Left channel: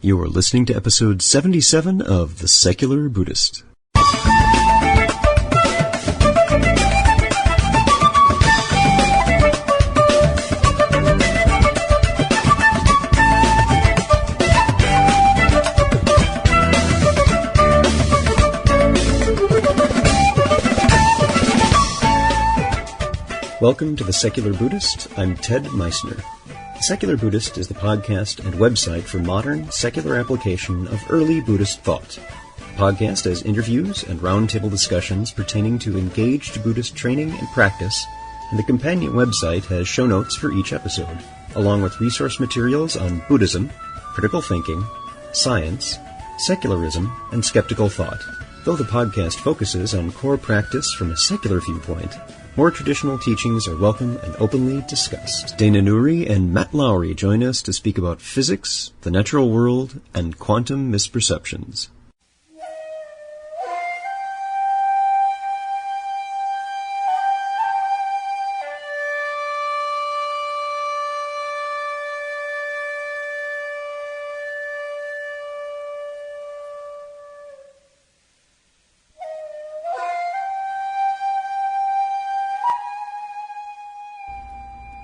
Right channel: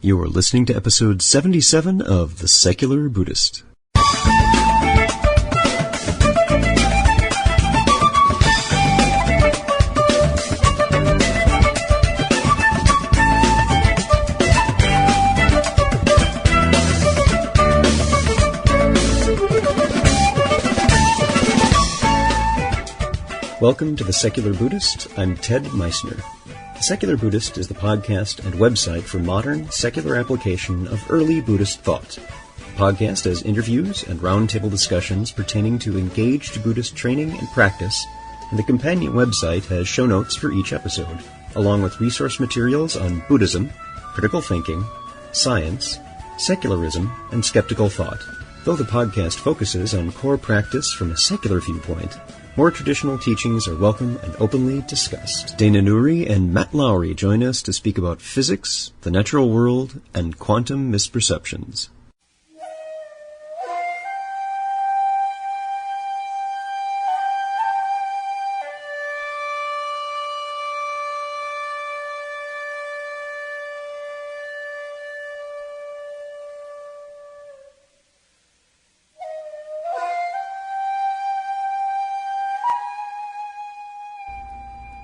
You are listening to episode 77 of The Secular Buddhist. Welcome to The Secular Buddhist. I'm Ted Meissner. The Secular Buddhist is the podcast and website for modern, secular application of early Buddhist thought. The podcast has interviews and roundtable discussions pertaining to engaged Buddhist training and practice, and the companion website has show notes for each episode, along with resource materials on Buddhism, critical thinking, science, secularism, and skeptical thought. Though the podcast focuses on core practice from a secular viewpoint, more traditional teachings are welcome and openly discussed. Dana Nourie and Matt Lowry join us to speak about physics, the natural world, and quantum misperceptions.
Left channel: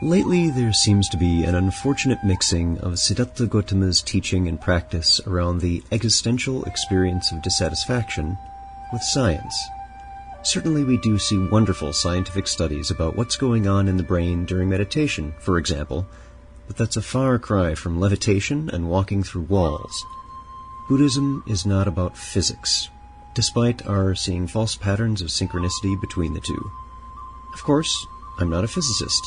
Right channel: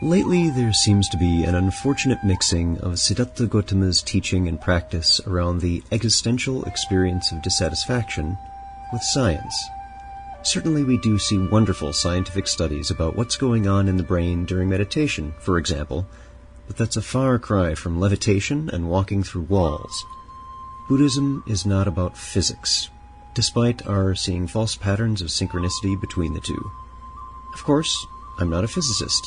Lately, there seems to be an unfortunate mixing of Siddhartha Gautama's teaching and practice around the existential experience of dissatisfaction with science. Certainly, we do see wonderful scientific studies about what's going on in the brain during meditation, for example, but that's a far cry from levitation and walking through walls. Buddhism is not about physics, despite our seeing false patterns of synchronicity between the two. Of course, I'm not a physicist.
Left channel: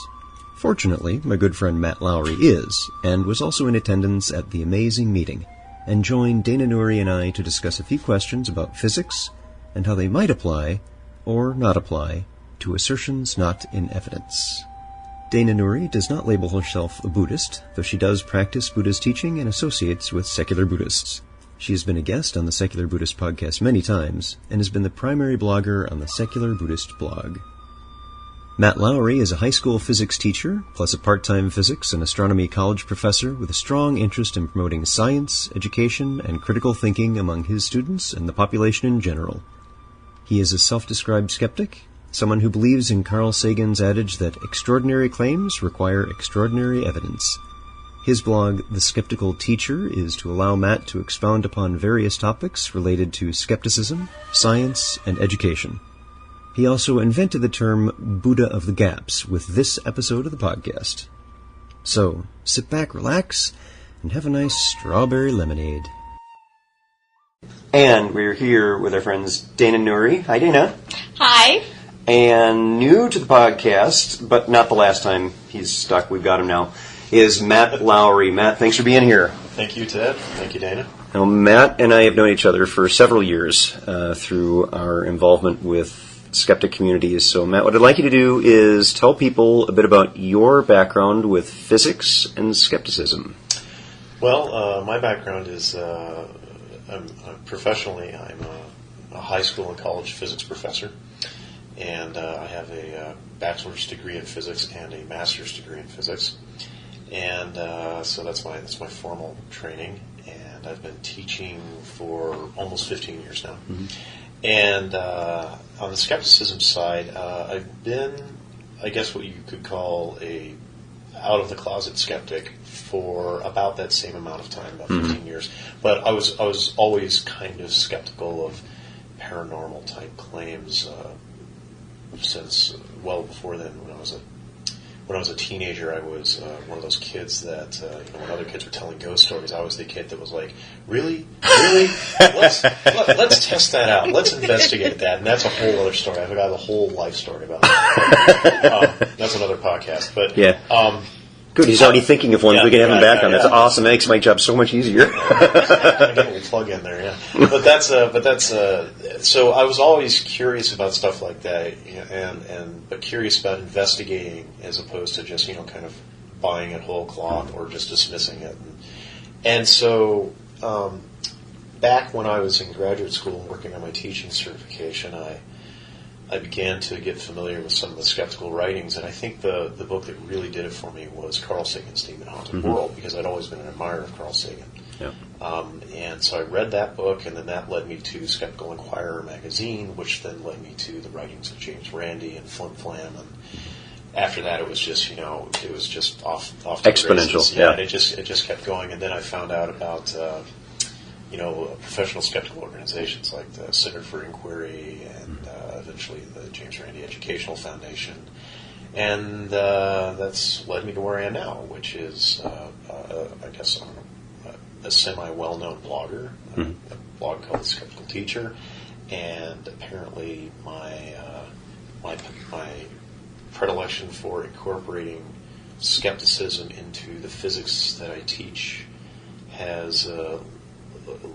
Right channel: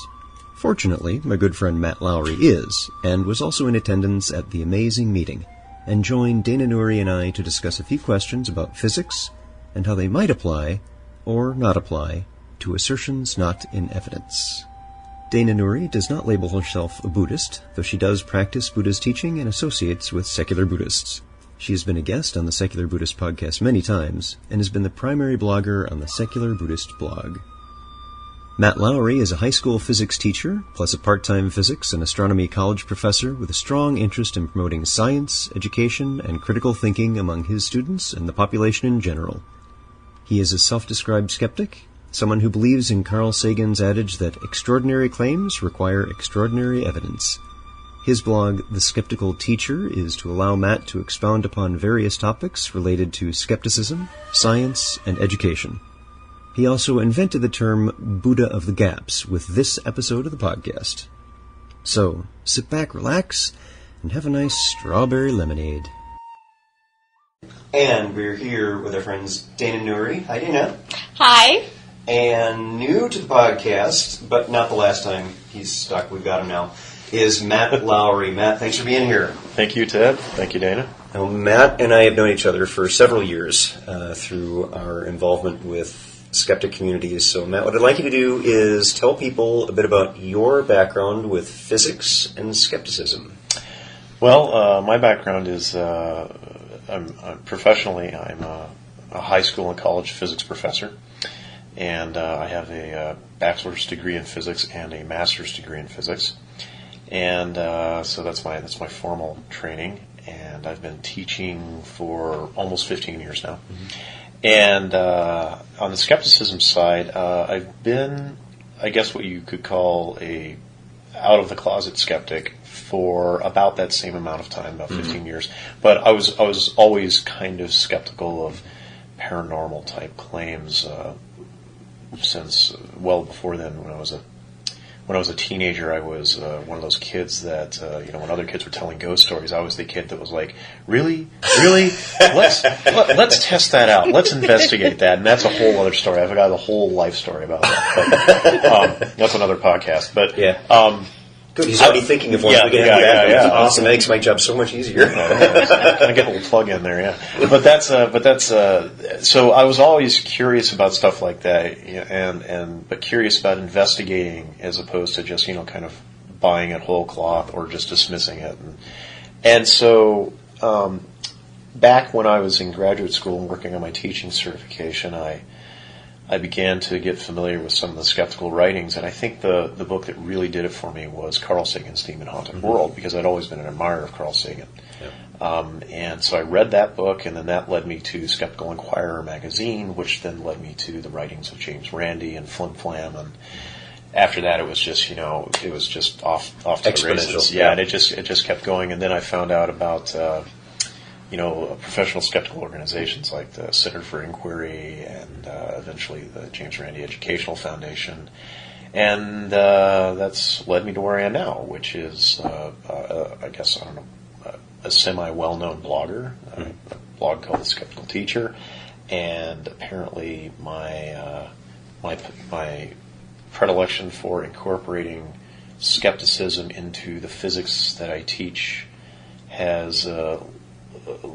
Fortunately, my good friend Matt Lowry is, and was also in attendance at the amazing meeting, and joined Dana Nourie and I to discuss a few questions about physics and how they might apply, or not apply, to assertions not in evidence. Dana Nourie does not label herself a Buddhist, though she does practice Buddha's teaching and associates with secular Buddhists. She has been a guest on the Secular Buddhist podcast many times, and has been the primary blogger on the Secular Buddhist blog. Matt Lowry is a high school physics teacher, plus a part-time physics and astronomy college professor with a strong interest in promoting science, education, and critical thinking among his students and the population in general. He is a self-described skeptic, someone who believes in Carl Sagan's adage that extraordinary claims require extraordinary evidence. His blog, The Skeptical Teacher, is to allow Matt to expound upon various topics related to skepticism, science, and education. He also invented the term Buddha of the Gaps with this episode of the podcast. So, sit back, relax, and have a nice strawberry lemonade. And we're here with our friends Dana Nourie. Hi, Dana. Hi. And new to the podcast, but not the last time he's stuck, we've got him now, is Matt Lowry. Matt, thanks for being here. Thank you, Ted. Thank you, Dana. Now, Matt and I have known each other for several years through our involvement with skeptic communities. So, Matt, what I'd like you to do is tell people a bit about your background with physics and skepticism. Well, my background is, professionally, I'm a high school and college physics professor, and I have a bachelor's degree in physics and a master's degree in physics, and so that's my formal training, and I've been teaching for almost 15 years now. Mm-hmm. And on the skepticism side, I've been, I guess, what you could call a out-of-the-closet skeptic for about that same amount of time, about 15 years. But I was always kind of skeptical of paranormal-type claims since well before then. When I was a teenager, I was one of those kids that, when other kids were telling ghost stories, I was the kid that was like, really? Let's test that out. Let's investigate that. And that's a whole other story. I've got a whole life story about that. But, that's another podcast. But yeah. Good. He's already thinking of one. We can have him back on. That's awesome. That makes my job so much easier. I get a little plug in there, yeah. But that's so I was always curious about stuff like that, but curious about investigating as opposed to just kind of buying it whole cloth or just dismissing it. And so back when I was in graduate school and working on my teaching certification, I began to get familiar with some of the skeptical writings, and I think the book that really did it for me was Carl Sagan's Demon Haunted World, because I'd always been an admirer of Carl Sagan. And so I read that book, and then that led me to Skeptical Inquirer magazine, which then led me to the writings of James Randi and Flim Flam, and after that it was just off to exponential. The races. Yeah, and it just kept going. And then I found out about professional skeptical organizations like the Center for Inquiry and eventually the James Randi Educational Foundation. And that's led me to where I am now, which is, a semi-well-known blogger, a blog called The Skeptical Teacher, and apparently my predilection for incorporating skepticism into the physics that I teach has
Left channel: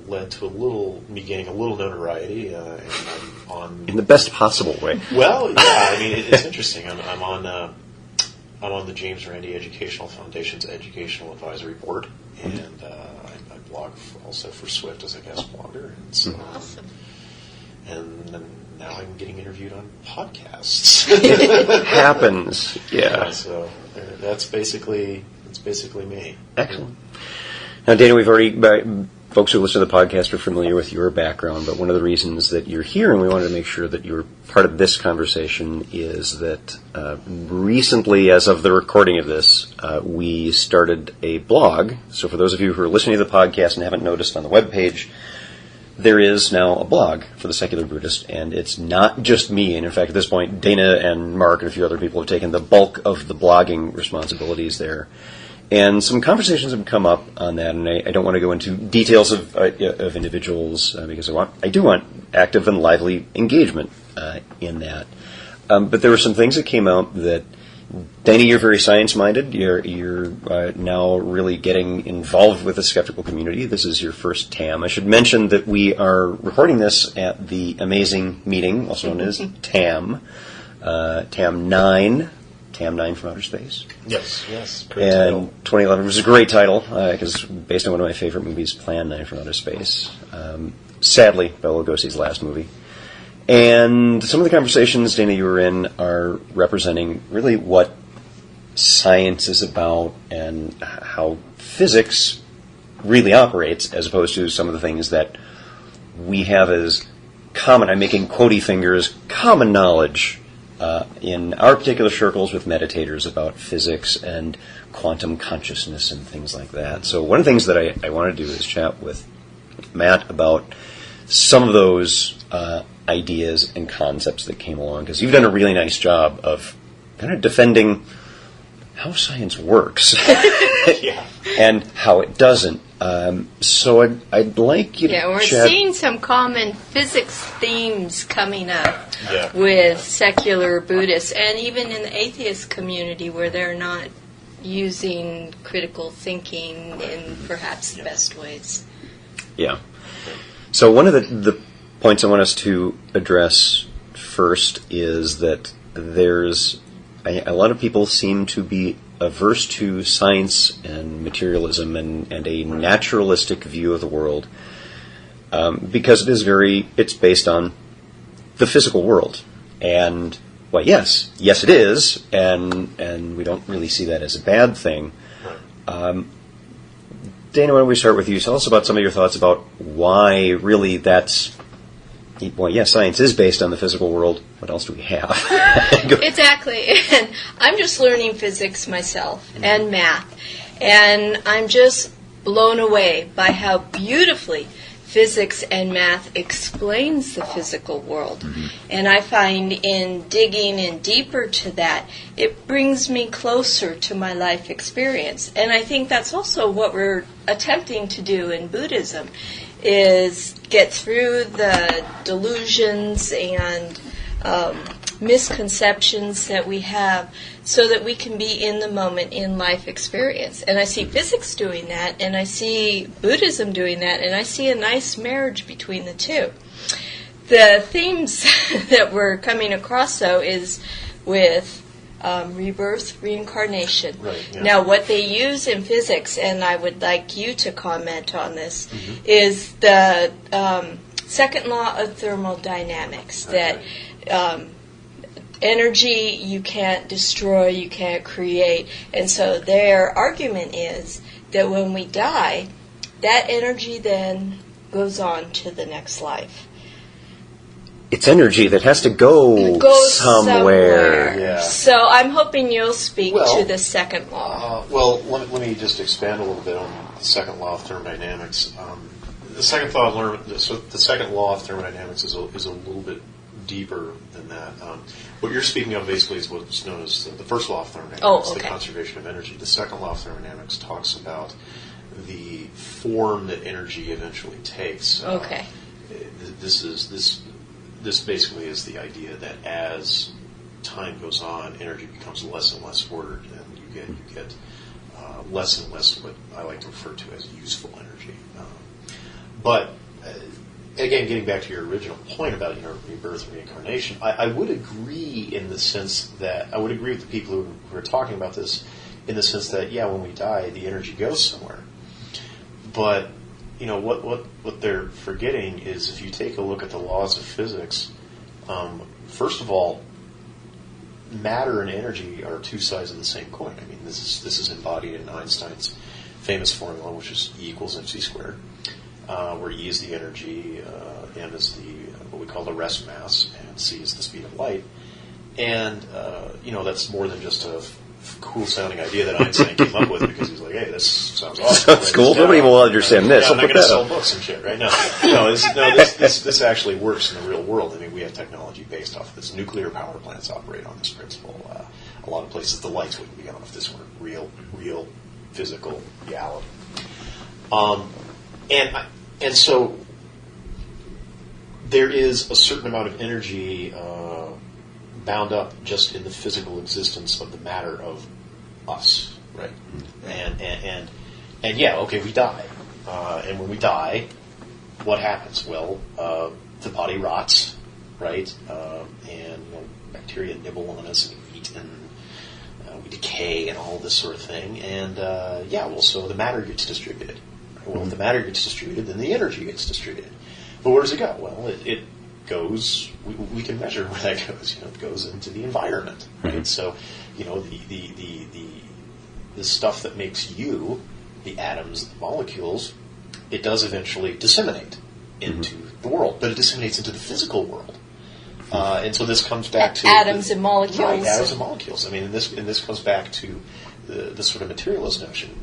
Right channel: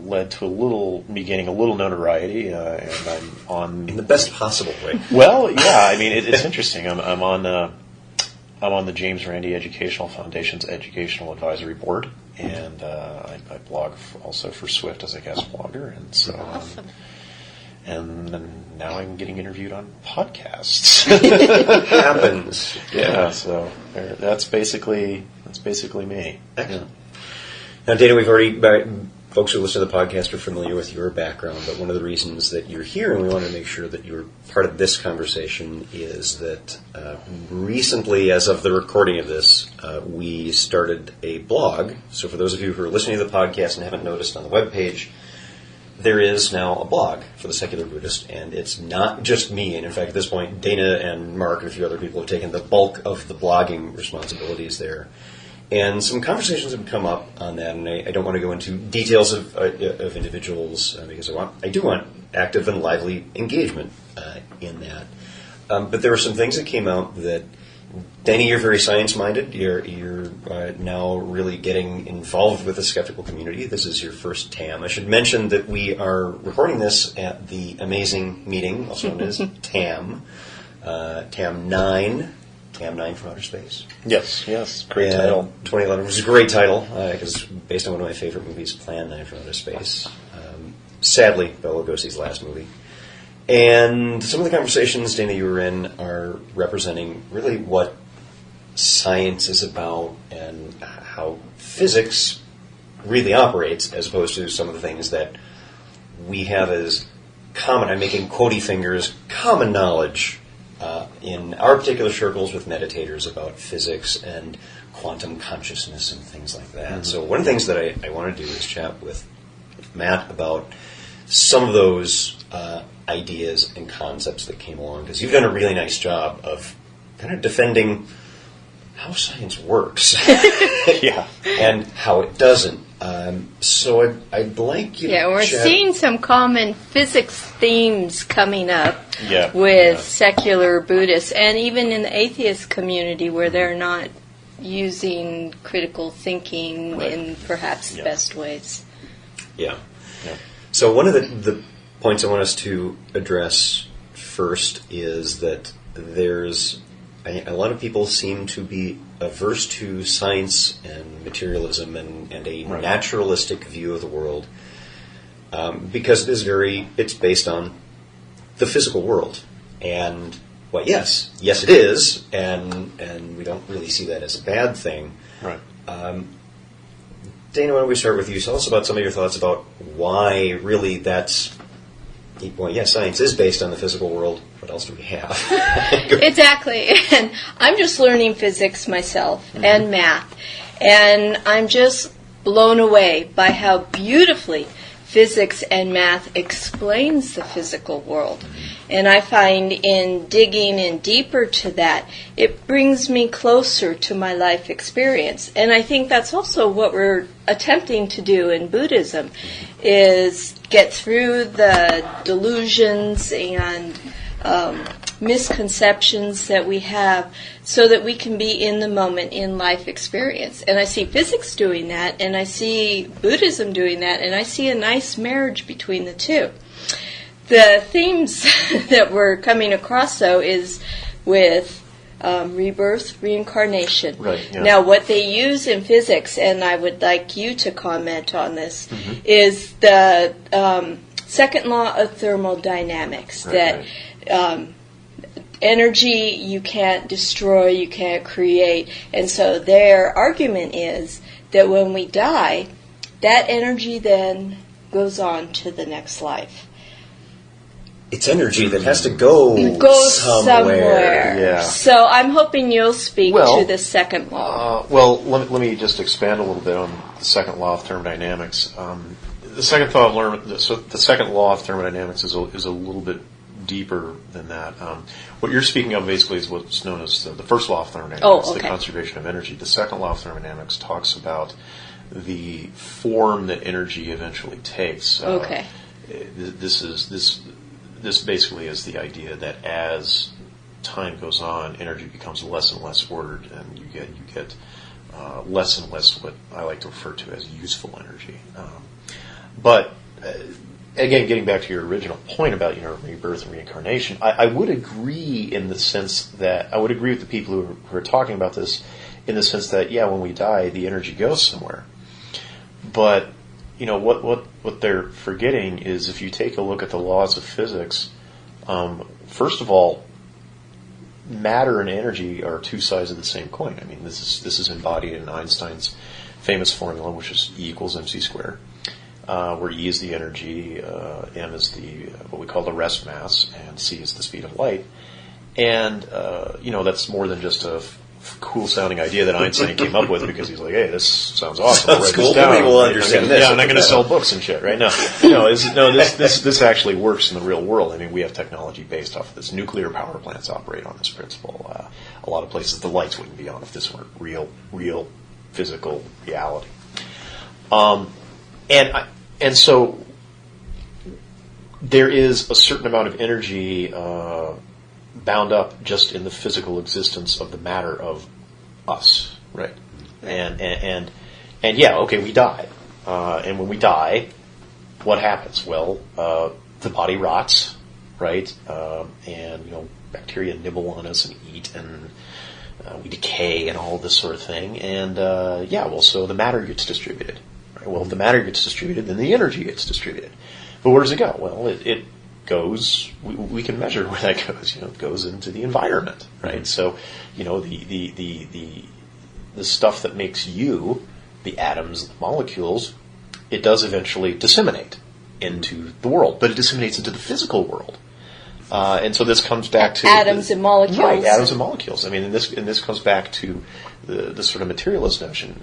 led to me gaining a little notoriety, and I'm on in the best possible way. Well, yeah, I mean it's interesting. I'm on the James Randi Educational Foundation's Educational Advisory Board, and I blog also for Swift as a guest blogger, and so awesome. And then now I'm getting interviewed on podcasts. Happens, yeah. So that's basically me. Excellent. Now, Dana, we've already. Folks who listen to the podcast are familiar with your background, but one of the reasons that you're here, and we wanted to make sure that you're part of this conversation, is that recently, as of the recording of this, we started a blog. So for those of you who are listening to the podcast and haven't noticed on the webpage, there is now a blog for the Secular Buddhist, and it's not just me. And in fact, at this point, Dana and Mark and a few other people have taken the bulk of the blogging responsibilities there. And some conversations have come up on that, and I don't want to go into details of individuals because I do want active and lively engagement in that. But there were some things that came out that, Dana, you're very science-minded. You're now really getting involved with the skeptical community. This is your first TAM. I should mention that we are recording this at the amazing meeting, also known as TAM, TAM 9. TAM 9 from Outer Space. Yes, great title. 2011 was a great title because based on one of my favorite movies, Plan 9 from Outer Space. Sadly, Bela Lugosi's last movie. And some of the conversations, Dana, you were in are representing really what science is about and how physics really operates, as opposed to some of the things that we have as common, I'm making quotey fingers, common knowledge in our particular circles with meditators about physics and quantum consciousness and things like that. Mm-hmm. So one of the things that I want to do is chat with Matt about some of those ideas and concepts that came along, because you've done a really nice job of kind of defending how science works yeah. and how it doesn't. So I'd like you to we're chat. seeing some common physics themes coming up Yeah. with secular Buddhists, and even in the atheist community where they're not using critical thinking in perhaps the best ways. Yeah. So one of the points I want us to address first is that there's a lot of people seem to be averse to science and materialism and a naturalistic view of the world because it's based on the physical world. And, well, yes it is, and we don't really see that as a bad thing. Right. Dana, why don't we start with you? Tell us about some of your thoughts about why really that's... Well, yes, science is based on the physical world. What else do we have? Exactly. And I'm just learning physics myself and math. And I'm just blown away by how beautifully physics and math explains the physical world. Mm-hmm. And I find in digging in deeper to that, it brings me closer to my life experience. And I think that's also what we're attempting to do in Buddhism, is get through the delusions and misconceptions that we have so that we can be in the moment in life experience. And I see physics doing that, and I see Buddhism doing that, and I see a nice marriage between the two. The themes that we're coming across, though, is with rebirth, reincarnation. Right, yeah. Now, what they use in physics, and I would like you to comment on this, is the second law of thermodynamics, that energy you can't destroy, you can't create. And so their argument is that when we die, that energy then goes on to the next life. It's energy that has to go somewhere. Yeah. So I'm hoping you'll speak Well, to the second law. Let me just expand a little bit on the second law of thermodynamics. The second law of thermodynamics is a little bit deeper than that. What you're speaking of basically is what's known as the first law of thermodynamics, the conservation of energy. The second law of thermodynamics talks about the form that energy eventually takes. Okay. This basically is the idea that as time goes on, energy becomes less and less ordered, and you get less and less what I like to refer to as useful energy. But again, getting back to your original point about rebirth and reincarnation, I would agree in the sense that I would agree with the people who are talking about this in the sense that when we die, the energy goes somewhere. But what they're forgetting is if you take a look at the laws of physics, first of all, matter and energy are two sides of the same coin. I mean, this is embodied in Einstein's famous formula, which is E equals mc squared, where E is the energy, m is what we call the rest mass, and c is the speed of light. And that's more than just a cool sounding idea that Einstein came up with because he's like, hey, this sounds awesome. Sounds cool. Nobody will understand this. I'm not going to sell books and shit, right? This actually works in the real world. I mean, we have technology based off of this. Nuclear power plants operate on this principle. A lot of places the lights wouldn't be on if this weren't real physical reality. And so there is a certain amount of energy bound up just in the physical existence of the matter of us, right? And we die. And when we die, what happens? Well, the body rots, right? And bacteria nibble on us and eat, and we decay and all this sort of thing. And so the matter gets distributed. Right? Well, if the matter gets distributed, then the energy gets distributed. But where does it go? Well, it goes. We can measure where that goes. It goes into the environment, right? Mm-hmm. So, the stuff that makes you, the atoms, the molecules, it does eventually disseminate into the world, but it disseminates into the physical world. And so this comes back to atoms and molecules. Right, atoms and molecules. I mean, and this comes back to the sort of materialist notion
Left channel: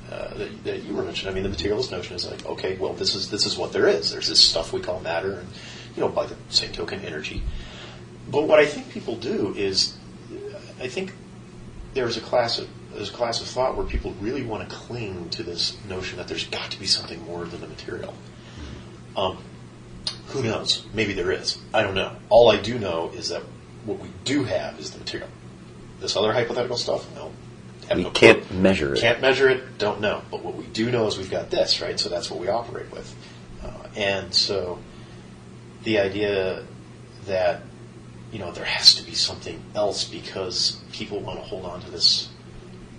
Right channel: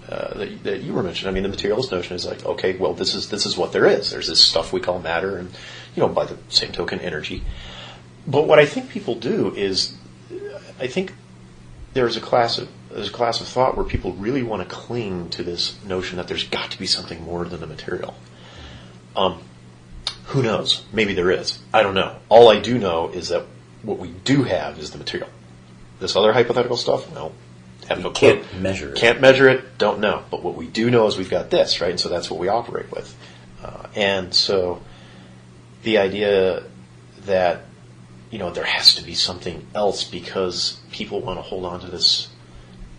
that you were mentioning. I mean, the materialist notion is like, okay, well, this is what there is. There's this stuff we call matter, and by the same token, energy. But what I think people do is, I think there's a class of thought where people really want to cling to this notion that there's got to be something more than the material. Who knows? Maybe there is. I don't know. All I do know is that what we do have is the material. This other hypothetical stuff, no. Can't measure it. Can't measure it, don't know. But what we do know is we've got this, right? And so that's what we operate with. And so the idea that, there has to be something else because people want to hold on to this.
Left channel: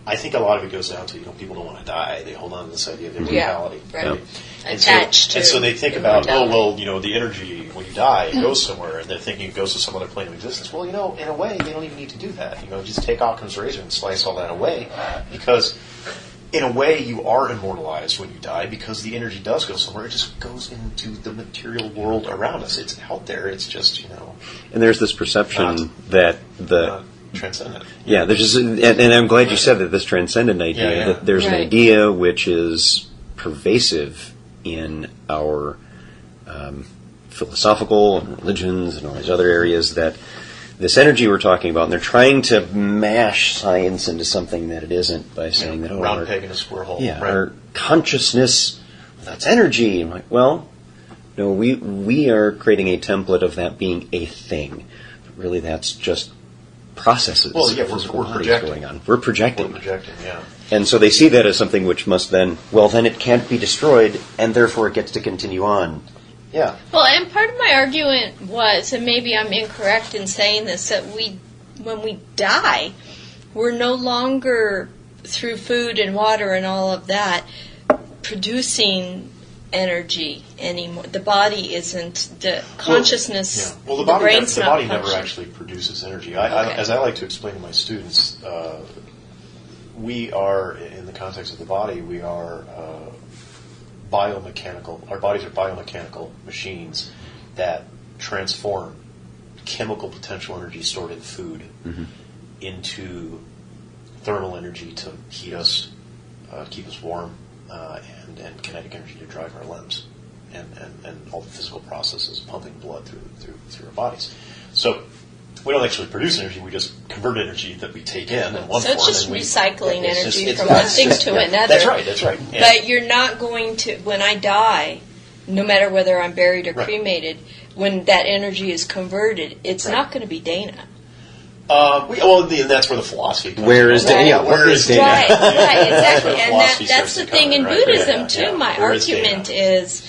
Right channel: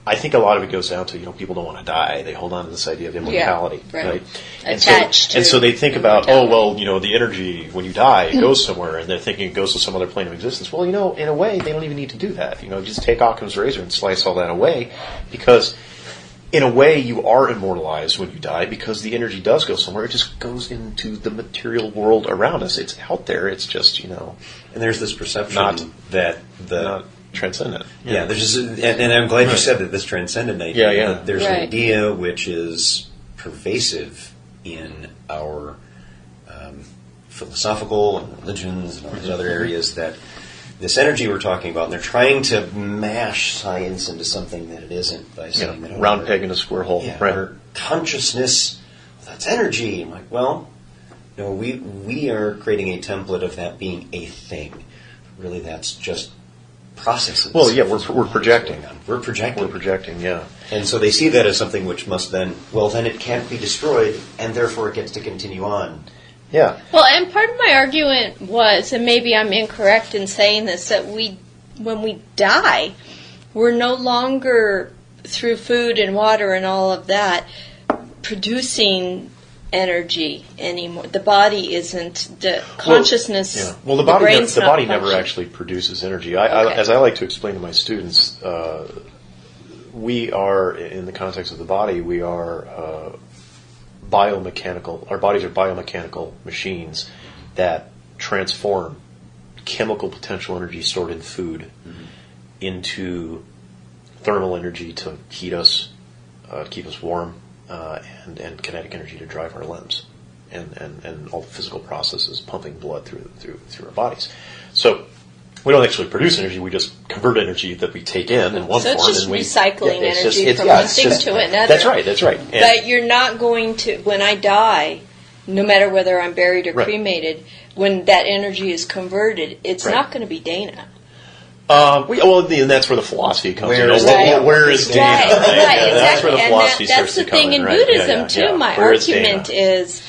I think a lot of it goes down to, people don't want to die. They hold on to this idea of immortality. Yeah, right. Attached to and so they think about, the energy, when you die, it goes somewhere, and they're thinking it goes to some other plane of existence. Well, in a way, they don't even need to do that. Just take Occam's razor and slice all that away, because in a way, you are immortalized when you die because the energy does go somewhere. It just goes into the material world around us. It's out there. It's just, And there's this perception that the... transcendent. Yeah, there's just, and I'm glad you said that, this transcendent idea. Yeah. That there's an idea which is pervasive in our philosophical and religions and all these other areas, that this energy we're talking about, and they're trying to mash science into something that it isn't by saying that round peg in a square hole. Yeah, right. Our consciousness, that's energy. I'm like, well, no, we are creating a template of that being a thing. But really, that's just processes. Well, yeah, we're projecting. Going on. We're projecting. Yeah. And so they see that as something which must then it can't be destroyed, and therefore it gets to continue on. Yeah. Well, and part of my argument was, and maybe I'm incorrect in saying this, that when we die, we're no longer, through food and water and all of that, producing energy anymore. The body isn't, the consciousness, well, the brain's the not body never functioning. actually produces energy. As I like to explain to my students, we are, in the context of the body, we are our bodies are biomechanical machines that transform chemical potential energy stored in food into thermal energy to heat us, keep us warm, and kinetic energy to drive our limbs, and all the physical processes pumping blood through our bodies. So we don't actually produce energy; we just convert energy that we take in one form. So it's just recycling energy from one one thing to another. That's right. But you're not going to, when I die, no matter whether I'm buried or cremated, when that energy is converted, it's not going to be Dana. And that's where the philosophy comes in. Where is Dana? Where is Dana? Right, exactly. That's And that's the thing in Buddhism, too. My argument is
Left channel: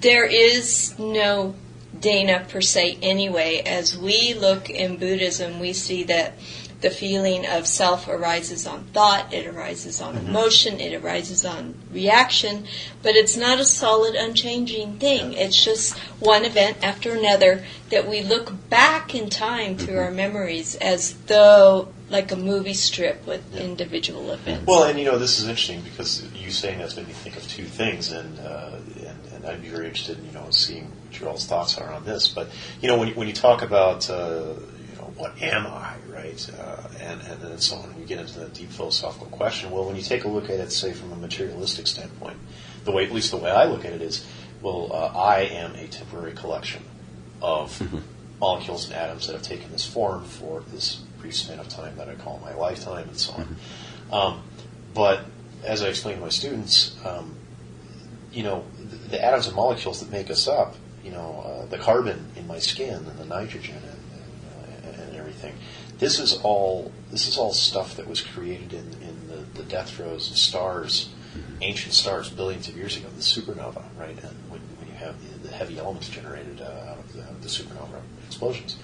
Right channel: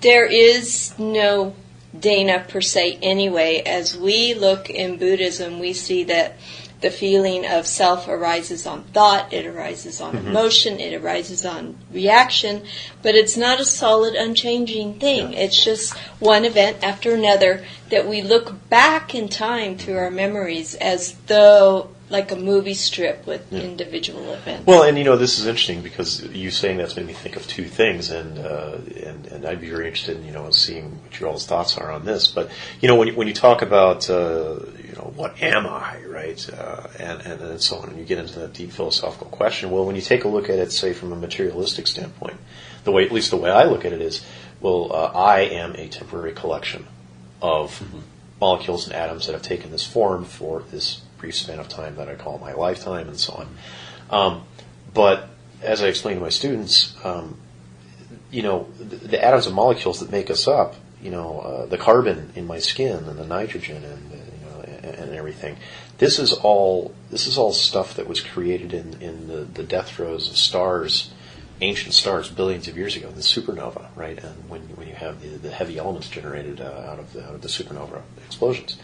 there is no Dana per se anyway. As we look in Buddhism, we see that the feeling of self arises on thought, it arises on emotion, it arises on reaction, but it's not a solid, unchanging thing. It's just one event after another that we look back in time through our memories as though like a movie strip with individual events. Well, and this is interesting because you saying that's made me think of two things, and I'd be very interested in seeing what your all's thoughts are on this. But when you talk about what am I, right, and so on, and you get into that deep philosophical question. Well, when you take a look at it, say from a materialistic standpoint, at least the way I look at it is, I am a temporary collection of molecules and atoms that have taken this form for this brief span of time that I call my lifetime, and so on. But as I explain to my students, the atoms and molecules that make us up, the carbon in my skin and the nitrogen and everything. This is all stuff that was created in the death throes of stars, ancient stars, billions of years ago, the supernova, right? And when you have the heavy elements generated out of the supernova explosions.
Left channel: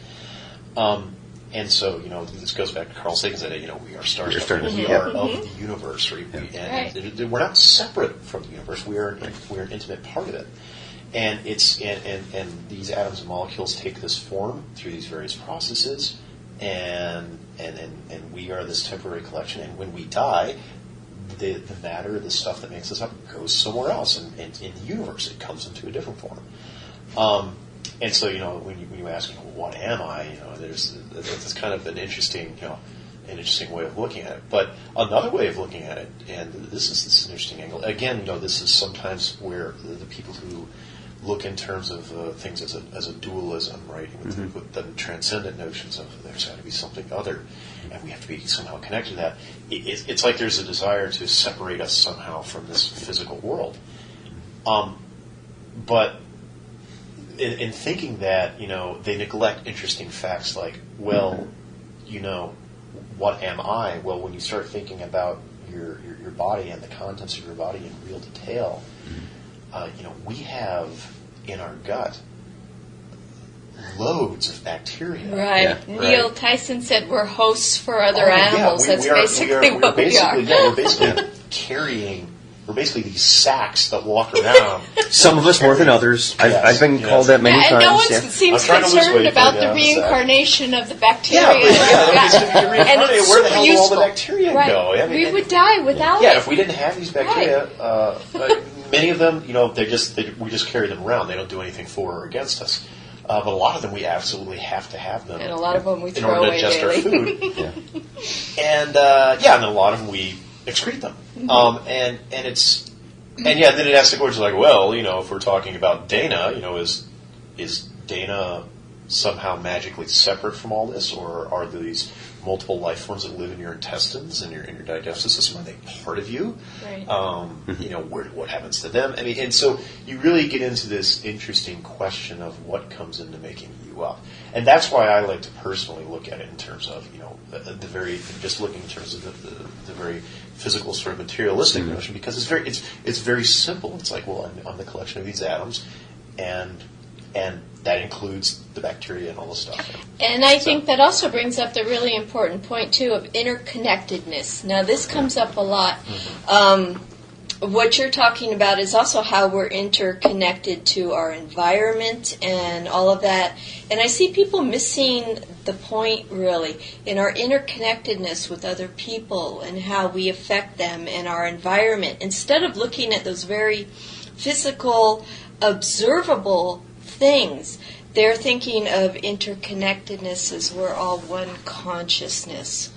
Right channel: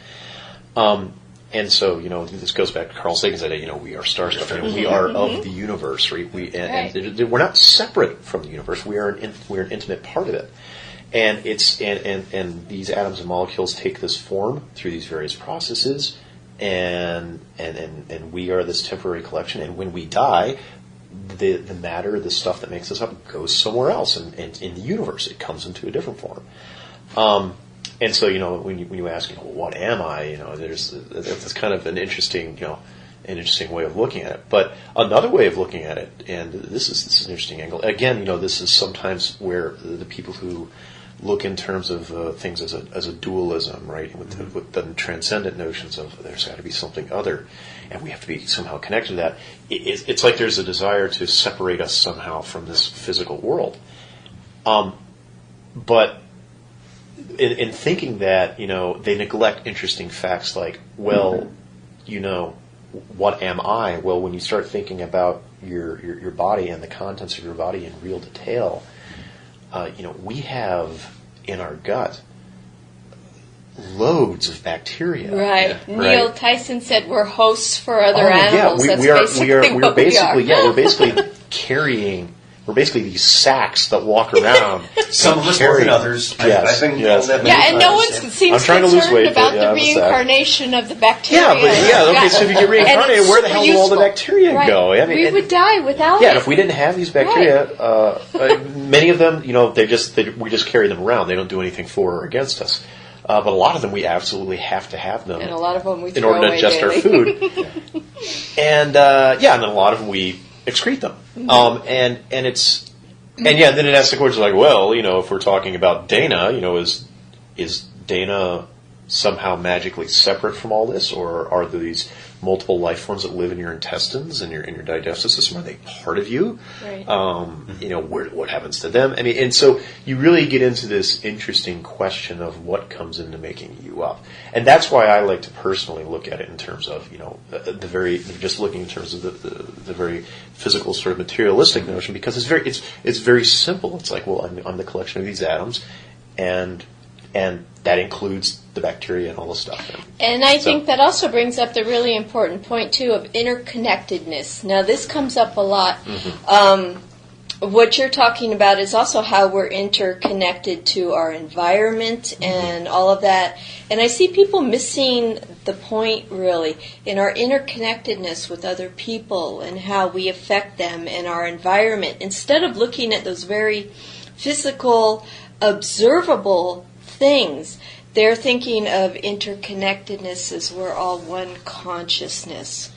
And so, this goes back to Carl Sagan's idea, we are stars, we are of the universe, right? We're not separate from the universe, we're an intimate part of it. And and these atoms and molecules take this form through these various processes, and we are this temporary collection. And when we die, the matter, the stuff that makes us up, goes somewhere else, and in the universe it comes into a different form. And so when you ask, what am I? That's kind of an interesting way of looking at it. But another way of looking at it, and this is an interesting angle. Again, this is sometimes where the people who look in terms of things as a dualism, right? With the transcendent notions of there's got to be something other, and we have to be somehow connected to that. It's like there's a desire to separate us somehow from this physical world. But in thinking that, they neglect interesting facts like, what am I? Well, when you start thinking about your body and the contents of your body in real detail, we have in our gut loads of bacteria. Right. Neil Tyson said we're hosts for other animals. That's basically what we are. Yeah, we're basically carrying. We're basically these sacks that walk around. Some of us more than others. Yes, I've been called that many times. And no one seems concerned about the reincarnation of the bacteria. So if you get reincarnated, where the hell will all the bacteria go? I mean, we would die without it. Yeah, if we didn't have these bacteria, many of them, we just carry them around. They don't do anything for or against us. But a lot of them we absolutely have to have them. And a lot of them we in throw order to away digest daily. our food. And then a lot of them we excrete them. And then it asks the question like, if we're talking about Dana, is Dana somehow magically separate from all this, or are these multiple life forms that live in your intestines and in your digestive system, are they part of you? Right. What happens to them? I mean, and so you really get into this interesting question of what comes into making you up, and that's why I like to personally look at it in terms of just looking in terms of the very physical sort of materialistic notion, because it's very simple. It's like, I'm the collection of these atoms, and that includes the bacteria and all the stuff. And I think that also brings up the really important point, too, of interconnectedness. Now, this comes up a lot. what you're talking about is also how we're interconnected to our environment and all of that. And I see people missing the point, really, in our interconnectedness with other people and how we affect them and our environment. Instead of looking at those very physical, observable things, they're thinking of interconnectedness as we're all one consciousness.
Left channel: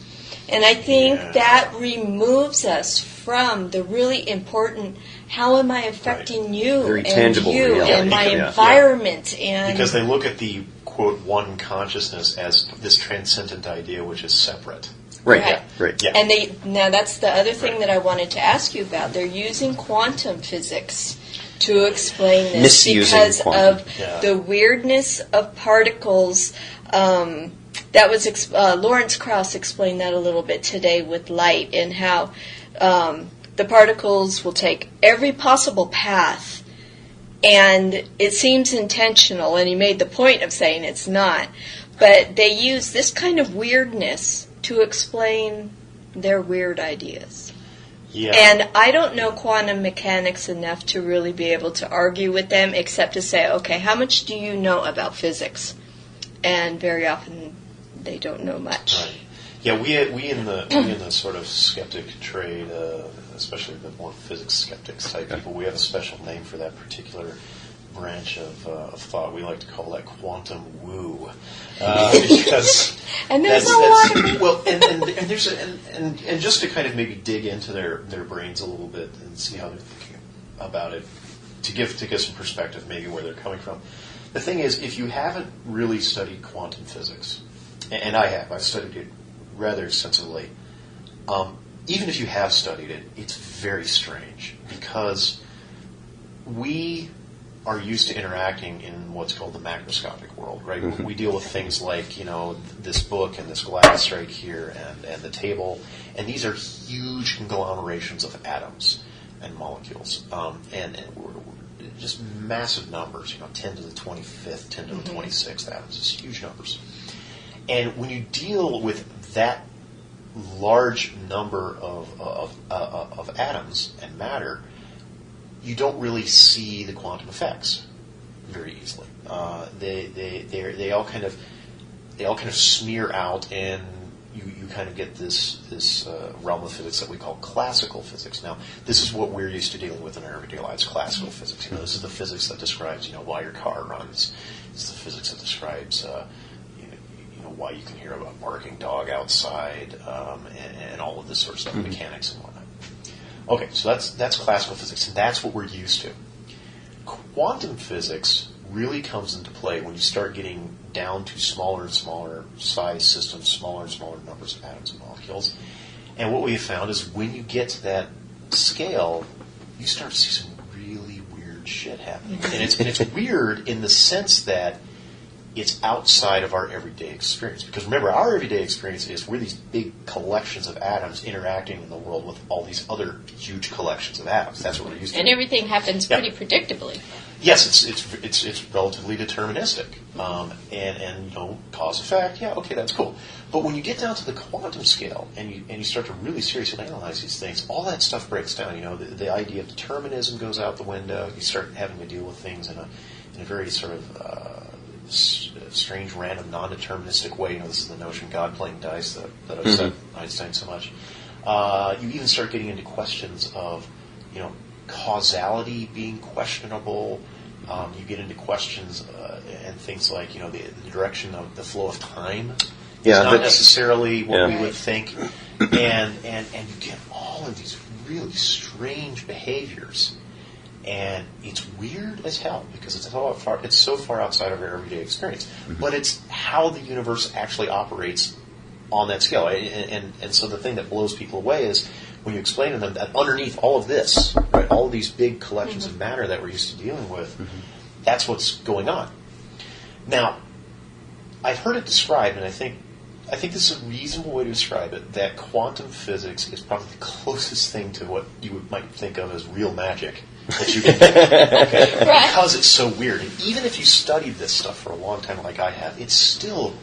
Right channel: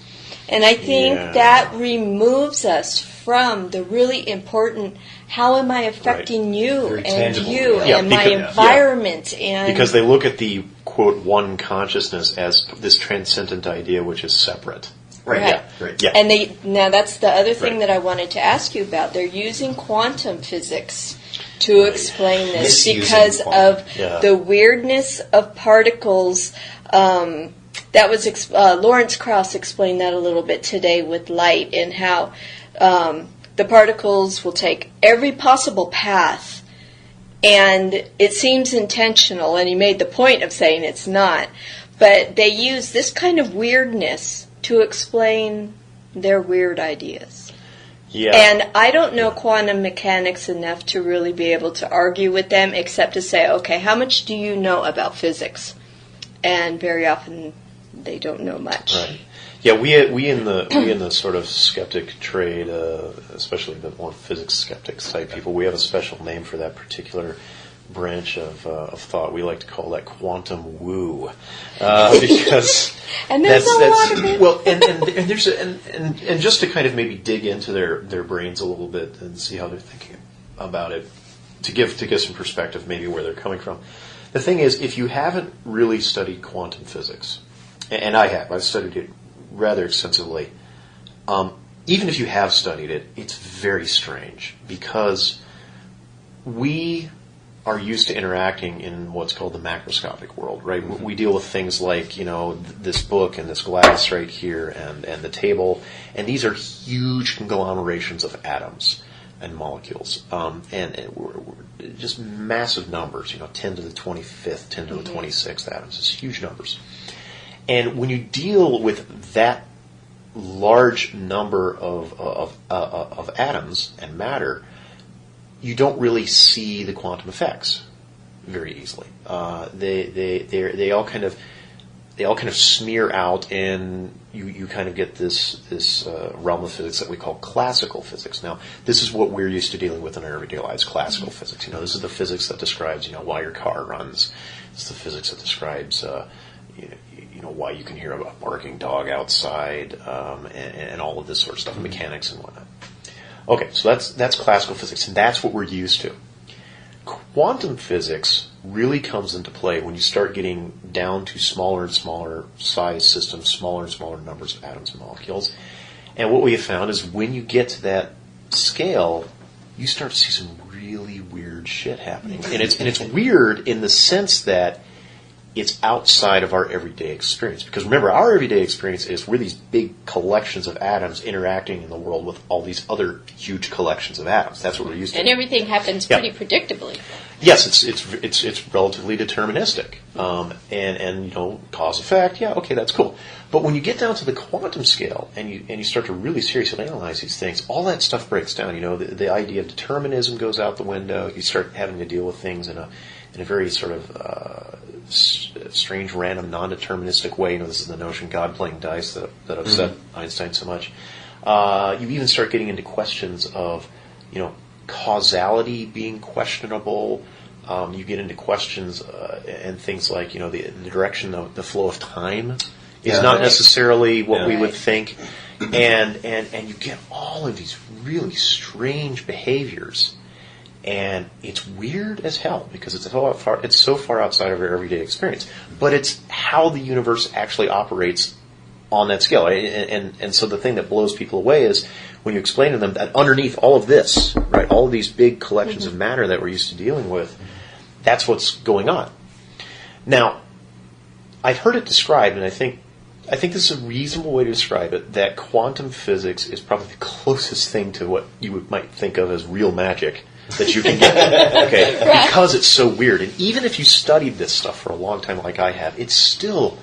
And I think that removes us from the really important, how am I affecting you Very and tangible, you and my environment? And because they look at the, quote, one consciousness as this transcendent idea which is separate. Right. Yeah. And now that's the other thing that I wanted to ask you about. They're using quantum physics to explain this because of the weirdness of particles. That was Lawrence Krauss explained that a little bit today with light and how the particles will take every possible path, and it seems intentional. And he made the point of saying it's not, but they use this kind of weirdness to explain their weird ideas. Yeah. And I don't know quantum mechanics enough to really be able to argue with them, except to say, okay, how much do you know about physics? And very often they don't know much. Right. Yeah, we in the sort of skeptic trade, especially the more physics skeptics type people, we have a special name for that particular branch of thought. We like to call that quantum woo, because and there's a lot of it. Well, and there's and just to kind of maybe dig into their brains a little bit and see how they're thinking about it, to give some perspective, maybe where they're coming from. The thing is, if you haven't really studied quantum physics, and I've studied it rather extensively. Even if you have studied it, it's very strange because we are used to interacting in what's called the macroscopic world, right? Mm-hmm. We deal with things like, this book and this glass right here and the table, and these are huge conglomerations of atoms and molecules, and we're just massive numbers, 10 to the 25th, 10 to the 26th atoms. It's huge numbers. And when you deal with that large number of atoms and matter, you don't really see the quantum effects very easily. They all kind of smear out, and you kind of get this realm of physics that we call classical physics. Now, this is what we're used to dealing with in our everyday lives: classical physics. This is the physics that describes why your car runs. It's the physics that describes why you can hear a barking dog outside, and all of this sort of stuff, mechanics and whatnot. Okay, so that's classical physics, and that's what we're used to. Quantum physics really comes into play when you start getting down to smaller and smaller size systems, smaller and smaller numbers of atoms and molecules. And what we have found is when you get to that scale, you start to see some really weird shit happening. And it's weird in the sense that it's outside of our everyday experience. Because remember, our everyday experience is we're these big collections of atoms interacting in the world with all these other huge collections of atoms. That's what we're used to. And everything happens pretty predictably. Yes, it's relatively deterministic. And cause effect, okay, that's cool. But when you get down to the quantum scale and you start to really seriously analyze these things, all that stuff breaks down. The idea of determinism goes out the window. You start having to deal with things in a very sort of strange, random, non-deterministic way. This is the notion God playing dice that upset Einstein so much. You even start getting into questions of, causality being questionable. You get into questions and things like, the direction of the flow of time is not necessarily what we would think, and you get all of these really strange behaviors. And it's weird as hell because it's so far outside of our everyday experience. But it's how the universe actually operates on that scale. And so the thing that blows people away is when you explain to them that underneath all of this, right, all of these big collections of matter that we're used to dealing with, that's what's going on. Now, I've heard it described, and I think this is a reasonable way to describe it, that quantum physics is probably the closest thing to what you might think of as real magic that you can get. Okay? Right. Because it's so weird. And even if you studied this stuff for a long time like I have, it's still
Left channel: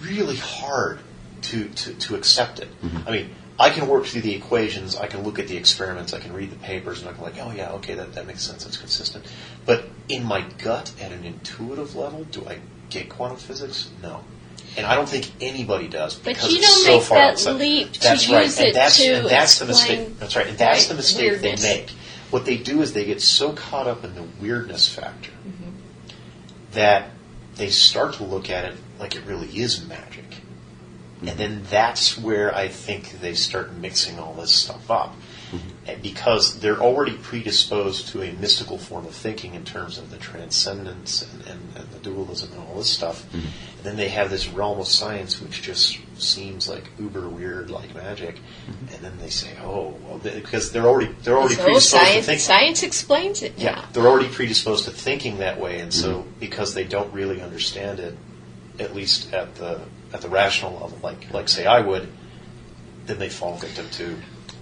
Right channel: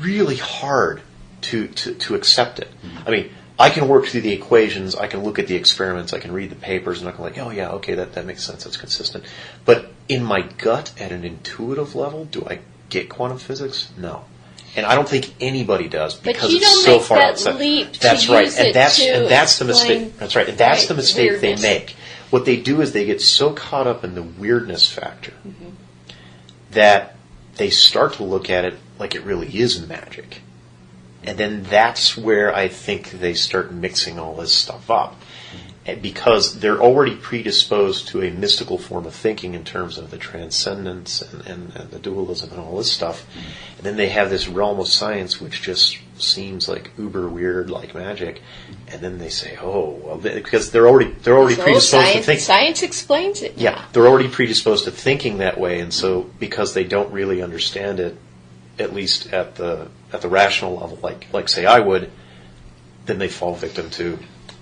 really hard to accept it. I mean, I can work through the equations, I can look at the experiments, I can read the papers, and I can oh yeah, okay, that makes sense, that's consistent. But in my gut, at an intuitive level, do I get quantum physics? No. And I don't think anybody does. But you don't make that leap to use it to that's the mistake. explain. That's right. And that's the mistake weirdness. they make. What they do is they get so caught up in the weirdness factor that they start to look at it like it really is magic. And then that's where I think they start mixing all this stuff up. And because they're already predisposed to a mystical form of thinking in terms of the transcendence and the dualism and all this stuff. And then they have this realm of science which just seems like uber weird, like magic. And then they say, oh, well, because they're already predisposed to thinking. Science explains it. Yeah, they're already predisposed to thinking that way, and so because they don't really understand it, at least at the rational level, like say I would, then they fall victim to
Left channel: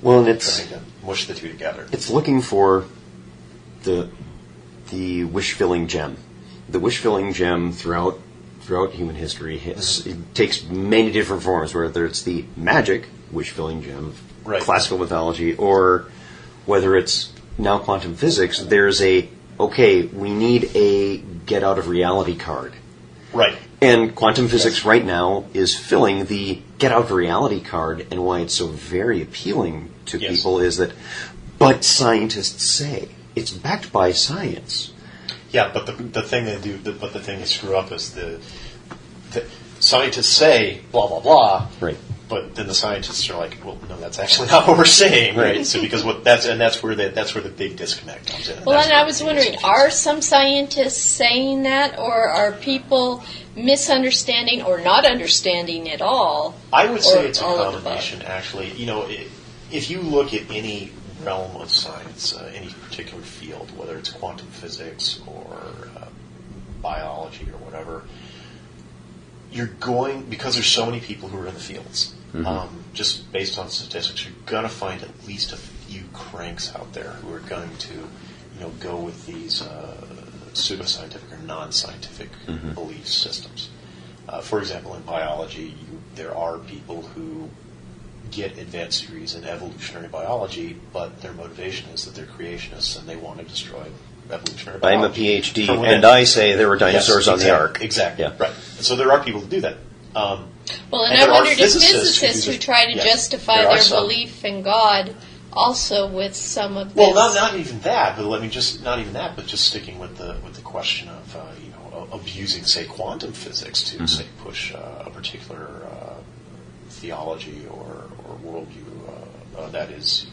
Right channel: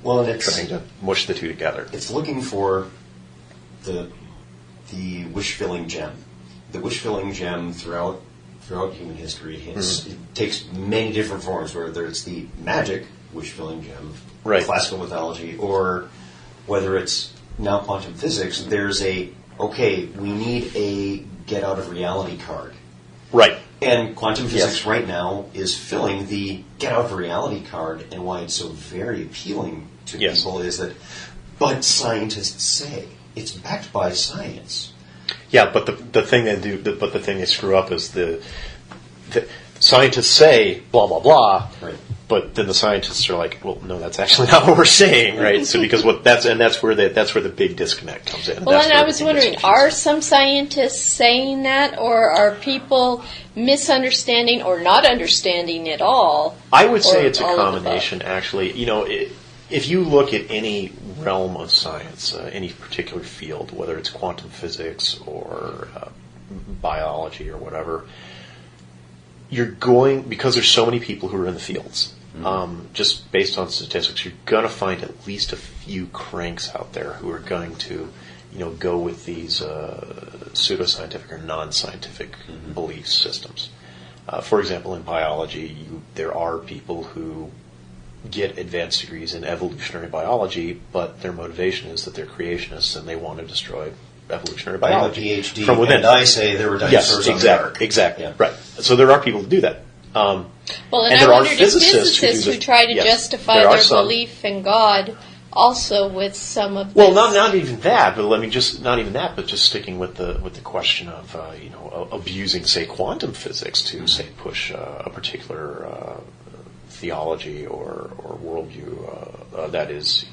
trying to mush the two together. It's looking for the wish-filling gem. The wish-filling gem throughout human history it takes many different forms, whether it's the magic wish-filling gem, classical mythology, or whether it's now quantum physics. There's we need a get-out-of-reality card. Right. And quantum physics right now is filling the get-out-of-reality card, and why it's so very appealing to people is that, but scientists say, it's backed by science. Yeah, but the thing they screw up is the scientists say blah blah blah, right? But then the scientists are like, well, no, that's actually not what we're saying, right? So because that's where the big disconnect comes in. Well, and I was wondering, are some scientists saying that, or are people misunderstanding or not understanding at all? I would say it's a combination, actually. If you look at any realm of science, any particular field, whether it's quantum physics or biology or whatever, because there's so many people who are in the fields, just based on statistics, you're going to find at least a few cranks out there who are going to, go with these pseudoscientific or non-scientific belief systems. For example, in biology, there are people who get advanced degrees in evolutionary biology, but their motivation is that they're creationists and they want to destroy evolutionary biology. I'm a PhD, and I say there were dinosaurs on the Ark. Exactly, right. So there are people who do that. And I wondered if physicists who try to justify their belief in God also with some of this. Well, not even that, but just sticking with the question of abusing, say, quantum physics to say push a particular theology or worldview that is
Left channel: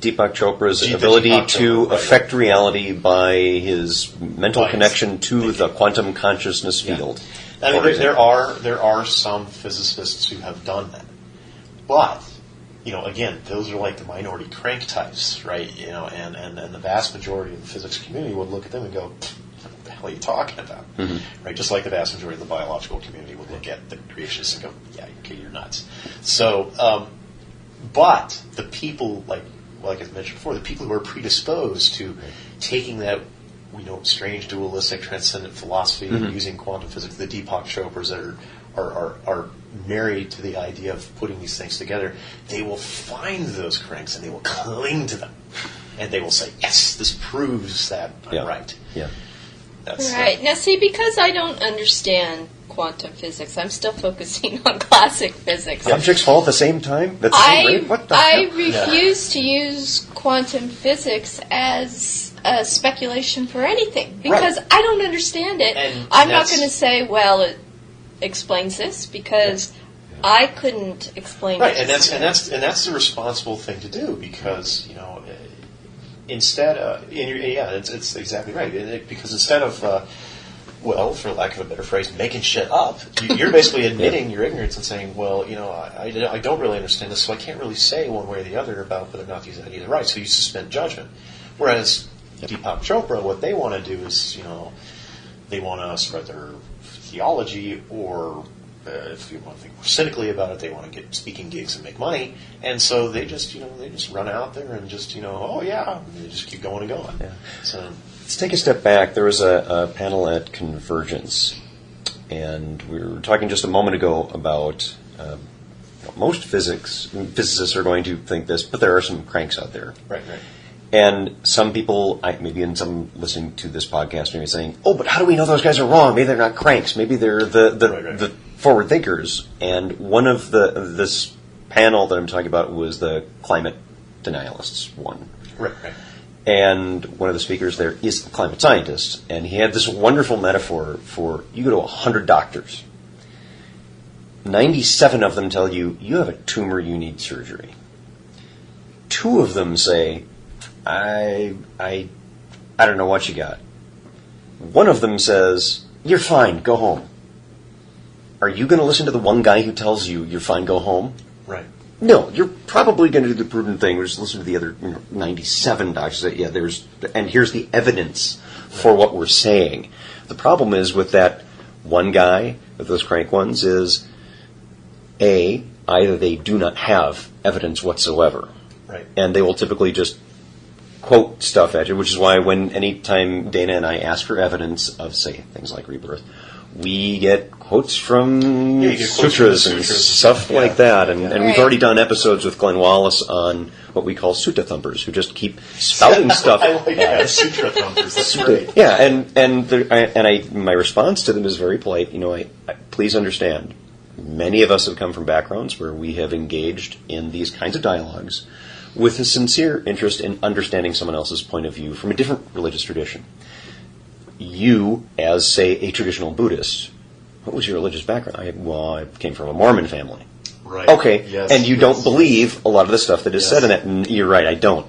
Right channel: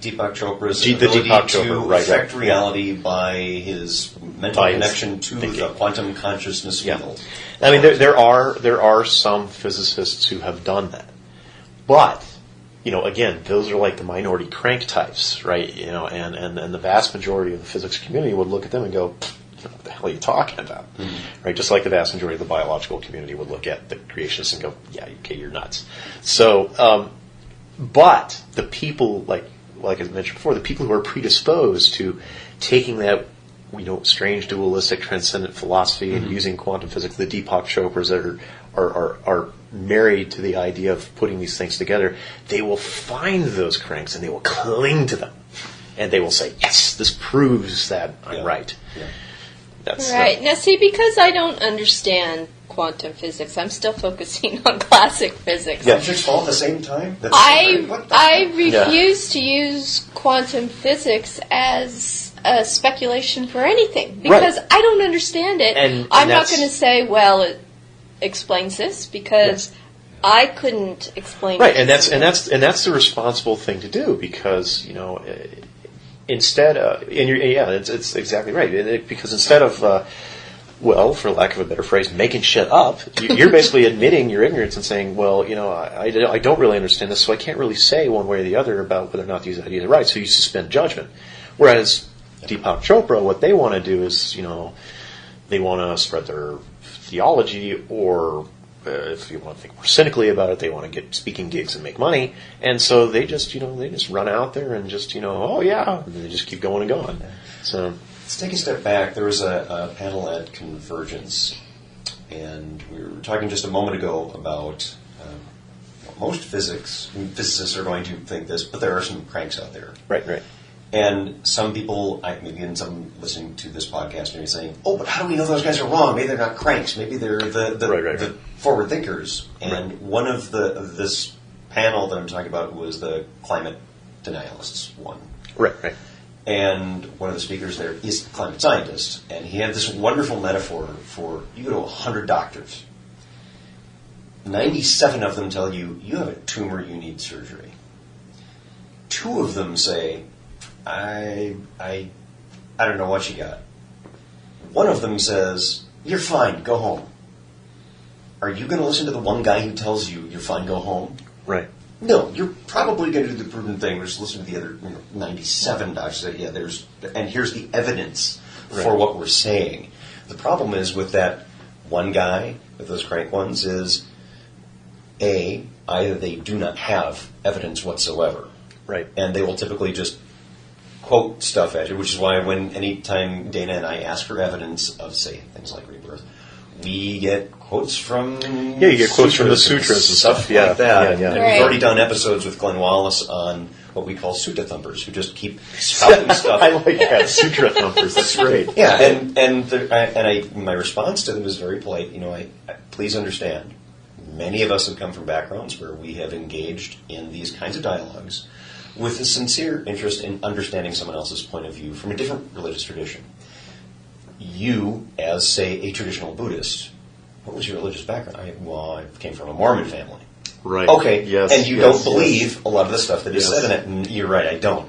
Deepak Chopra's ability to affect reality by his mental connection to the quantum consciousness field. I mean, there are some physicists who have done that, but again, those are like the minority crank types, right? And the vast majority of the physics community would look at them and go, what the hell are you talking about? Right? Just like the vast majority of the biological community would look at the creationists and go, yeah, okay, you're nuts. So, but the people, like I mentioned before, the people who are predisposed to taking that, strange dualistic transcendent philosophy and using quantum physics, the Deepak Chopras that are married to the idea of putting these things together, they will find those cranks and they will cling to them. And they will say, yes, this proves that I'm right. Yeah. That's right. Now, see, because I don't understand quantum physics, I'm still focusing on classic physics. Subjects fall at the same time? I refuse to use quantum physics as a speculation for anything because I don't understand it. And I'm not going to say, well, it explains this because I couldn't explain it. And that's the responsible thing to do because instead, it's exactly right. Because instead of, for lack of a better phrase, making shit up, you're basically admitting your ignorance and saying, well, I don't really understand this, so I can't really say one way or the other about whether or not these ideas are right. So you suspend judgment. Whereas Deepak Chopra, what they want to do is, they want to spread their theology, or if you want to think more cynically about it, they want to get speaking gigs and make money, and so they just run out there and just they just keep going and going. Yeah. So let's take a step back. There was a panel at Convergence, and we were talking just a moment ago about most physicists are going to think this, but there are some cranks out there. Right. And some people, maybe in some listening to this podcast, maybe saying, "Oh, but how do we know those guys are wrong? Maybe they're not cranks. Maybe they're the forward thinkers." And one of this panel that I'm talking about was the climate denialists one. Right. And one of the speakers there is a climate scientist, and he had this wonderful metaphor for you go to 100 doctors. 97 of them tell you have a tumor, you need surgery. 2 of them say, I don't know what you got. 1 of them says, you're fine, go home. Are you going to listen to the one guy who tells you you're fine, go home? Right. No, you're probably going to do the prudent thing, which is listen to the other 97 doctors that, and here's the evidence for what we're saying. The problem is with that one guy, with those crank ones, is either they do not have evidence whatsoever. Right. And they will typically just quote stuff at you, which is why anytime Dana and I ask for evidence of, say, things like rebirth, we get quotes from you get quotes from the sutras and stuff like that. Yeah. And we've already done episodes with Glenn Wallace on what we call sutta thumpers, who just keep spouting stuff. I like that, sutra thumpers. That's great. Yeah, and my response to them is very polite. I please understand, many of us have come from backgrounds where we have engaged in these kinds of dialogues with a sincere interest in understanding someone else's point of view from a different religious tradition. You, as, say, a traditional Buddhist, what was your religious background? I came from a Mormon family. Right. Okay, yes, and you don't believe a lot of the stuff that is said in that. And you're right, I don't.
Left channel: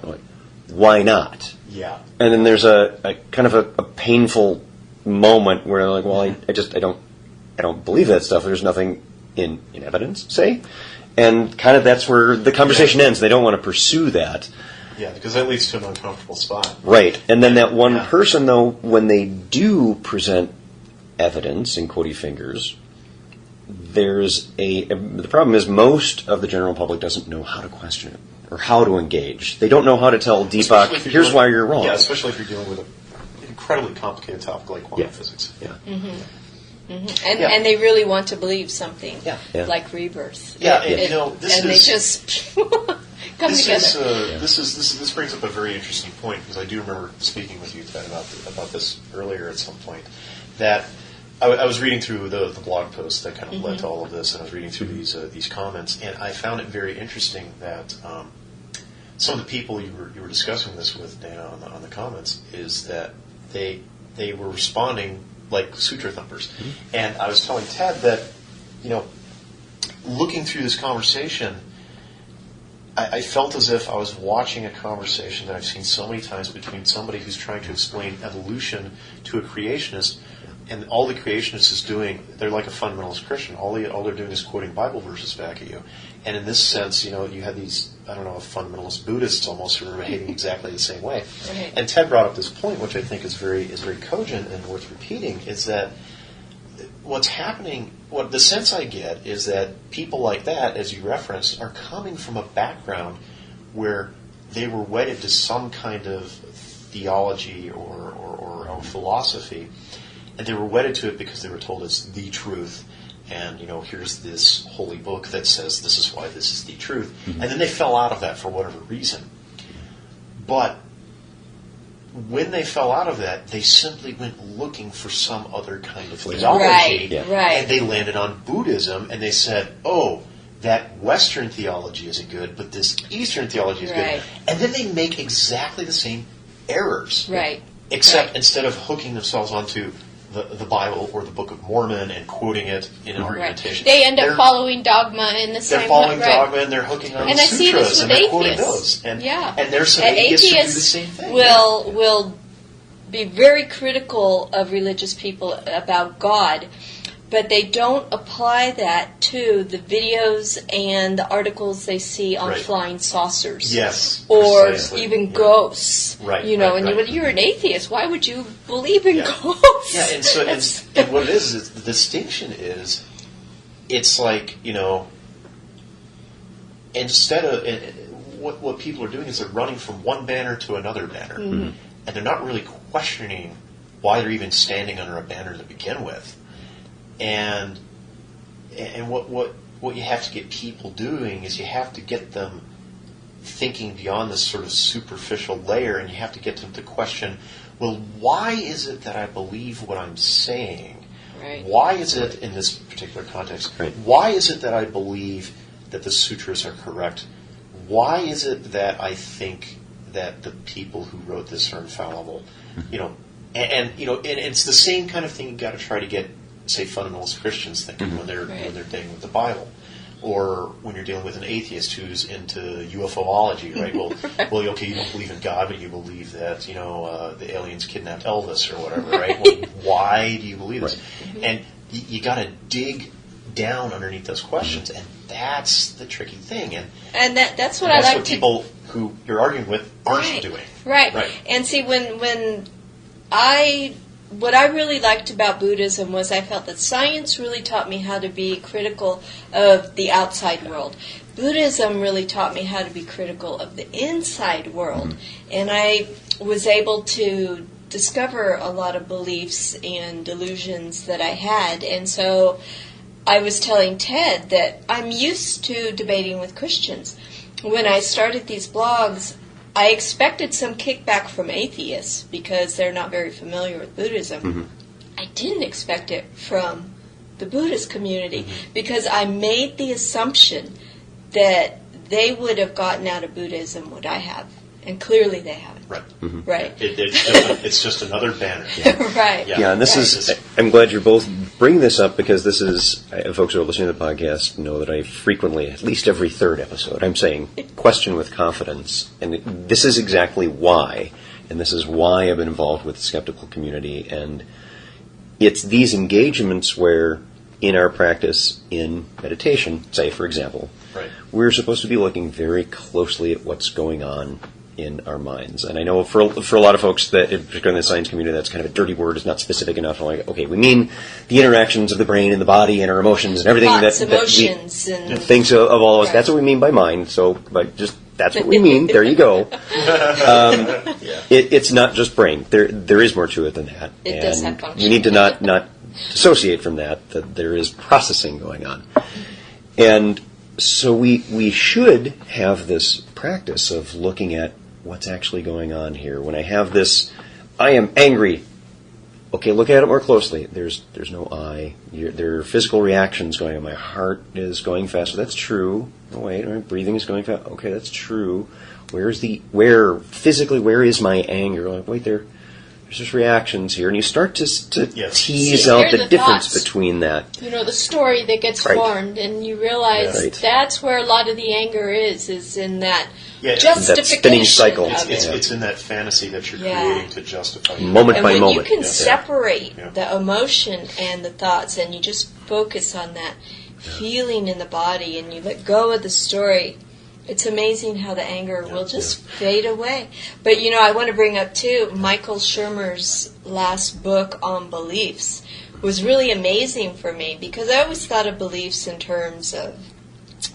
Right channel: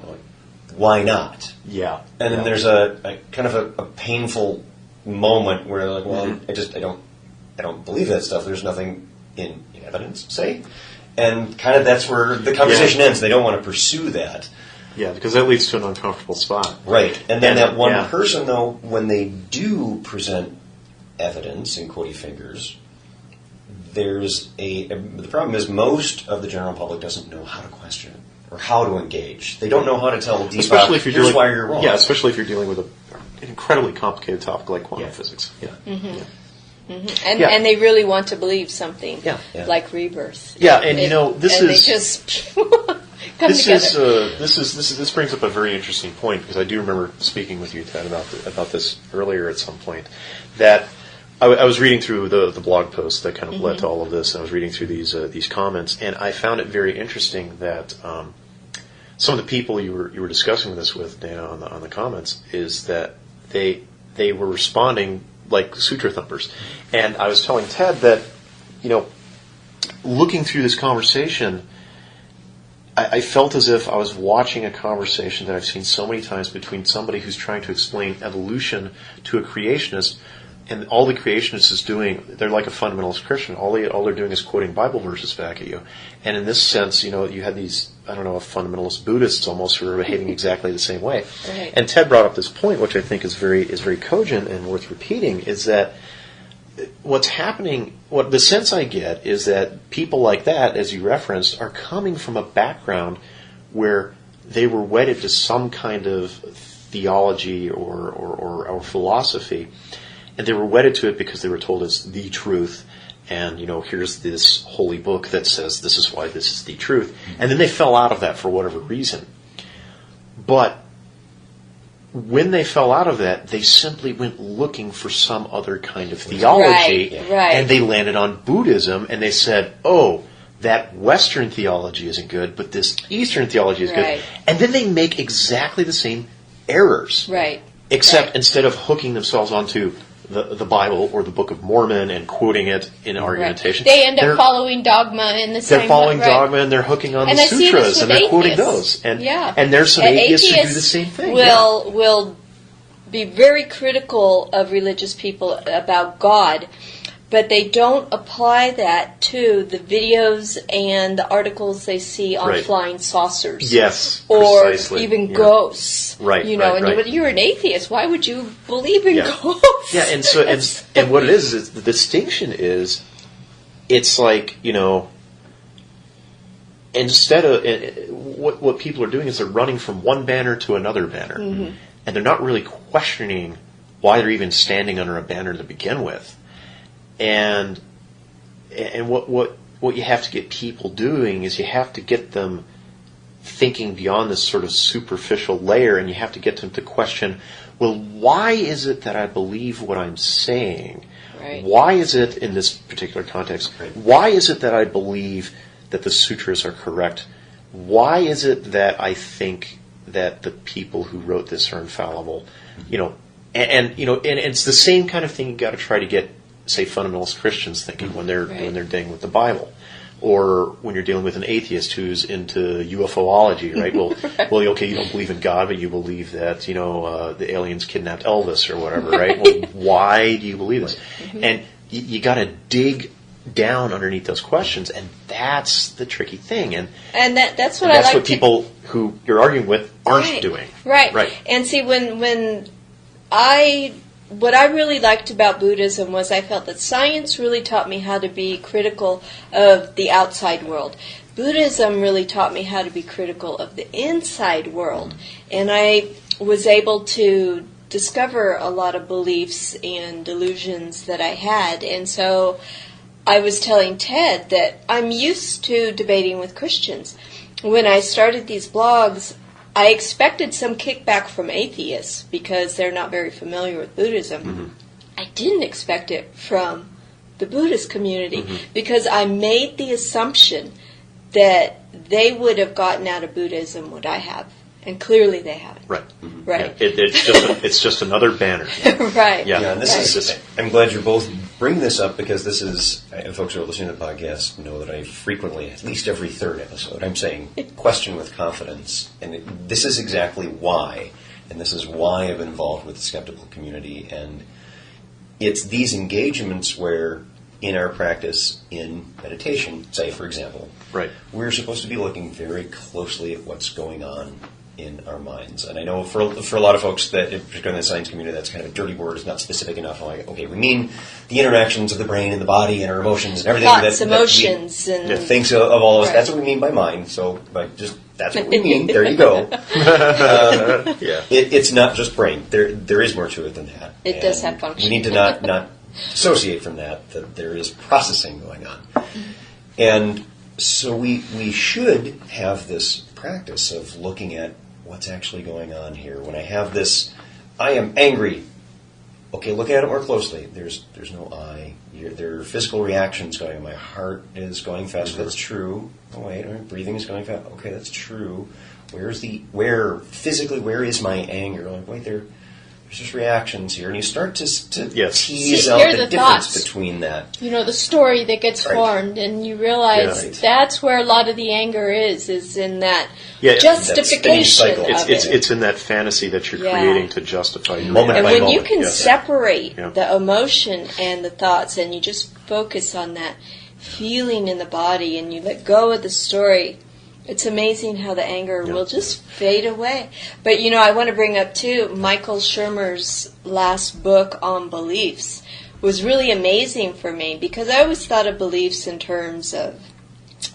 Why not? Yeah. And then there's a kind of a painful moment where, like, well, I don't believe that stuff. There's nothing in evidence, say. And kind of that's where the conversation ends. They don't want to pursue that. Yeah, because that leads to an uncomfortable spot. Right. And then that one person, though, when they do present evidence, in quotey fingers, the problem is most of the general public doesn't know how to question it or how to engage. They don't know how to tell Deepak, here's why you're wrong. Yeah, especially if you're dealing with an incredibly complicated topic like quantum physics. Yeah. Mm-hmm. Mm-hmm. And they really want to believe something like rebirth. Yeah, they just come together. This brings up a very interesting point, because I do remember speaking with you, Ted, about this earlier at some point. That I was reading through the blog post that kind of led to all of this, and I was reading through these comments, and I found it very interesting that some of the people you were discussing this with, Dana, on the comments, is that they were responding like sutra thumpers. And I was telling Ted that, looking through this conversation, I felt as if I was watching a conversation that I've seen so many times between somebody who's trying to explain evolution to a creationist, and all the creationist is doing, they're like a fundamentalist Christian. All they're doing is quoting Bible verses back at you. And in this sense, you had these, fundamentalist Buddhists almost who are behaving exactly the same way. Right. And Ted brought up this point, which I think is very cogent and worth repeating, is that what's happening, what the sense I get is that people like that, as you referenced, are coming from a background where they were wedded to some kind of theology or philosophy, and they were wedded to it because they were told it's the truth, and here's this holy book that says this is why this is the truth, and then they fell out of that for whatever reason. But when they fell out of that, they simply went looking for some other kind of theology, right. And they landed on Buddhism, and they said, oh, that Western theology isn't good, but this Eastern theology is good. And then they make exactly the same errors. Right. Except instead of hooking themselves onto the Bible or the Book of Mormon and quoting it in argumentation. They end up following dogma in the same way. They're following dogma, and they're hooking on the sutras, see this with and they're quoting atheists. those. And there's some atheists who do the same thing. Will be very critical of religious people about God, but they don't apply that to the videos and the articles they see on flying saucers. Yes, or precisely. even ghosts. Right. And you're an atheist. Why would you believe in ghosts? Yeah, and so and what it is the distinction is, it's like instead of what people are doing is they're running from one banner to another banner, and they're not really questioning why they're even standing under a banner to begin with. And what what you have to get people doing is you have to get them thinking beyond this sort of superficial layer, and you have to get them to question, well, why is it that I believe what I'm saying? Right. Why is it, in this particular context, why is it that I believe that the sutras are correct? Why is it that I think that the people who wrote this are infallible? You know, and it's the same kind of thing you got to try to get, say, fundamentalist Christians thinking when they're dealing with the Bible, or when you're dealing with an atheist who's into UFOlogy, right? Well, okay, you don't believe in God, but you believe that the aliens kidnapped Elvis or whatever, right? Well, why do you believe this? Right. And you got to dig down underneath those questions, and that's the tricky thing. And that's what I like. That's what people who you're arguing with aren't doing. Right. And see, what I really liked about Buddhism was I felt that science really taught me how to be critical of the outside world. Buddhism really taught me how to be critical of the inside world. And I was able to discover a lot of beliefs and delusions that I had. And so I was telling Ted that I'm used to debating with Christians. When I started these blogs, I expected some kickback from atheists because they're not very familiar with Buddhism. Mm-hmm. I didn't expect it from the Buddhist community because I made the assumption that they would have gotten out of Buddhism what I have. And clearly they haven't. Right. Mm-hmm. Right. Yeah, it's just another banner. Right. Yeah, and this is, I'm glad you're both bringing this up because this is, folks who are listening to the podcast know that I frequently, at least every third episode, I'm saying question with confidence. And this is exactly why. And this is why I've been involved with the skeptical community. And it's these engagements where, in our practice in meditation, say, for example, we're supposed to be looking very closely at what's going on in our minds. And I know for a lot of folks, that, particularly in the science community, that's kind of a dirty word. It's not specific enough. Like, okay, we mean the interactions of the brain and the body and our emotions and everything. Thoughts, emotions, and thinks of all of us. That's what we mean by mind. So, that's what we mean. There you go. It's not just brain. There is more to it than that. It does have function. We need to not dissociate from that there is processing going on. And so we should have this practice of looking at what's actually going on here. When I have this, I am angry. Okay, look at it more closely. There's no I. There are physical reactions going on. My heart is going faster. That's true. Oh wait, my breathing is going fast. Okay, that's true. Where is my anger? Like, wait, there's just reactions here, and you start to tease out the difference thoughts between that. The story that gets formed, and you realize that's where a lot of the anger is in that justification that it's in that fantasy that you're creating to justify your moment by moment. And when you can separate the emotion and the thoughts, and you just focus on that feeling in the body, and you let go of the story, it's amazing how the anger will just fade away. But, I want to bring up, too, Michael Shermer's last book on beliefs was really amazing for me because I always thought of beliefs in terms of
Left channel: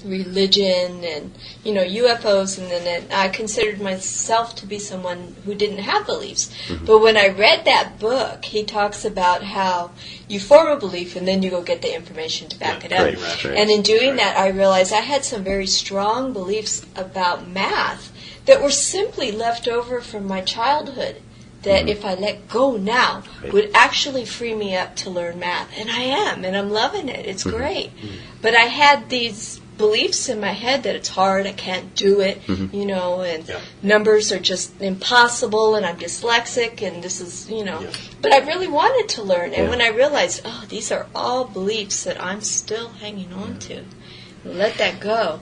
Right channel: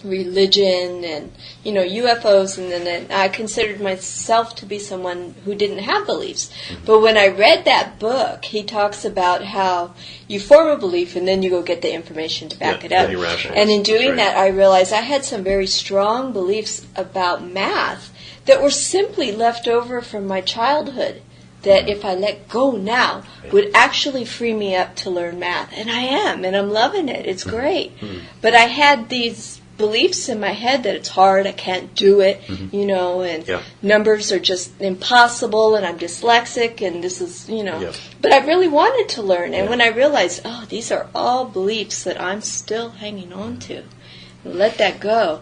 religion and, UFOs, and then I considered myself to be someone who didn't have beliefs. Mm-hmm. But when I read that book, he talks about how you form a belief and then you go get the information to back it up. And in doing that, I realized I had some very strong beliefs about math that were simply left over from my childhood that if I let go now would actually free me up to learn math. And I am, and I'm loving it. It's great. Mm-hmm. But I had these beliefs in my head that it's hard, I can't do it, and numbers are just impossible, and I'm dyslexic, and this is, But I really wanted to learn, and when I realized, these are all beliefs that I'm still hanging on to, let that go,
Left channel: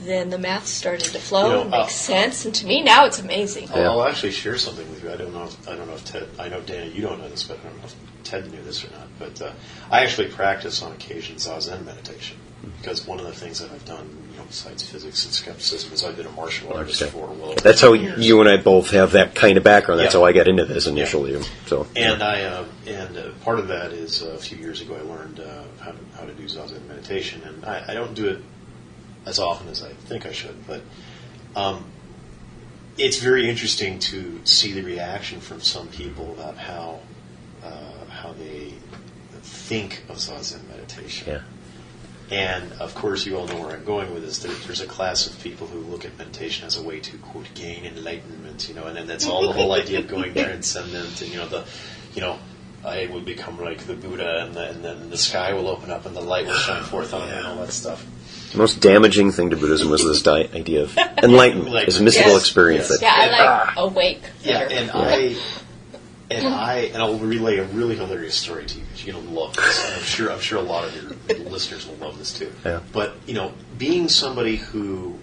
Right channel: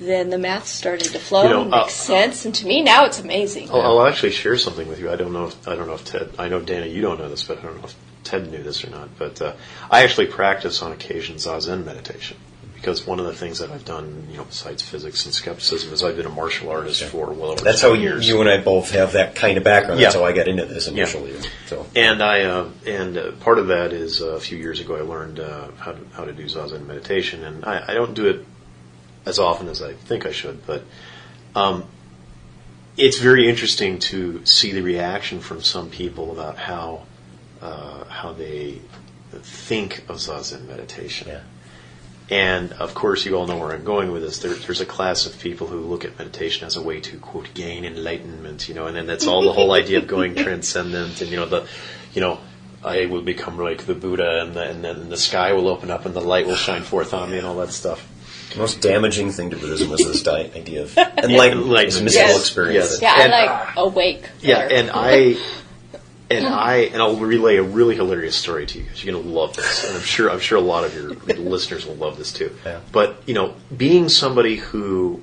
then the math started to flow and make sense, and to me now it's amazing. I'll actually share something with you. I don't know if Ted, I know Dana, you don't know this, but I don't know if Ted knew this or not, but I actually practice on occasion Zazen meditation. Because one of the things that I've done, besides physics and skepticism, is I've been a martial artist for well over That's 20 how years. You and I both have that kind of background. That's how I got into this initially. Yeah. So, and part of that is a few years ago I learned how to do Zazen meditation, and I don't do it as often as I think I should, but it's very interesting to see the reaction from some people about how they think of Zazen meditation. Yeah. And, of course, you all know where I'm going with this. There's a class of people who look at meditation as a way to, quote, gain enlightenment, and then that's all the whole idea of going transcendent, and, I will become like the Buddha, and then the sky will open up and the light will shine forth on me and all that stuff. The most damaging thing to Buddhism was this idea of enlightenment, this mystical experience. Yes. Yeah, I like awake better. Yeah, and I'll relay a really hilarious story to you because you're going to love this. And I'm sure a lot of your listeners will love this too. Yeah. But, being somebody who,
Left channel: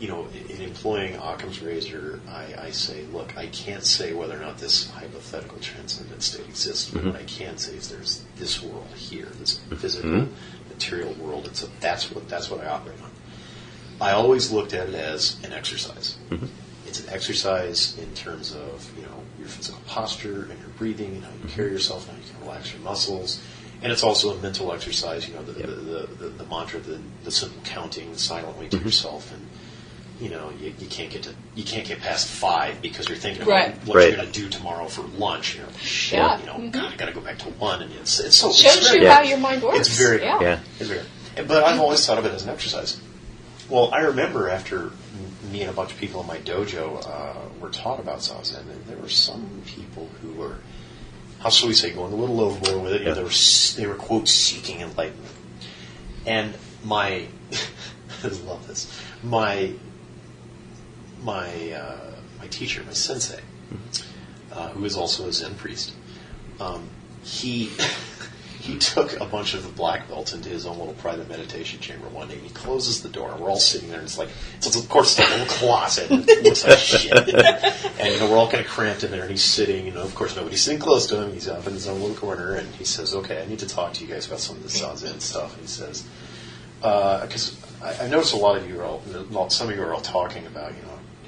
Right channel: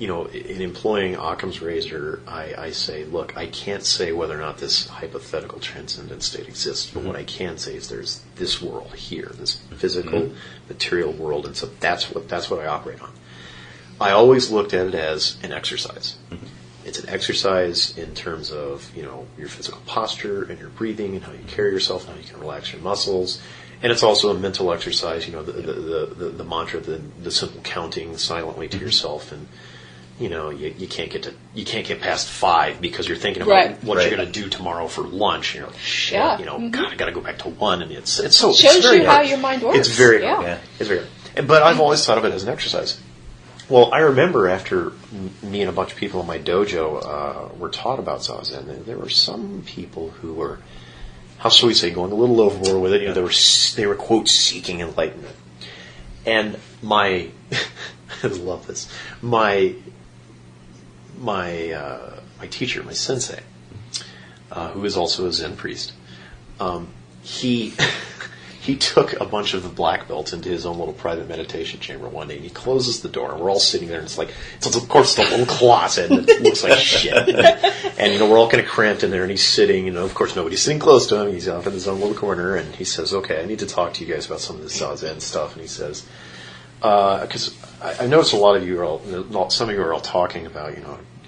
in employing Occam's razor, I say, look, I can't say whether or not this hypothetical transcendent state exists, but what I can say is there's this world here, this physical, material world, and so that's what I operate on. I always looked at it as an exercise. Mm-hmm. It's an exercise in terms of, your physical posture and your breathing and how you carry yourself and how you can relax your muscles. And it's also a mental exercise, the mantra, the simple counting silently to yourself. And, you can't get past 5 because you're thinking about what you're going to do tomorrow for lunch. You're like, shit, God, I got to go back to 1. And it's so... Shows you how your mind works. It's very... It's very... But I've always thought of it as an exercise. Well, I remember after me and a bunch of people in my dojo were taught about Zazen, and there were some people who were, how shall we say, going a little overboard with it. They were quote seeking enlightenment, and I love this. My teacher, my sensei, who is also a Zen priest, he took a bunch of the black belts into his own little private meditation chamber one day, and he closes the door, and we're all sitting there, and it's of course, it's a little closet, and it looks like shit. And, we're all kind of cramped in there, and he's sitting, and of course, nobody's sitting close to him. He's off in his own little corner, and he says, okay, I need to talk to you guys about some of this Zazen stuff. And he says, because I noticed some of you are all talking about,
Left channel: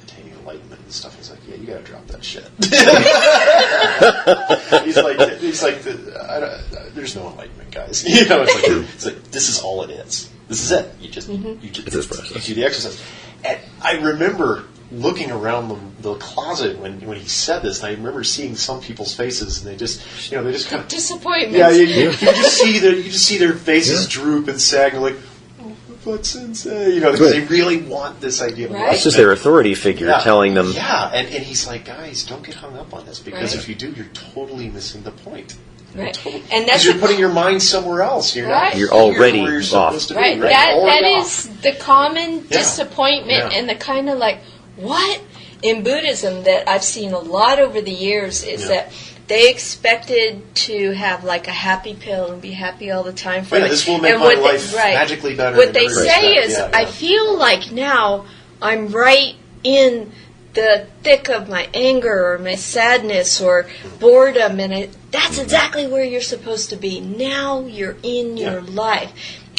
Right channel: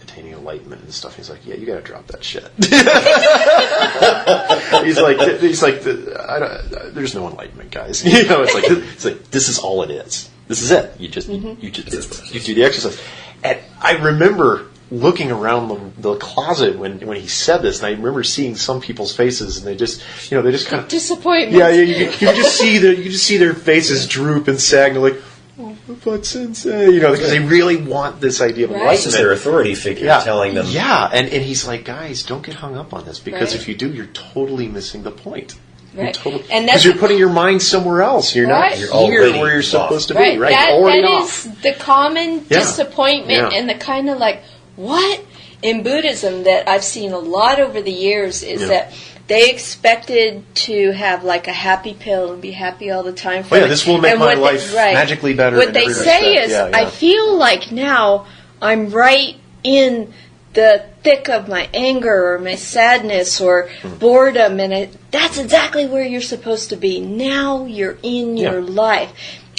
attaining enlightenment and stuff. He's like, yeah, you got to drop that shit. he's like, there's no enlightenment, guys. It's like this is all it is. This is it. You just you do the exercise. And I remember looking around the closet when he said this, and I remember seeing some people's faces, and they just kind of disappointment. Yeah, you just see their faces droop and sag, and they're like, but sensei, because they really want this idea of enlightenment. This is their authority figure telling them. Yeah, and he's like, guys, don't get hung up on this, because if you do, you're totally missing the point. Right. And that's because you're putting your mind somewhere else. You're not you're already where you're supposed to be. Right. Right. That is the common disappointment and the kind of like, what? In Buddhism that I've seen a lot over the years is that they expected to have like a happy pill and be happy all the time. This will make my life magically better. What they say is, I feel like now I'm right in the thick of my anger or my sadness or boredom, and that's exactly where you're supposed to be. Now you're in your life.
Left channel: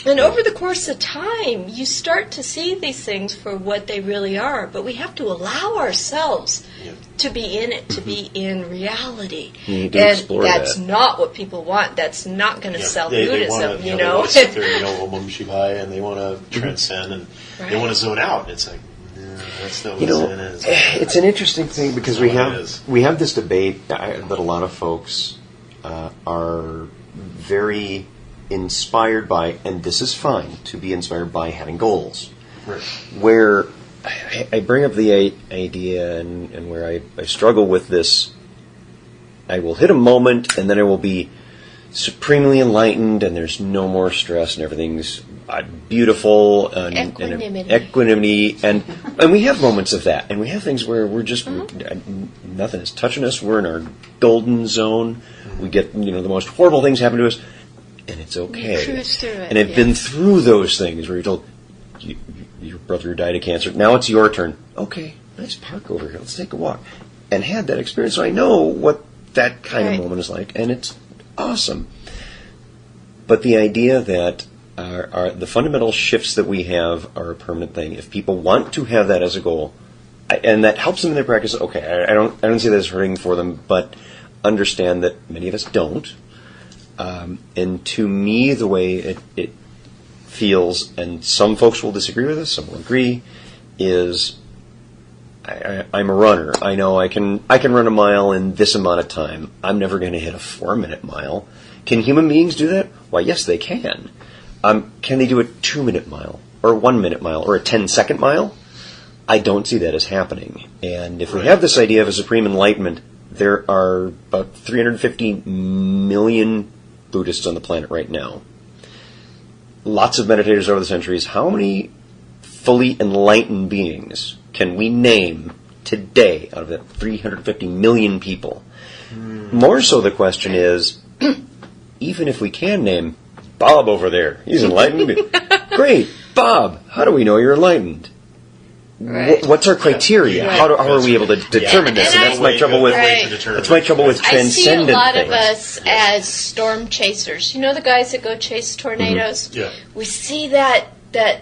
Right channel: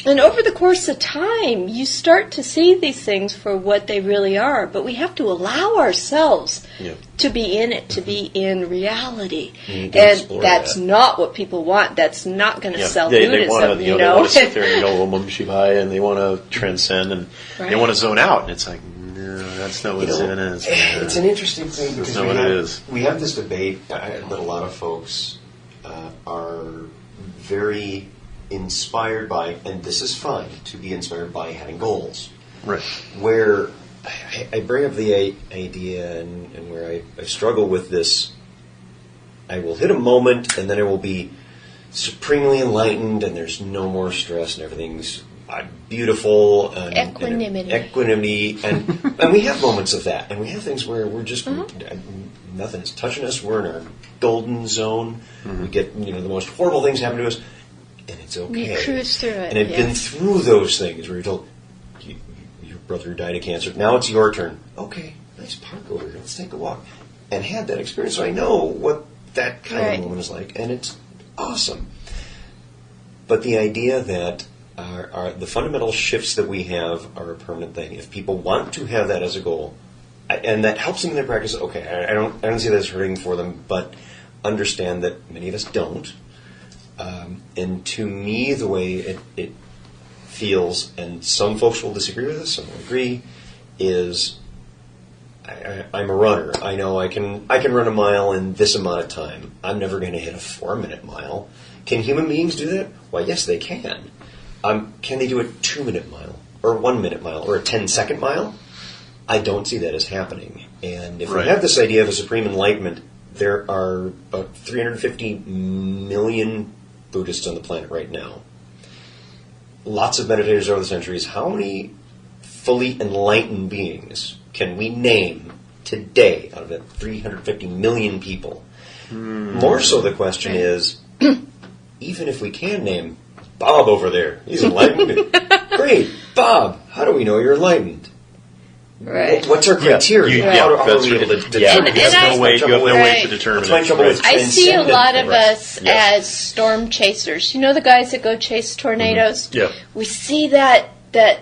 And over the course of time, you start to see these things for what they really are. But we have to allow ourselves to be in it, to be in reality. And that's not what people want. That's not going to sell Buddhism, They want to sit there and go, Om Shivaya, and they want to transcend, and they want to zone out. And it's like, no, that's not what Zen is. It's an interesting thing because we have this debate that a lot of folks are very inspired by, and this is fine, to be inspired by having goals. Right. Where I bring up the idea and where I struggle with this, I will hit a moment and then I will be supremely enlightened and there's no more stress and everything's beautiful. Equanimity. And we have moments of that. And we have things where we're just, nothing is touching us. We're in our golden zone. We get, the most horrible things happen to us. And it's okay. You cruise through it. And I've been through those things where you're told, your brother died of cancer. Now it's your turn. Okay, nice park over here. Let's take a walk. And had that experience. So I know what that kind of moment is like. And it's awesome. But the idea that the fundamental shifts that we have are a permanent thing. If people want to have that as a goal, and that helps them in their practice, okay, I don't say that's hurting for them, but understand that many of us don't. And to me, the way it feels, and some folks will disagree with this, some will agree, is I'm a runner. I know I can run a mile in this amount of time. I'm never going to hit a 4-minute mile. Can human beings do that? Why, yes, they can. Can they do a 2-minute mile, or a 1-minute mile, or a 10-second mile? I don't see that as happening. And if we have this idea of a supreme enlightenment, there are about 350 million Buddhists on the planet right now. Lots of meditators over the centuries. How many fully enlightened beings can we name today out of that 350 million people? More so the question is, even if we can name Bob over there, he's enlightened. Great, Bob, how do we know you're enlightened? Right. What's our criteria? Right. How are we able to determine this? That's my trouble with I see a lot of things. us as storm chasers. You know the guys that go chase tornadoes? Yeah. We see that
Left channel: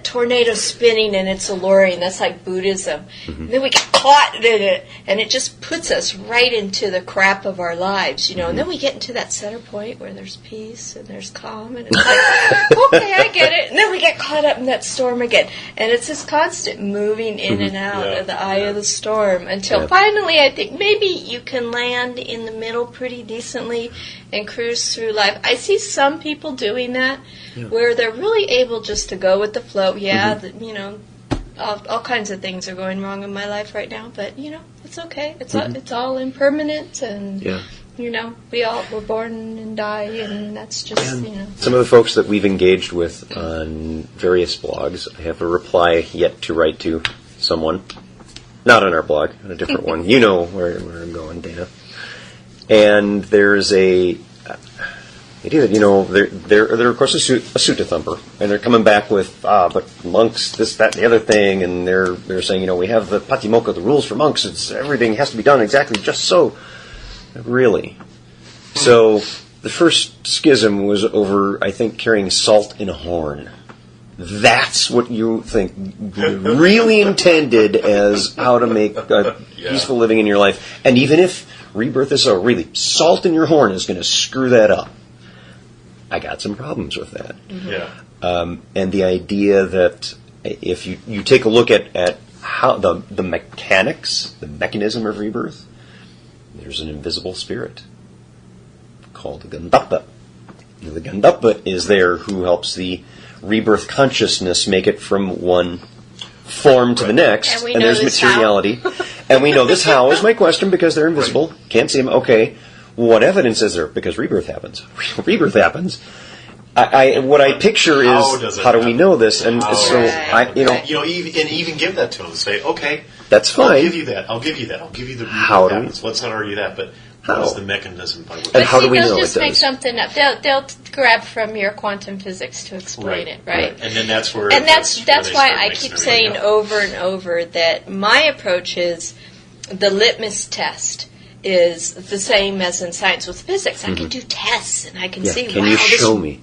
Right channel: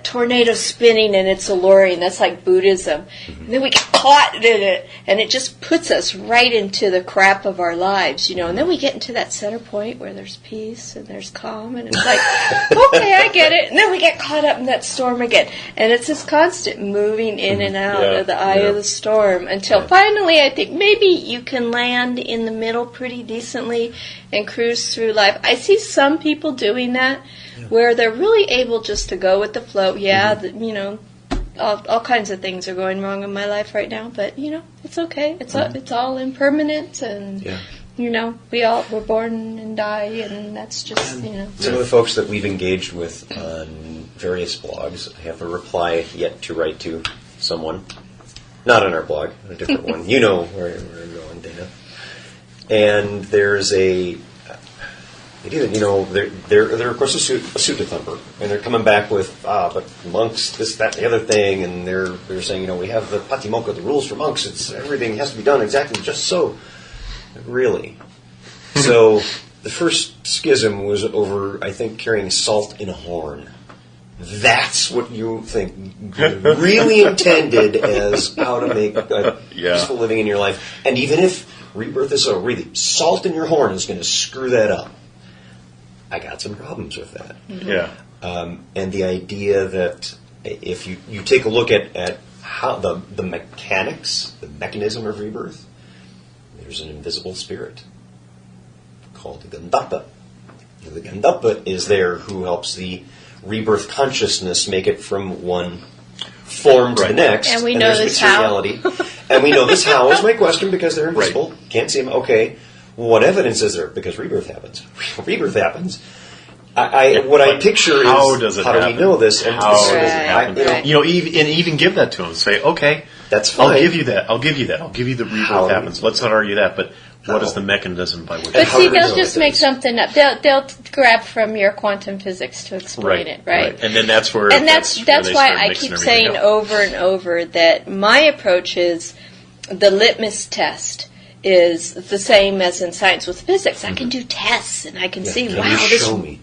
tornado spinning and it's alluring. That's like Buddhism. And then we get caught in it and it just puts us right into the crap of our lives, you know. And then we get into that center point where there's peace and there's calm and it's like, okay, I get it. And then we get caught up in that storm again. And it's this constant moving in and out of the eye of the storm until finally I think maybe you can land in the middle pretty decently and cruise through life. I see some people doing that where they're really able just to go with the flow. Yeah, you know, all kinds of things are going wrong in my life right now, but you know, it's okay. It's all impermanent, and you know, we're born and die, and that's just you know. Some of the folks that we've engaged with on various blogs, I have a reply yet to write to someone, not on our blog, on a different one. You know where I'm going, Dana. And there's you know, they're of course a sutta thumper, and they're coming back with but monks, this, that, and the other thing, and they're saying, you know, we have the Patimokkha, the rules for monks. It's everything has to be done exactly just so. Really, so the first schism was over, I think, carrying salt in a horn. That's what you think really intended as how to make a peaceful living in your life, and even if rebirth is so really salt in your horn is going to screw that up. I got some problems with that. And the idea that if you take a look at how the mechanics, the mechanism of rebirth, there's an invisible spirit called the Gandapa. The Gandapa is there who helps the rebirth consciousness make it from one form to the next. And we know there's this materiality. And we know this how is my question because they're invisible. Can't see them. Okay. What evidence is there? Because rebirth happens. Rebirth happens. What I picture is how do we know this? And even give that to them. Say, okay, that's fine. I'll give you that. I'll give you the rebirth happens. Let's not argue that. But what is the mechanism by which? But see, they'll just make something up. They'll grab from your quantum physics to explain it, right? And then that's where. And that's why I keep saying over and over that my approach is the litmus test is the same as in science with physics. I can do tests and I can see, wow,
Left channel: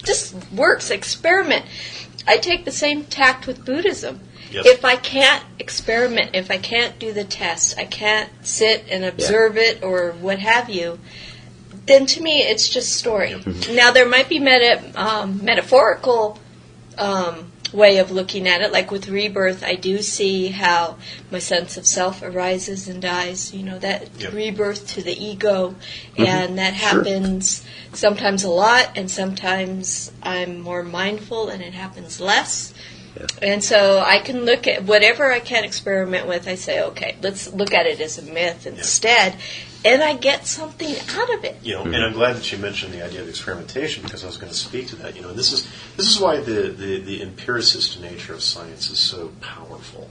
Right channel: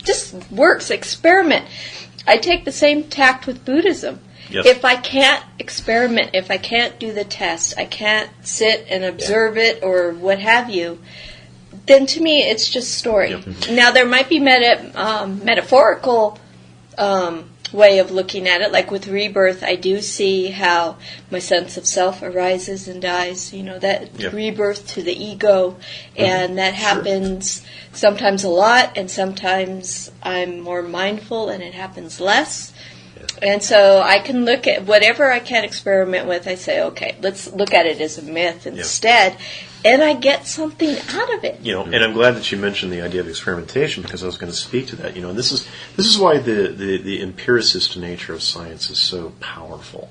this works. Experiment. I take the same tact with Buddhism. Yep. If I can't experiment, if I can't do the test, I can't sit and observe it or what have you, then to me it's just story. Yep. Now there might be metaphorical way of looking at it. Like with rebirth, I do see how my sense of self arises and dies. You know, that rebirth to the ego, and that happens sometimes a lot, and sometimes I'm more mindful and it happens less. And so I can look at whatever I can experiment with. I say, okay, let's look at it as a myth instead, and I get something out of it. You know, and I'm glad that you mentioned the idea of experimentation because I was going to speak to that. You know, and this is why the empiricist nature of science is so powerful,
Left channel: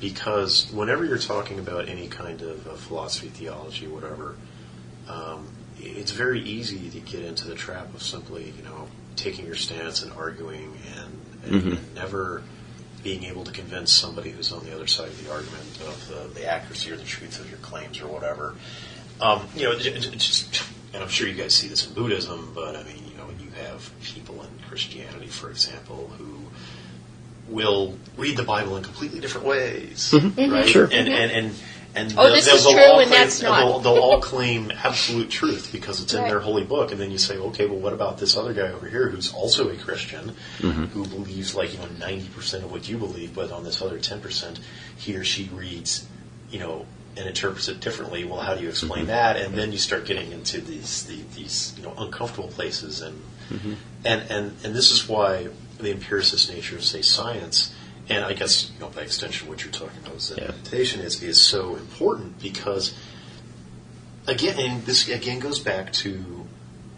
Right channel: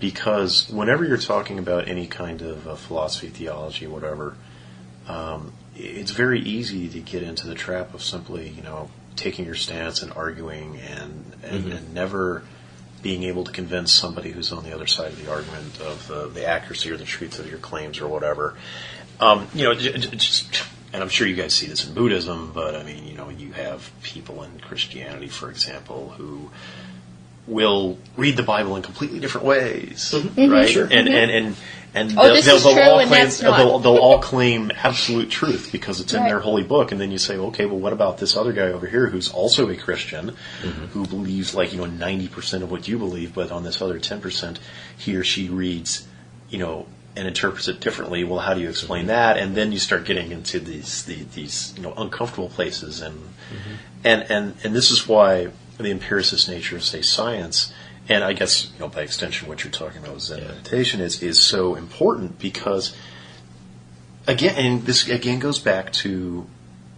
because whenever you're talking about any kind of philosophy, theology, whatever, it's very easy to get into the trap of simply, you know, taking your stance and arguing and never being able to convince somebody who's on the other side of the argument of the accuracy or the truth of your claims or whatever. You know, and I'm sure you guys see this in Buddhism, but I mean, you know, you have people in Christianity, for example, who will read the Bible in completely different ways, right? Sure. And this is true and that's not. They'll all claim absolute truth because it's in their holy book, and then you say, okay, well, what about this other guy over here who's also a Christian, who believes 90% of what you believe, but on this other 10%, he or she reads, you know, and interprets it differently. Well, how do you explain that? And then you start getting into these you know, uncomfortable places, and this is why the empiricist nature of, say, science, and I guess, by extension what you're talking about with Zen meditation is so important because, again, and this again goes back to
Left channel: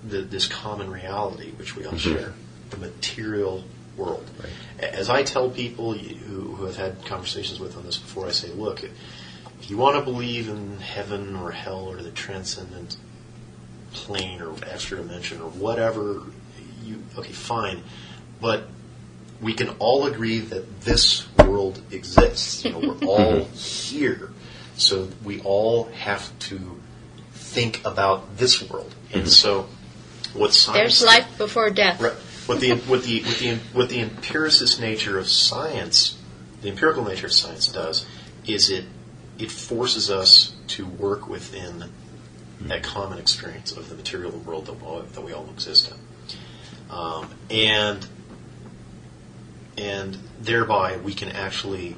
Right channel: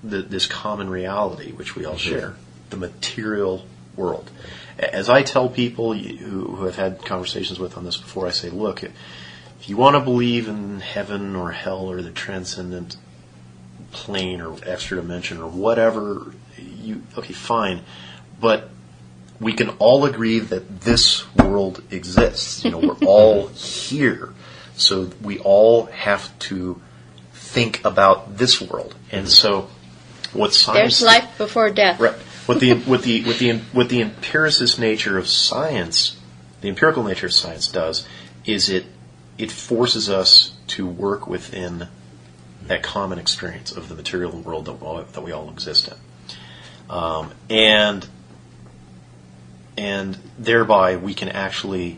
this common reality which we all share, the material world. Right. As I tell people who have had conversations with on this before, I say, look, if you want to believe in heaven or hell or the transcendent plane or extra dimension or whatever, okay, fine, but we can all agree that this world exists. We're all here, so we all have to think about this world. And so, what science? There's life before death. Right. What the empiricist nature of science, the empirical nature of science does, is it forces us to work within that common experience of the material world that we all exist in, and thereby we can actually,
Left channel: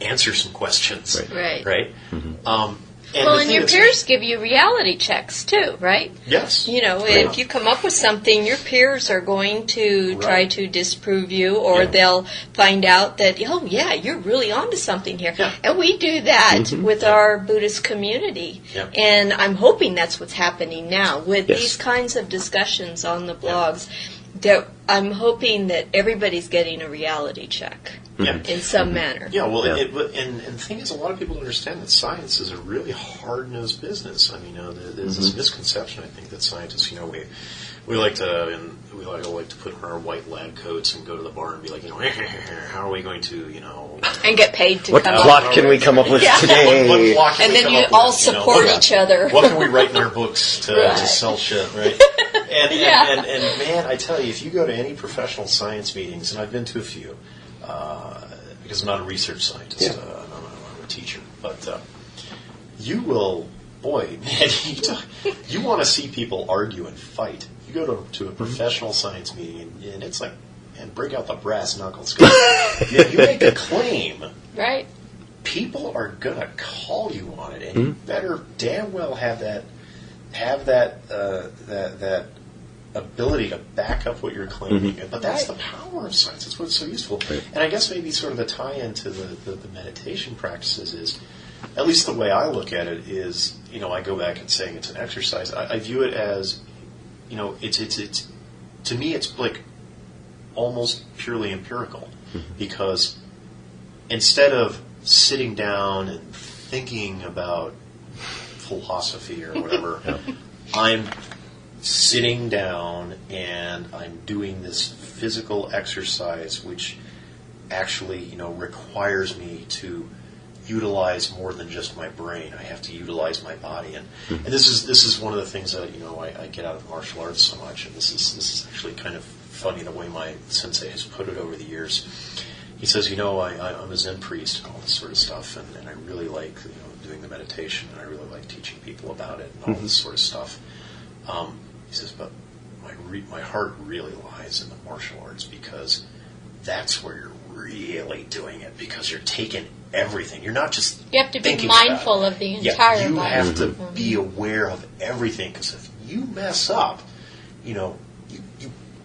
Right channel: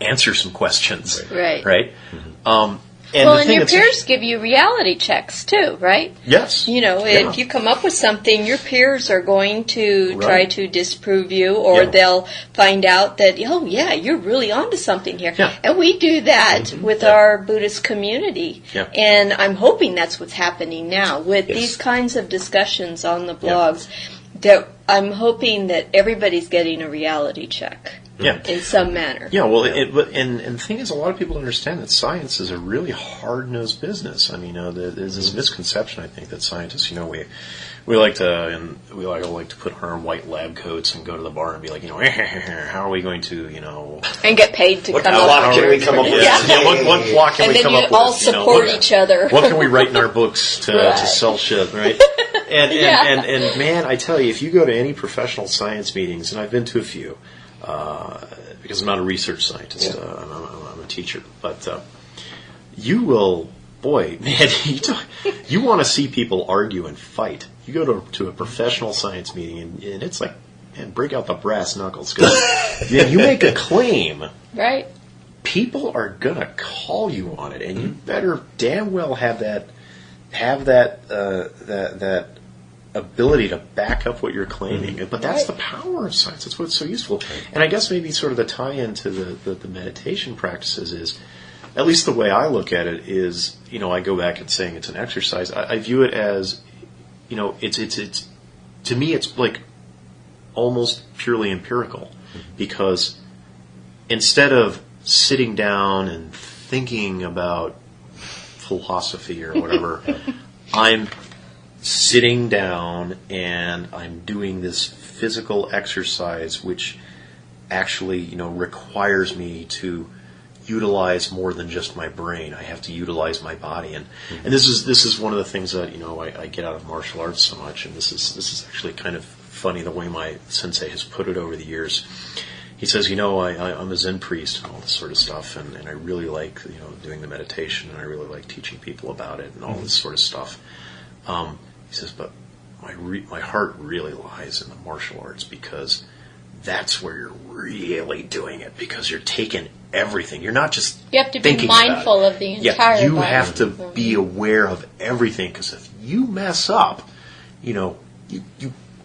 answer some questions. Right. Right. Mm-hmm. And your peers give you reality checks too, right? Yes. If you come up with something, your peers are going to try to disprove you, or they'll find out that, oh yeah, you're really onto something here. Yeah. And we do that with our Buddhist community. Yeah. And I'm hoping that's what's happening now with these kinds of discussions on the blogs. That I'm hoping that everybody's getting a reality check. Yeah. In some manner. Yeah, well, and the thing is, a lot of people understand that science is a really hard-nosed business. I mean, there's this misconception, I think, that scientists, we like to put on our white lab coats and go to the bar and be like, how are we going to, and get paid to what come up. What block can we come up with today? What block can and we then come you up all with, support each other. What can we write in our books to sell shit, right? And man, I tell you, if you go to any professional science meetings, and I've been to a few, because I'm not a research scientist, I'm a teacher, but you will, boy, man, you want to see people argue and fight. You go to a professional science meeting, and it's like, man, break out the brass knuckles. You make a claim, right? People are gonna call you on it, and you better damn well have that ability to back up what you're claiming. But that's the power of science. That's what's so useful. Right. And I guess maybe sort of the tie-in to the meditation practices is, at least the way I look at it is, I go back and saying it's an exercise. I view it as, it's to me it's like almost purely empirical, because instead of sitting down and thinking about philosophy or whatever, I'm sitting down and I'm doing this physical exercise which actually, requires me to utilize more than just my brain. I have to utilize my body, and this is one of the things that I get out of martial arts so much. And this is actually kind of funny the way my sensei has put it over the years. He says, I'm a Zen priest and all this sort of stuff, and I really like doing the meditation, and I really like teaching people about it and all this sort of stuff. He says, but my heart really lies in the martial arts, because that's where you're really doing it, because you're taking everything. You're not just you have to be mindful of the entire you body. have to be aware of everything, because if you mess up, you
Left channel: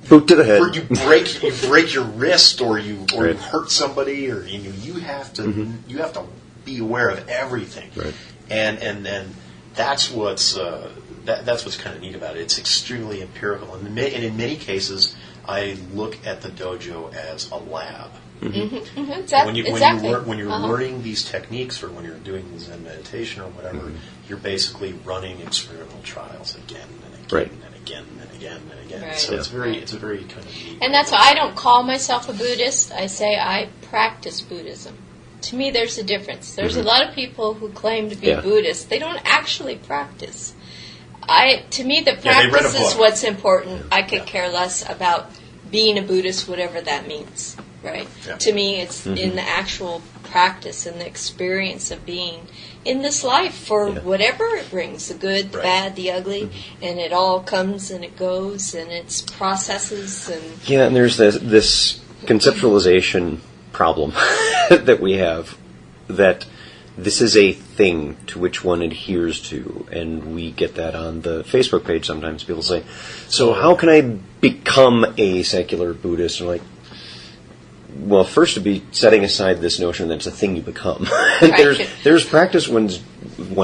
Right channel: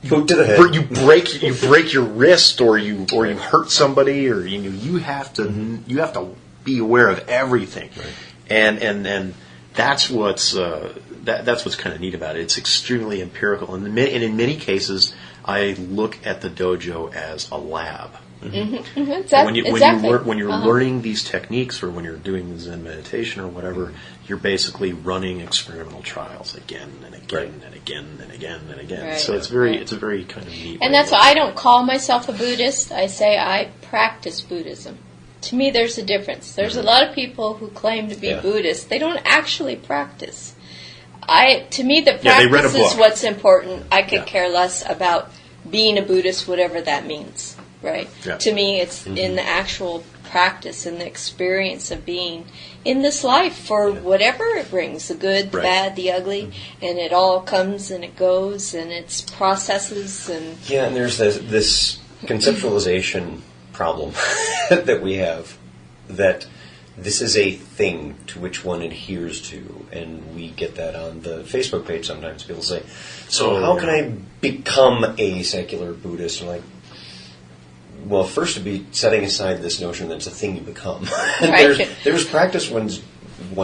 boot to the head. You break your wrist, or you hurt somebody, or you have to be aware of everything, right. and that's what's that's what's kind of neat about it. It's extremely empirical, and in many cases, I look at the dojo as a lab. When you're learning these techniques, or when you're doing Zen meditation or whatever, you're basically running experimental trials again and again and again and again and again. Right. So it's a very kind of neat. And that's why I don't call myself a Buddhist. I say I practice Buddhism. To me, there's a difference. There's a lot of people who claim to be Buddhist. They don't actually practice. To me, the practice is what's important. I could care less about being a Buddhist, whatever that means. Right. Yeah. To me, it's in the actual practice and the experience of being in this life for whatever it brings, the good, the bad, the ugly, and it all comes and it goes, and it's processes. And there's this conceptualization problem that we have, that this is a thing to which one adheres to, and we get that on the Facebook page sometimes. People say, so how can I become a secular Buddhist? And like, well, first to be setting aside this notion that it's a thing you become. Right. there's practice one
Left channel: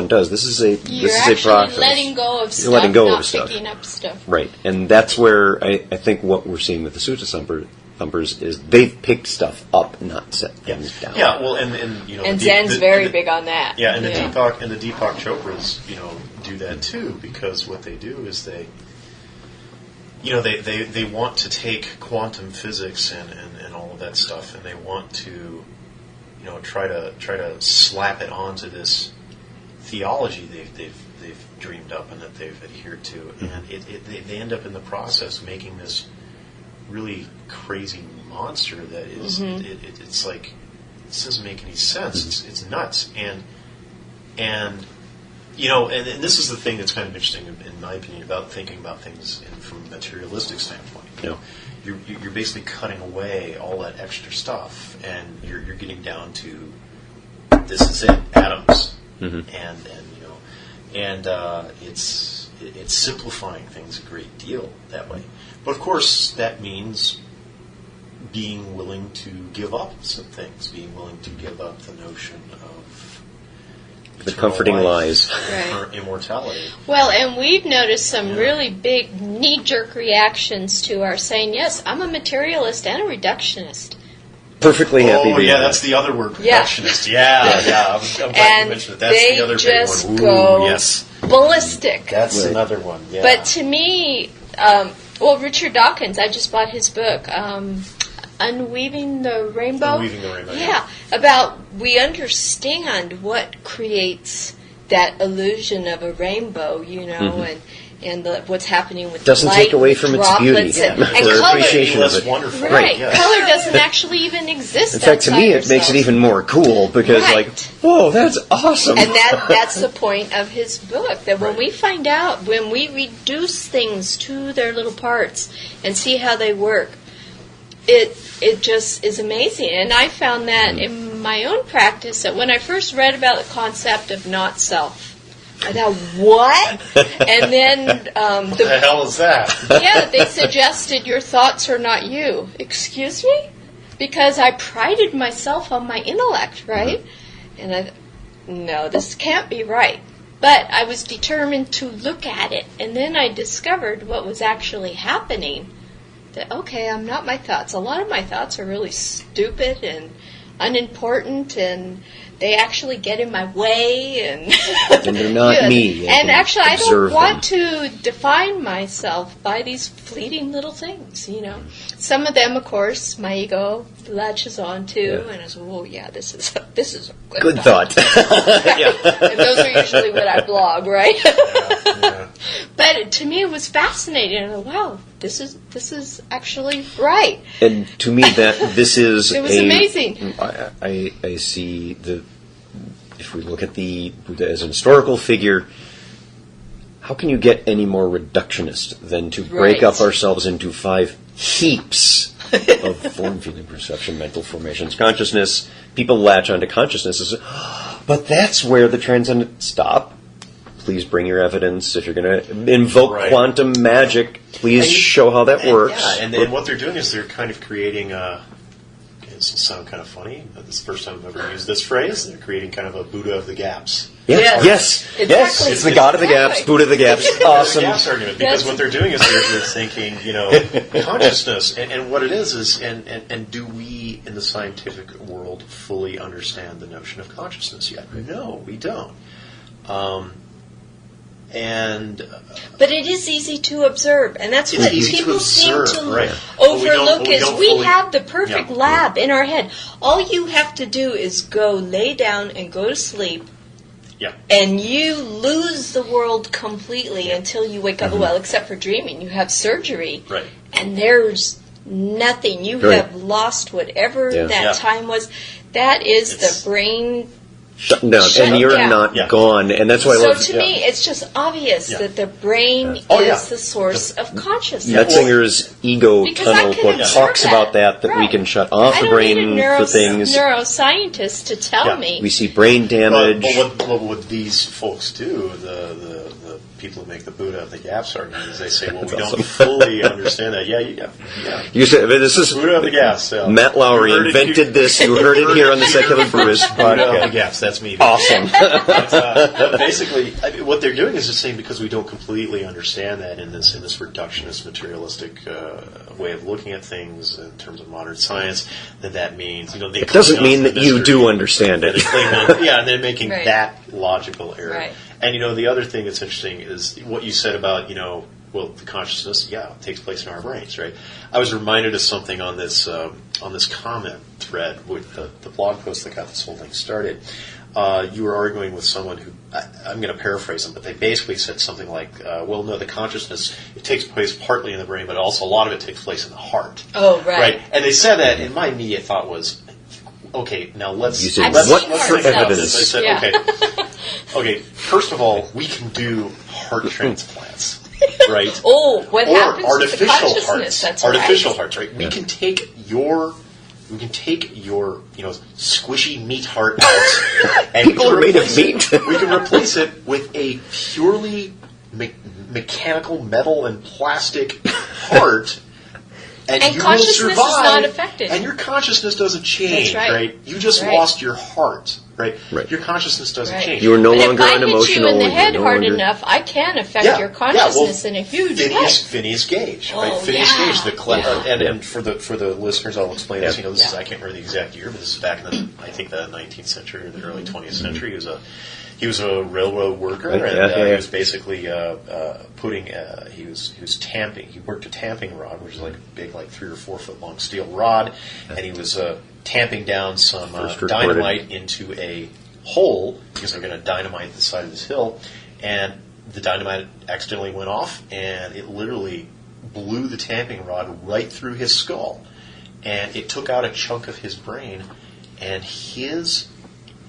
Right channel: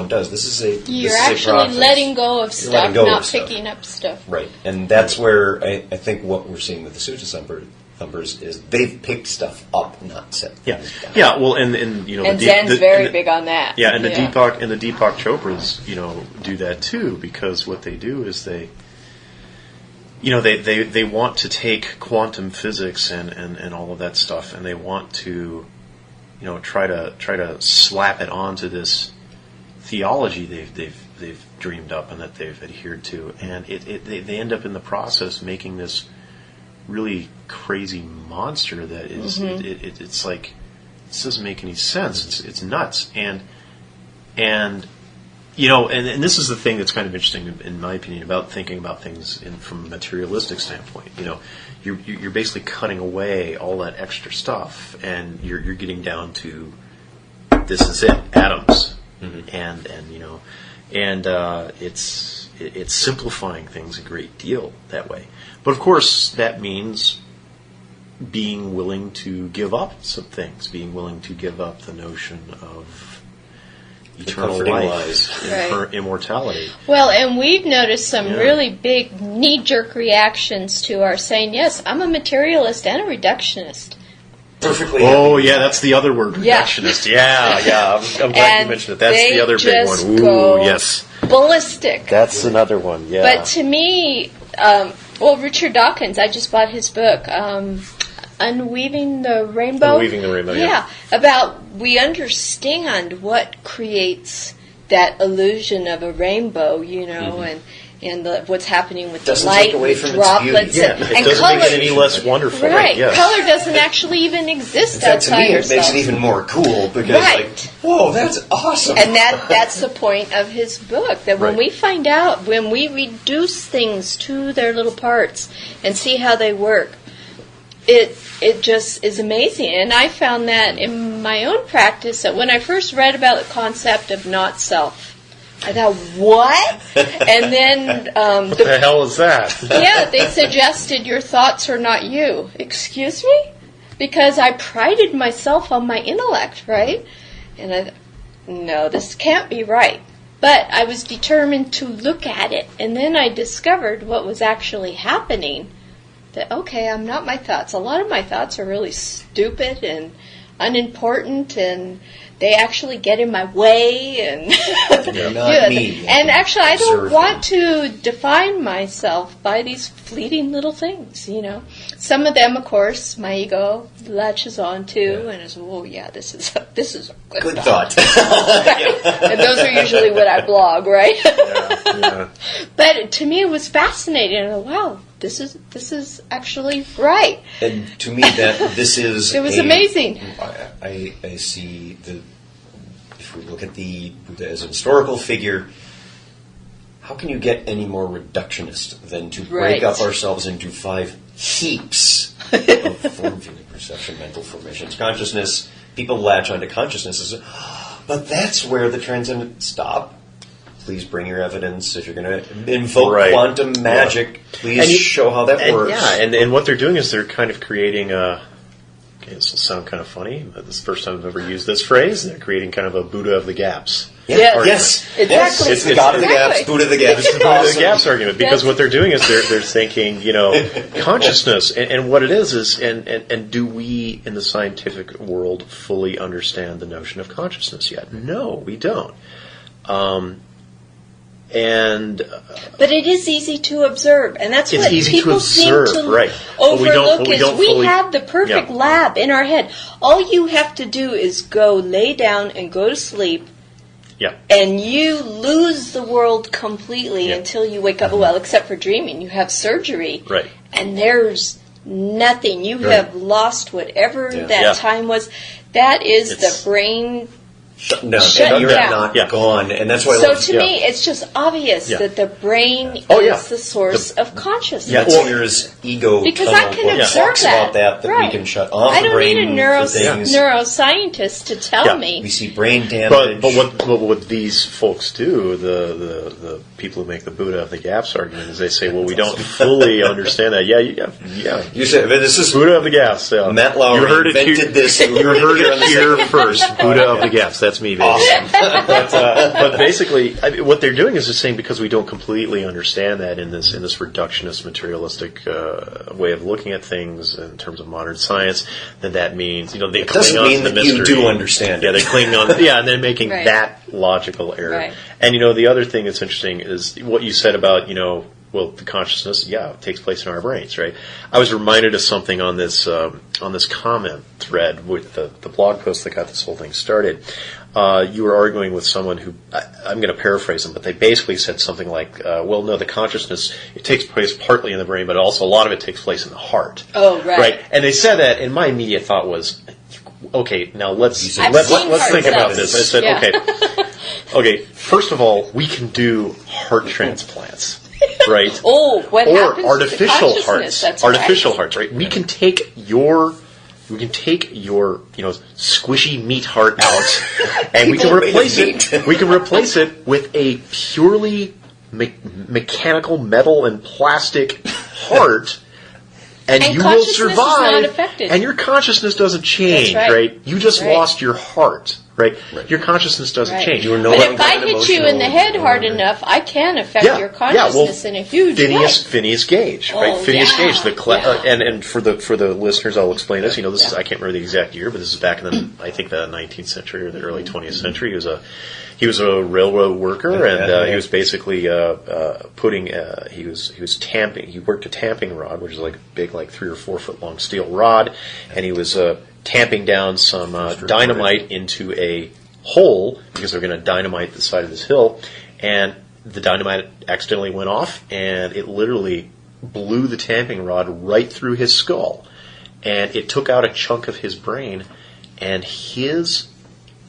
does. This is a You're this actually is a process. letting go of stuff, letting go not of stuff. picking up stuff. Right, and that's where I think what we're seeing with the Sutta Thumpers is they've picked stuff up, not set things down. Yeah, well, and And Zen's very big on that. Yeah, and the Deepak Chopras, do that too, because what they do is they want to take quantum physics and all of that stuff, and they want to try to slap it onto this theology they've dreamed up and that they've adhered to, and they end up in the process making this really crazy monster that is it's like, this doesn't make any sense. It's nuts, and this is the thing that's kind of interesting in my opinion about thinking about things from a materialistic standpoint. You're basically cutting away all that extra stuff, and you're getting down to, this is it, atoms. And it's simplifying things a great deal that way. But of course, that means being willing to give up some things, being willing to give up the notion of The comforting lies. for immortality. Well, and we've noticed some really big knee-jerk reactions to our saying, yes, I'm a materialist and a reductionist. Perfectly happy. Oh, yeah, that's the other word, reductionist. Yeah. I'm glad you mentioned it. That's the other big one. And they just go yes. ballistic. That's another one, yeah. But to me, Richard Dawkins, I just bought his book, Unweaving the Rainbow. Unweaving the Rainbow, yeah. About, we understand what creates that illusion of a rainbow, and what's happening with Doesn't the light, take away with from droplets, its beauty. and It color. doesn't make it any less wonderful. Right. Yeah. Color doesn't actually even exist In fact, outside to me, it ourselves. makes it even more cool because, Right. whoa, that's awesome. And that's the point of his book, that when we find out, when we reduce things to their little parts and see how they work, it just is amazing. And I found that in my own practice, that when I first read about the concept of not self, I thought, what? And then What the hell is that? yeah, they suggested your thoughts are not you. Excuse me? Because I prided myself on my intellect, right? And I thought, no, this can't be right. But I was determined to look at it. And then I discovered what was actually happening. That, okay, I'm not my thoughts. A lot of my thoughts are really stupid and unimportant, and they actually get in my way, and they're not me. And actually, I don't Observe want to define myself by these fleeting little things. Some of them, of course, my ego latches on to, and it's, oh yeah, this is a Good thought. And those are usually what I blog, right? Yeah. But to me, it was fascinating. And I thought, wow, this is actually right. And to me, this is It was amazing. I see if we look at the Buddha as a historical figure, how can you get any more reductionist than to break up ourselves into 5 heaps of form, feeling, perception, mental formations, consciousness? People latch onto consciousness as, but that's where the transcendent stop. Please bring your evidence. If you're going to invoke quantum magic, please show how that works. Yeah, and what they're doing is they're kind of creating a... This will sound kind of funny. This is the first time I've ever used this phrase. They're creating kind of a Buddha of the gaps. Yes. Exactly. It's the God of the gaps, Buddha of the gaps. Buddha of the Awesome. gaps argument, because what they're doing is they're thinking, consciousness, and what it is and do we in the scientific world fully understand the notion of consciousness yet? No, we don't. But it is easy to observe, and that's what people seem to overlook. We have the perfect lab in our head. All you have to do is go lay down and go to sleep, and you lose the world completely until you wake up. Well, except for dreaming, you have surgery, and there's nothing. You have lost whatever that time was. That is the brain shutting down, Shut and you're down. not gone. And that's why I So love to me, it's just obvious that the brain is the source of consciousness. Metzinger's ego Because I tunnel can point observe talks that. about that Right. we can shut off I the don't brain need a for things. neuroscientist to tell me. We see brain damage. But what these folks do, the people who make the Buddha of the gaps argument, is they say, well, we don't fully understand that. Yeah. You said this is Buddha of the gaps. Yeah. Matt Lowry invented this. You heard it here on the Secular First Buddha of the podcast. gaps. That's me. Awesome. But basically, what they're doing is just saying because we don't completely understand that in this reductionist, materialistic way of looking at things in terms of modern science, then that means they. It doesn't mean that you do understand it. They cling on, and they're making Right. that logical error. Right. And the other thing that's interesting is what you said about well, the consciousness, it takes place in our brains, right? I was reminded of something on this comment thread with the blog post that got this whole thing started. You were arguing with someone who, I'm going to paraphrase them, but they basically said something like, well, no, the consciousness, it takes place partly in the brain, but also a lot of it takes place in the heart. Oh, right. And they said that, and my immediate thought was, okay, now let's I've think seen heart about cells. this. I said, okay, first of all, we can do heart transplants. Right. Oh, what or happens to the artificial consciousness? hearts. That's artificial right. hearts, right? We can take your squishy meat heart out, and we can replace it. We can replace it with a purely mechanical metal and plastic heart. And you consciousness will is survive, not affected. And your consciousness doesn't change, That's right. You just Right. lost your heart, right? Right. Your consciousness doesn't Right. change. You are no But longer if I unemotional. hit you in the head you're no hard longer- enough, I can affect your consciousness in a huge way. Phineas Gage, Oh, right? Phineas yeah. Gage, Yeah. and for the listeners, I'll explain this. This is I can't remember the exact year, but this is back in the I think the 19th century or the early 20th century. He was a railroad worker, and he was basically he was tamping. He worked a tamping rod, which is like a big, 3 or 4 foot long steel rod, and he was tamping down some dynamite into a hole because they're going to dynamite the side of this hill, and the dynamite accidentally went off, and it literally blew the tamping rod right through his skull, and it took out a chunk of his brain, and his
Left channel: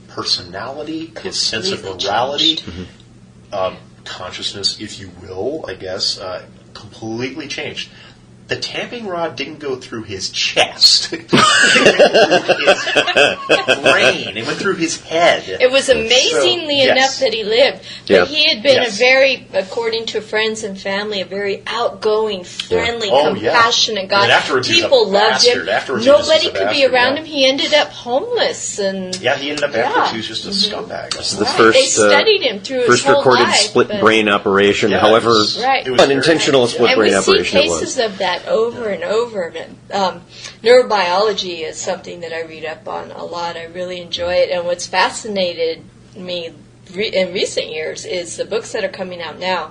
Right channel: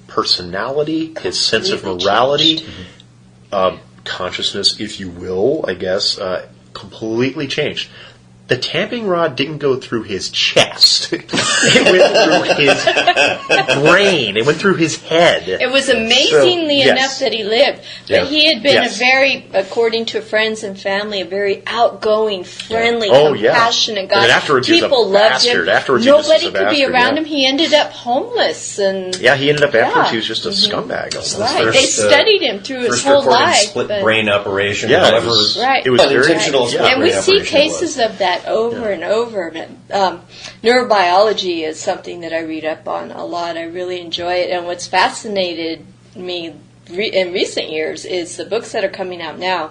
personality, his sense of morality, consciousness, if you will, I guess, completely changed. The tamping rod didn't go through his chest. It went through his brain. It went through his head. It was amazingly enough that he lived. But he had been according to friends and family, a very outgoing, friendly, compassionate guy. And afterwards, people loved him. Nobody could be around him. He ended up homeless. And he ended up afterwards. He was just a scumbag. Right. They studied him through his whole life. Split brain operation, however it was unintentional split and brain we operation. see cases of that over and over. Neurobiology is something that I read up on a lot. I really enjoy it. And what's fascinated me in recent years is the books that are coming out now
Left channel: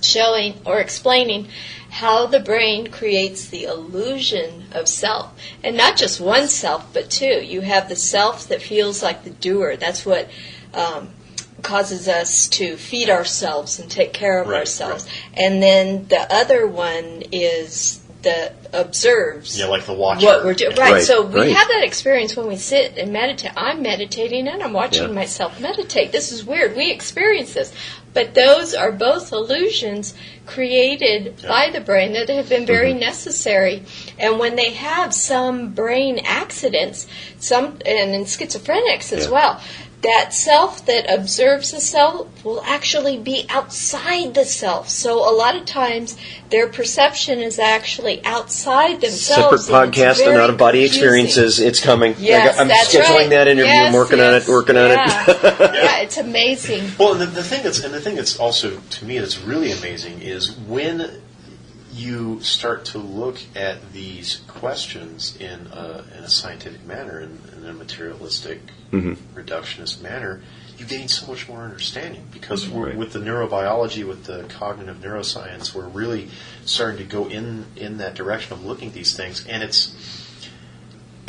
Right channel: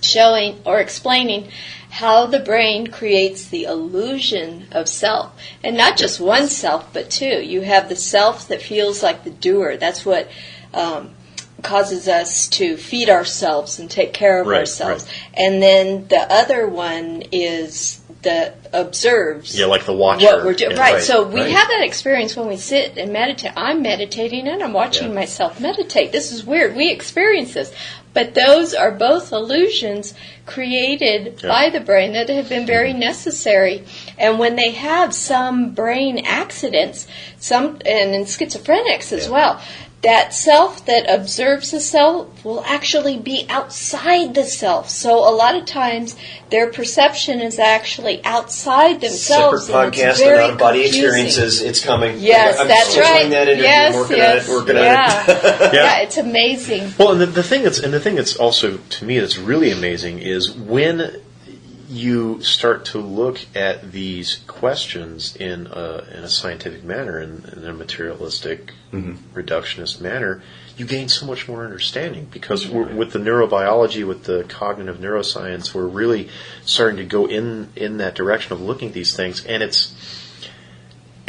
showing or explaining how the brain creates the illusion of self. And not just one self, but two. You have the self that feels like the doer. That's what causes us to feed ourselves and take care of ourselves. And then the other one is that observes like the watcher. What we're doing. Right. So we Right. have that experience when we sit and meditate. I'm meditating and I'm watching myself meditate. This is weird. We experience this. But those are both illusions created by the brain that have been very necessary. And when they have some brain accidents, and in schizophrenics as well, that self that observes the self will actually be outside the self. So a lot of times their perception is actually outside themselves. Separate podcast on out-of-body experiences. It's coming. Yes, I'm that's scheduling right. that interview. Yes, I'm working on it. Yeah, it's amazing. Well, and the thing that's also, to me, that's really amazing is when you start to look at these questions in a scientific manner, in a materialistic, reductionist manner, you gain so much more understanding because with the neurobiology, with the cognitive neuroscience, we're really starting to go in that direction of looking at these things, and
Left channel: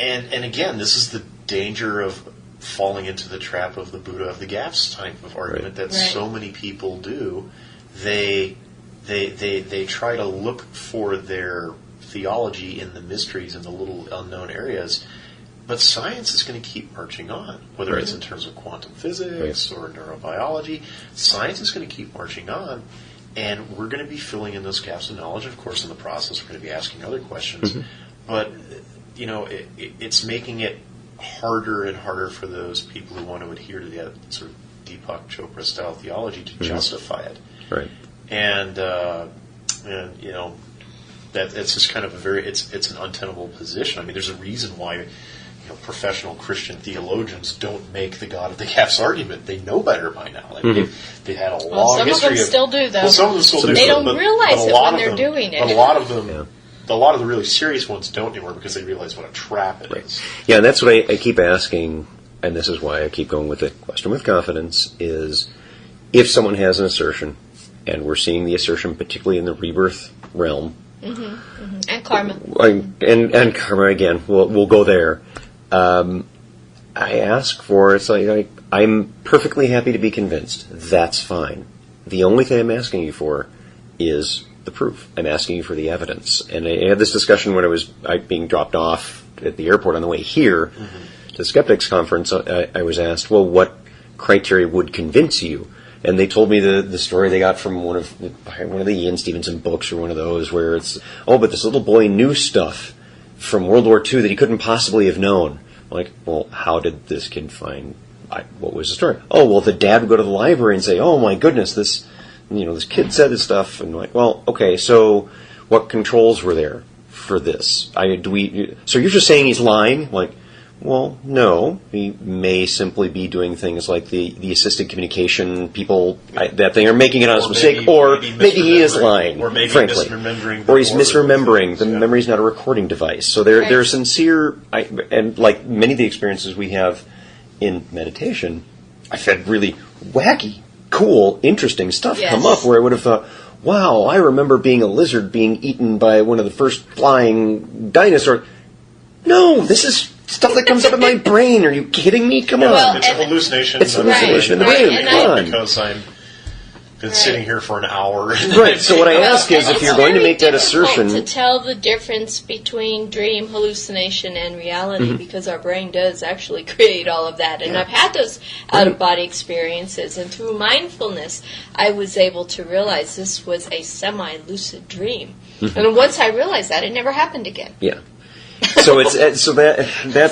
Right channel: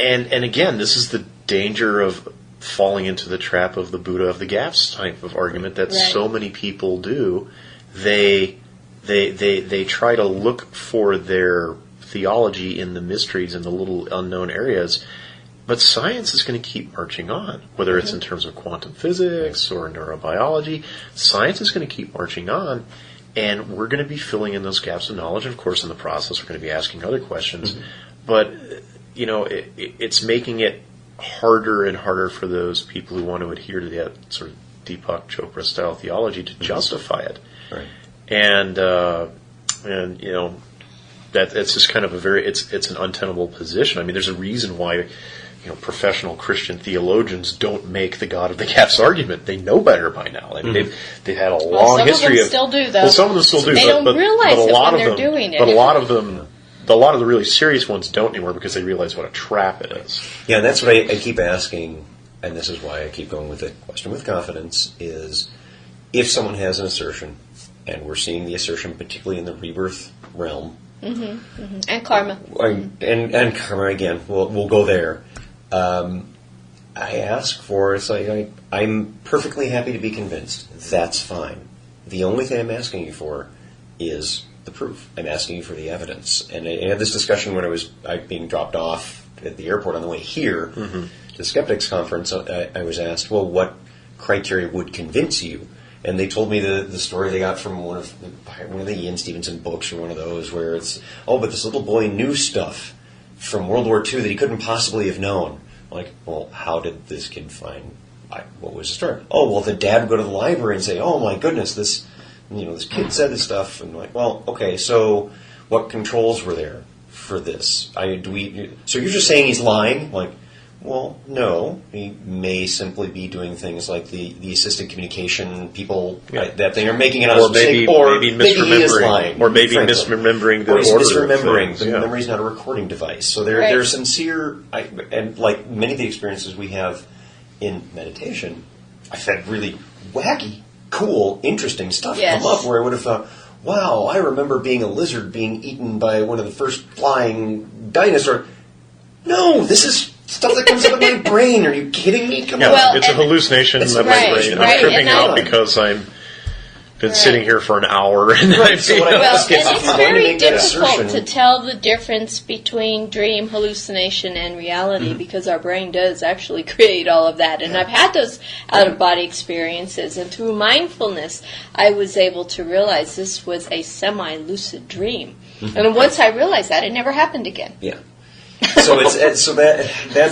and again, this is the danger of falling into the trap of the Buddha of the gaps type of argument that so many people do. They try to look for their theology in the mysteries, in the little unknown areas, But science is going to keep marching on, whether it's in terms of quantum physics or neurobiology. Science is going to keep marching on, and we're going to be filling in those gaps of knowledge. And of course, in the process, we're going to be asking other questions. But, it's making it harder and harder for those people who want to adhere to that sort of Deepak Chopra-style theology to justify it. Right. And that it's just kind of it's an untenable position. I mean, there's a reason why professional Christian theologians don't make the God of the gaps argument. They know better by now. They've had a long history. Some of them still do, though. Well, some of them still do. They don't realize it when they're doing it. But a lot of them, a lot of the really serious ones don't anymore because they realize what a trap it is. Yeah, and that's what I keep asking, and this is why I keep going with the question with confidence, is if someone has an assertion, and we're seeing the assertion particularly in the rebirth realm, and karma. And karma again. We'll go there. I ask for it's like I'm perfectly happy to be convinced. That's fine. The only thing I'm asking you for is the proof. I'm asking you for the evidence. And I had this discussion when I was being dropped off at the airport on the way here to the Skeptics Conference. I was asked, well, what criteria would convince you? And they told me the story they got from one of the Ian Stevenson books or one of those where it's, but this little boy knew stuff from World War II that he couldn't possibly have known. I'm like, well, how did this kid find, what was the story? Oh, well, the dad would go to the library and say, oh my goodness, this kid said this stuff. And I'm like, well, okay, so what controls were there for this? So you're just saying he's lying? I'm like, well, no. He may simply be doing things like the assisted communication people that they are making it on a mistake, or maybe he is lying, or maybe frankly. misremembering, or he's misremembering. Things, the memory's not a recording device, so they're sincere. And like many of the experiences we have in meditation, I've had really wacky, cool, interesting stuff come up where I would have thought, wow, I remember being a lizard being eaten by one of the first flying dinosaurs. No, this is stuff that comes up in my brain. Are you kidding me? Come on. It's a hallucination. It's a hallucination. Because I've been sitting here for an hour. So what I ask is, if you're going to make that assertion, it's very difficult to tell the difference between dream, hallucination, and reality because our brain does actually create all of that. And I've had those out-of-body experiences, and through mindfulness, I was able to realize this was a semi-lucid dream. And once I realized that, it never happened again. Yeah. So that's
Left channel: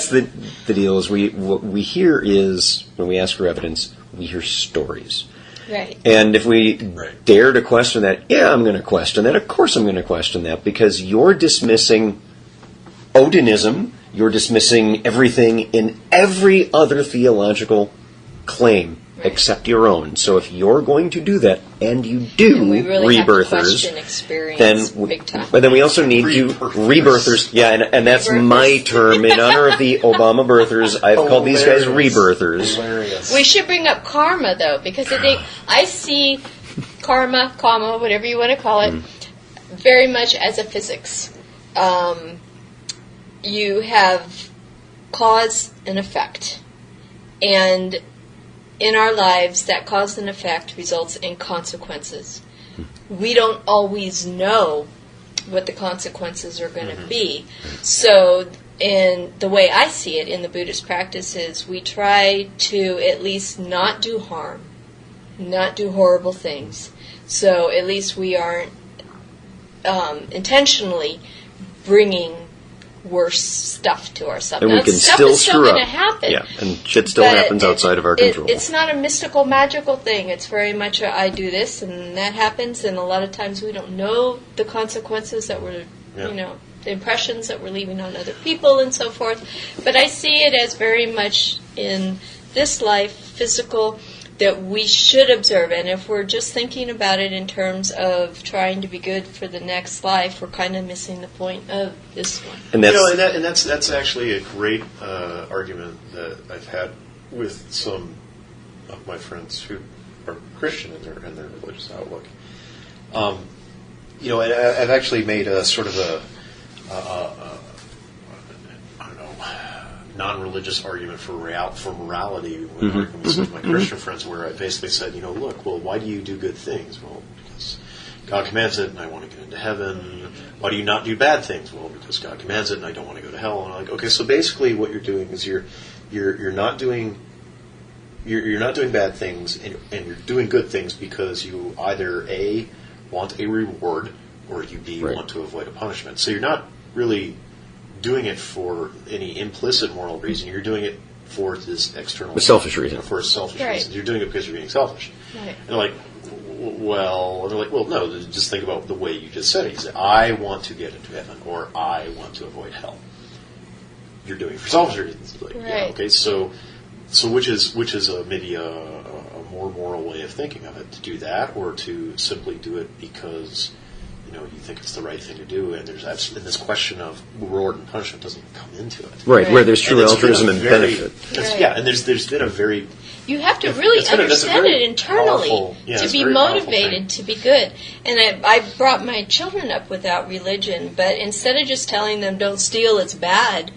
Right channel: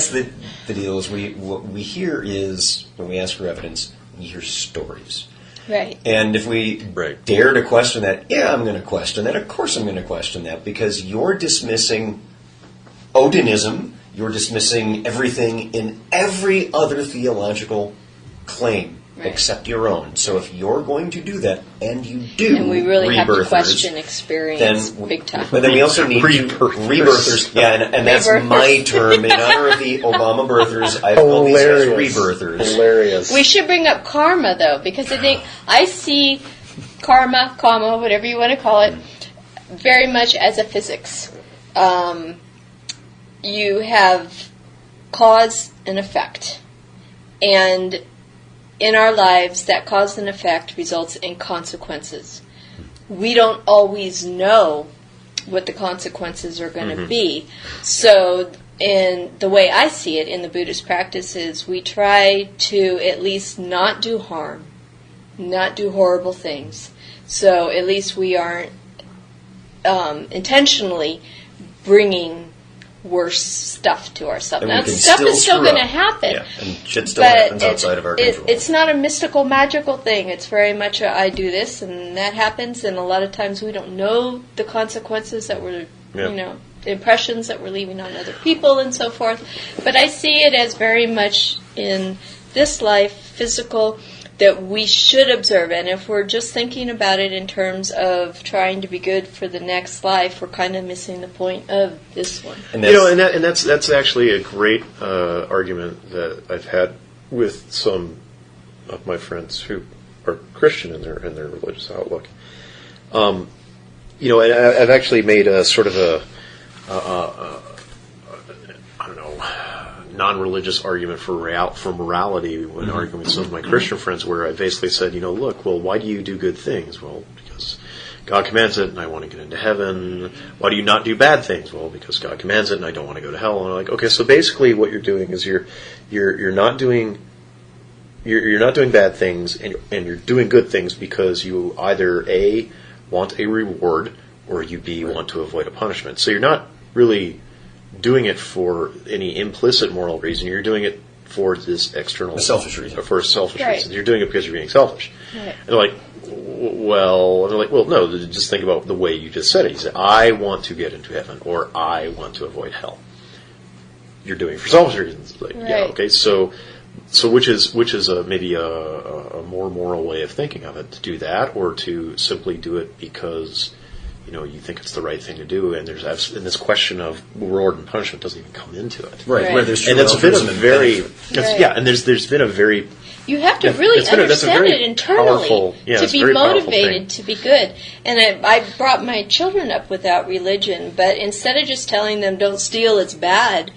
the deal. Is what we hear is when we ask for evidence, we hear stories. Right. And if we dare to question that, I'm going to question that. Of course I'm going to question that because you're dismissing Odinism. You're dismissing everything in every other theological claim except your own. So if you're going to do that, and you do, and we really have to rebirthers, question experience big time. But then we also need rebirthers. And that's my term. In honor of the Obama birthers, I've called these guys rebirthers. Hilarious. We should bring up karma, though, because I see karma, whatever you want to call it, very much as a physics. You have cause and effect. And in our lives, that cause and effect results in consequences. We don't always know what the consequences are going to be. So, in the way I see it in the Buddhist practices, we try to at least not do harm, not do horrible things. So at least we aren't intentionally bringing worse stuff to ourselves. Now, stuff is still going to happen. Yeah, and shit still happens outside of our control. It's not a mystical, magical thing. It's very much I do this and that happens, and a lot of times we don't know the consequences that we're, the impressions that we're leaving on other people and so forth. But I see it as very much in this life, physical, that we should observe. And if we're just thinking about it in terms of trying to be good for the next life, we're kind of missing the point of this one. And that's actually a great argument that I've had with some of my friends who are Christian in their religious outlook. And I've actually made a sort of non-religious argument for morality when arguing with some of my Christian friends, where I basically said, look, well, why do you do good things? Well, God commands it, and I want to get into heaven. Why do you not do bad things? Well, because God commands it, and I don't want to go to hell. And I'm like, okay, so basically, what you're doing is you're not doing bad things, and you're doing good things because you either A, want a reward, or you B, want to avoid a punishment. So you're not really doing it for any implicit moral reason. You're doing it for this external... A selfish reason. For a selfish reason. You're doing it because you're being selfish. Right. And like, well, no, just think about the way you just said it. You said, I want to get into heaven, or I want to avoid hell. You're doing it for selfish reasons. Like, right. Yeah, okay, so which is maybe a more moral way of thinking of it, to do that, or to simply do it because you think it's the right thing to do, and this question of reward and punishment doesn't even come into it. Right. Where there's true altruism and benefit. Yeah, and there's been a very... You have to really understand it internally to be motivated to be good. And I brought my children up without religion, but instead of just telling them, don't steal, it's bad,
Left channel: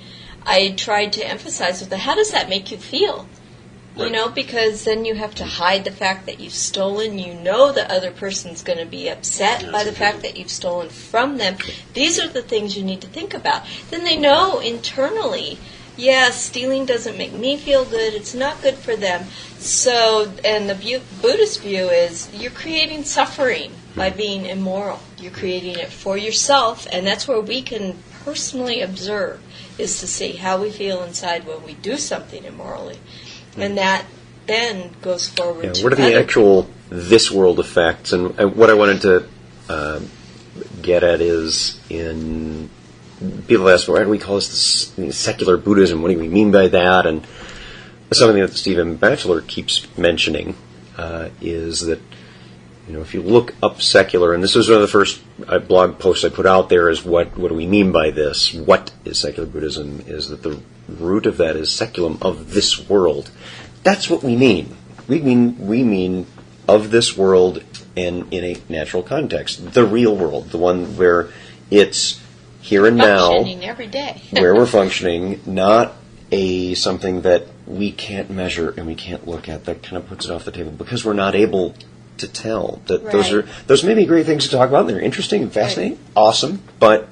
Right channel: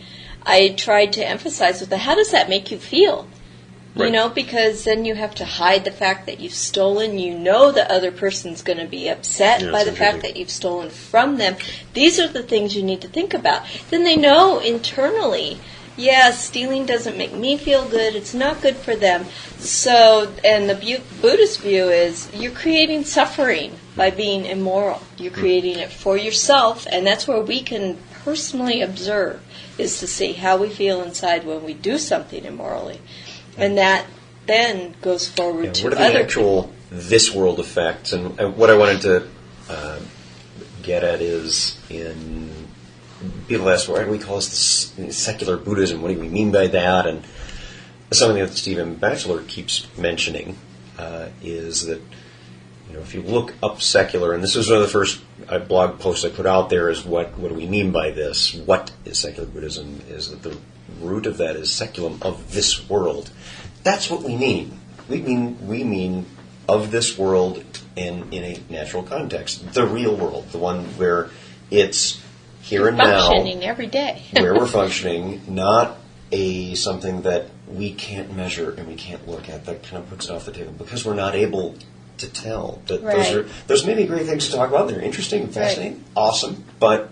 I tried to emphasize with them, how does that make you feel? Right. Because then you have to hide the fact that you've stolen. You know the other person's going to be upset by the fact that you've stolen from them. These are the things you need to think about. Then they know internally, stealing doesn't make me feel good. It's not good for them. So, and the Buddhist view is you're creating suffering by being immoral. You're creating it for yourself, and that's where we can personally observe, is to see how we feel inside when we do something immorally. And that then goes forward to what are the other actual people. This world effects? And what I wanted to get at is, in people ask, why do we call this secular Buddhism? What do we mean by that? And something that Stephen Batchelor keeps mentioning is that, if you look up secular, and this was one of the first blog posts I put out there, is what do we mean by this? What is secular Buddhism? Is that the root of that is seculum, of this world. That's what we mean. We mean of this world and in a natural context. The real world, the one where it's here and now. Functioning every day. Where we're functioning, not something that we can't measure and we can't look at. That kind of puts it off the table because we're not able to tell. That those may be great things to talk about. They're interesting and fascinating, awesome, but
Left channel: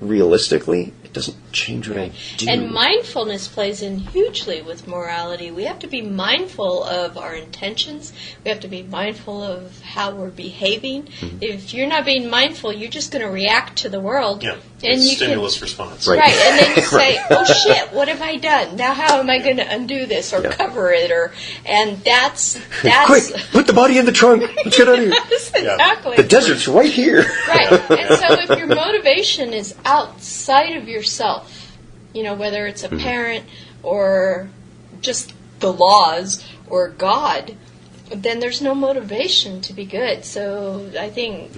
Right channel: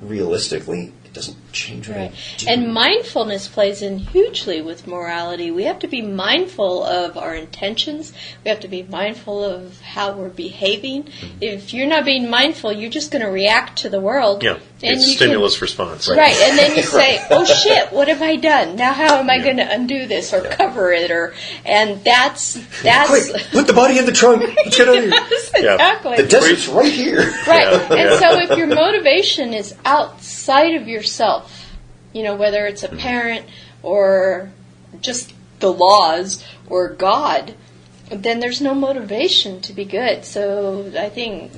realistically, it doesn't change what I do. And mindfulness plays in hugely with morality. We have to be mindful of our intentions. We have to be mindful of how we're behaving. Mm-hmm. If you're not being mindful, you're just going to react to the world. Yeah, and it's stimulus response. Right, and then you say, oh shit, what have I done? Now how am I going to undo this or cover it? And that's quick, put the body in the trunk. Let's get out of here. Yes, exactly. The desert's right here. Right, and so if your motivation is outside of yourself, whether it's a parent or just the laws or God, then there's no motivation to be good. So I think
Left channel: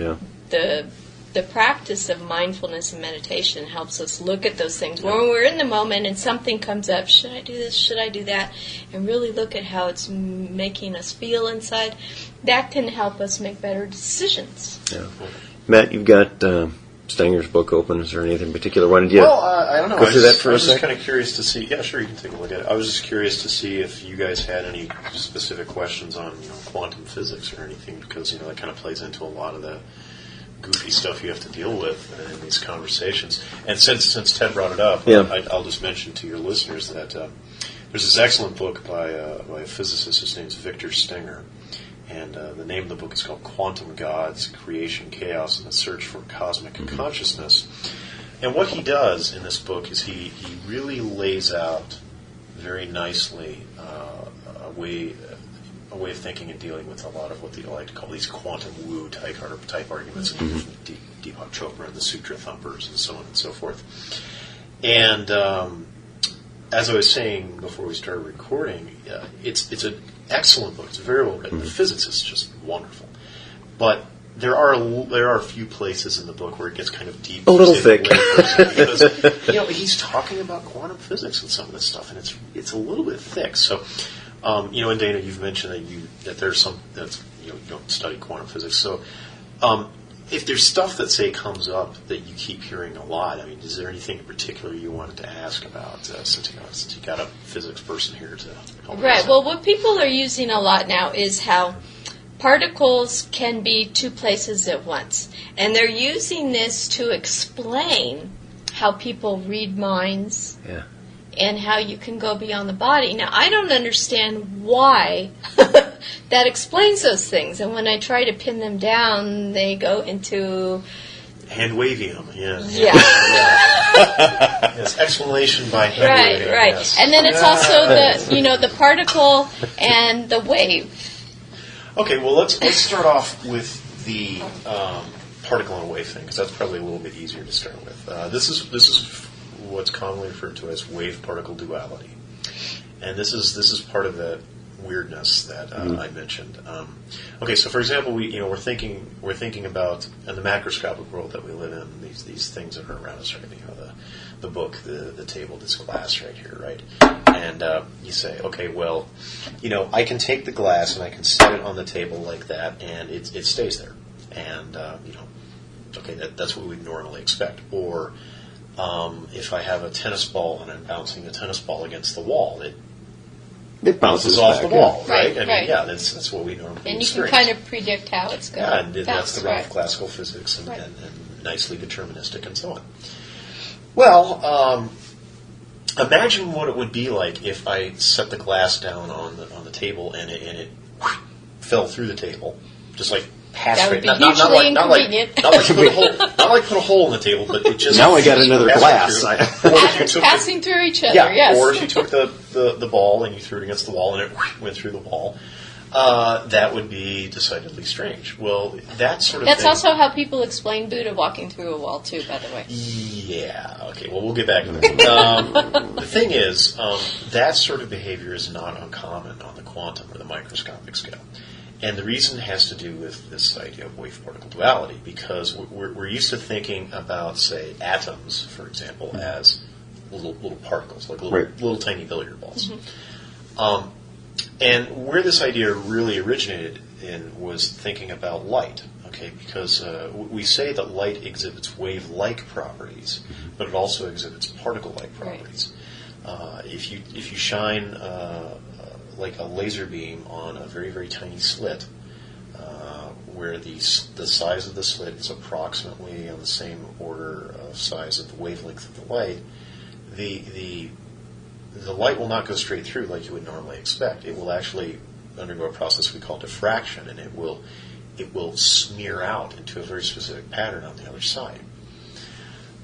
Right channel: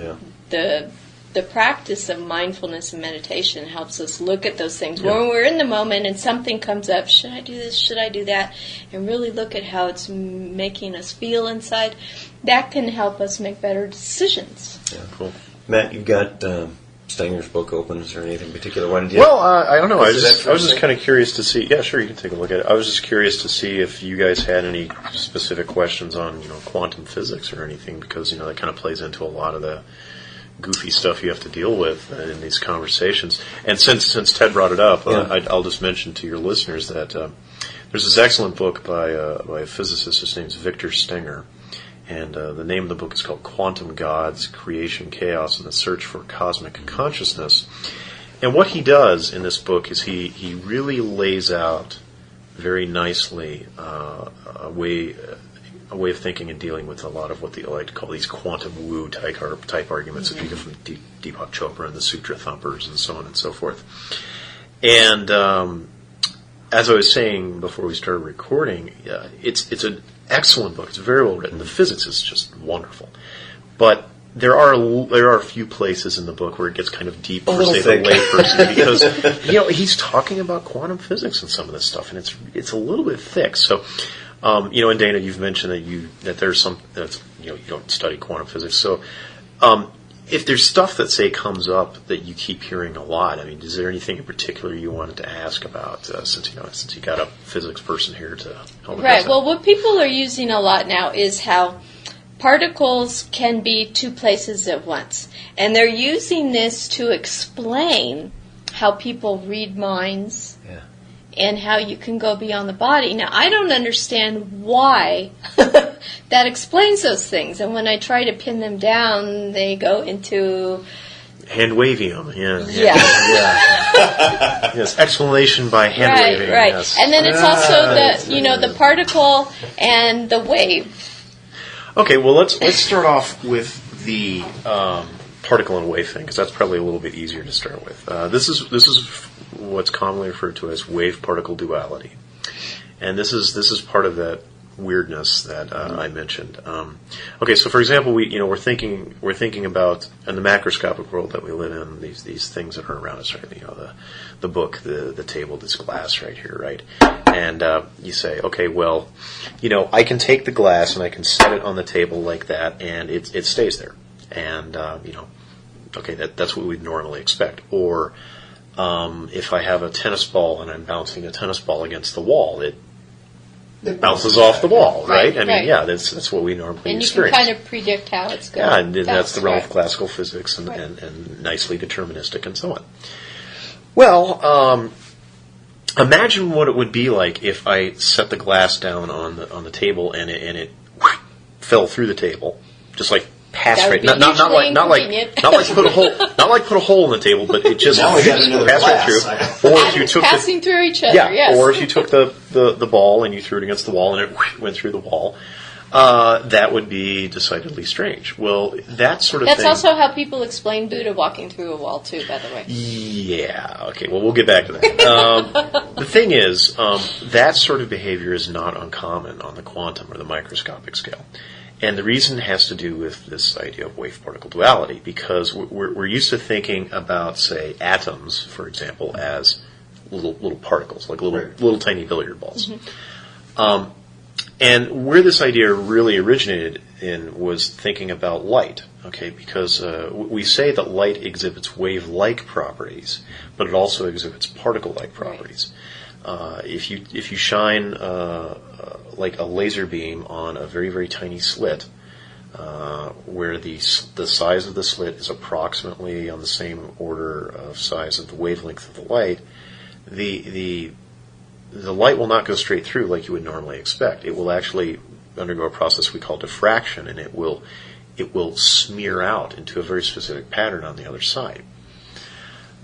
the practice of mindfulness and meditation helps us look at those things. When we're in the moment and something comes up, should I do this, should I do that, and really look at how it's making us feel inside, that can help us make better decisions. Yeah, cool. Matt, you've got Stanger's book open. Is there anything particular? Why did you? Well, I don't know. I was just kind of curious to see. Yeah, sure, you can take a look at it. I was just curious to see if you guys had any specific questions on quantum physics or anything, because that kind of plays into a lot of the goofy stuff you have to deal with in these conversations. And since Ted brought it up, I'll just mention to your listeners that there's this excellent book by a physicist. His name's Victor Stenger. And the name of the book is called Quantum Gods, Creation, Chaos, and the Search for Cosmic Consciousness. And what he does in this book is he really lays out very nicely a way of thinking and dealing with a lot of what they like to call these quantum woo type arguments that you get from Deepak Chopra and the Sutra thumpers and so on and so forth. And as I was saying before we started recording, it's an excellent book. It's very well written. The physics is just wonderful, but there are a few places in the book where it gets kind of deep. A little thick, because he's talking about quantum physics and some of this stuff, and it's a little bit thick. So, and Dana, you've mentioned that there's some that's you don't study quantum physics. So, if there's stuff that comes up that you keep hearing a lot, I mean, is there anything in particular you wanted to ask about since you got a physics person here to help? Right. Well, what people are using a lot now is how particles can be two places at once. And they're using this to explain how people read minds and how you can go beyond the body. Now, I don't understand why that explains those things. And when I try to pin them down, they go into... hand-wavium, Yeah. Yes, explanation by hand-waving. Right. Yes. And then it's also the particle and the wave. Okay, well, let's start off with the particle and wave thing, because that's probably a little bit easier to start with. This is what's commonly referred to as wave-particle duality, and this is part of that weirdness that I mentioned. Okay, so for example, we're thinking about in the macroscopic world that we live in, these things that are around us, right? The book, the table, this glass right here, right? And you say, okay, well, I can take the glass and I can set it on the table like that, and it stays there, and okay, that's what we'd normally expect. Or if I have a tennis ball and I'm bouncing the tennis ball against the wall, it bounces off the wall, right? I mean, yeah, that's what we normally and you experience. can kind of predict how it's going to bounce. And that's the realm of classical physics and nicely deterministic and so on. Well, imagine what it would be like if I set the glass down on the table and it fell through the table, just like passed that right. would be hugely inconvenient. Not like put a hole in the table, but it just now we got another glass. Atoms passing through each other. Yeah, yes. or if you took the ball and you threw it against the wall and it went through the wall. That would be decidedly strange. Well, that sort of That's thing... also how people explain Buddha walking through a wall, too, by the way. Yeah, okay, well, we'll get back to that. The thing is, that sort of behavior is not uncommon on the quantum or the microscopic scale. And the reason has to do with this idea of wave-particle duality, because we're used to thinking about, say, atoms, for example, as little particles, like little tiny billiard balls. Mm-hmm. And where this idea really originated in was thinking about light, okay? Because we say that light exhibits wave-like properties, but it also exhibits particle-like properties. Right. If you shine like a laser beam on a very, very tiny slit, where the size of the slit is approximately on the same order of size of the wavelength of the light, the light will not go straight through like you would normally expect. It will actually undergo a process we call diffraction, and it will smear out into a very specific pattern on the other side.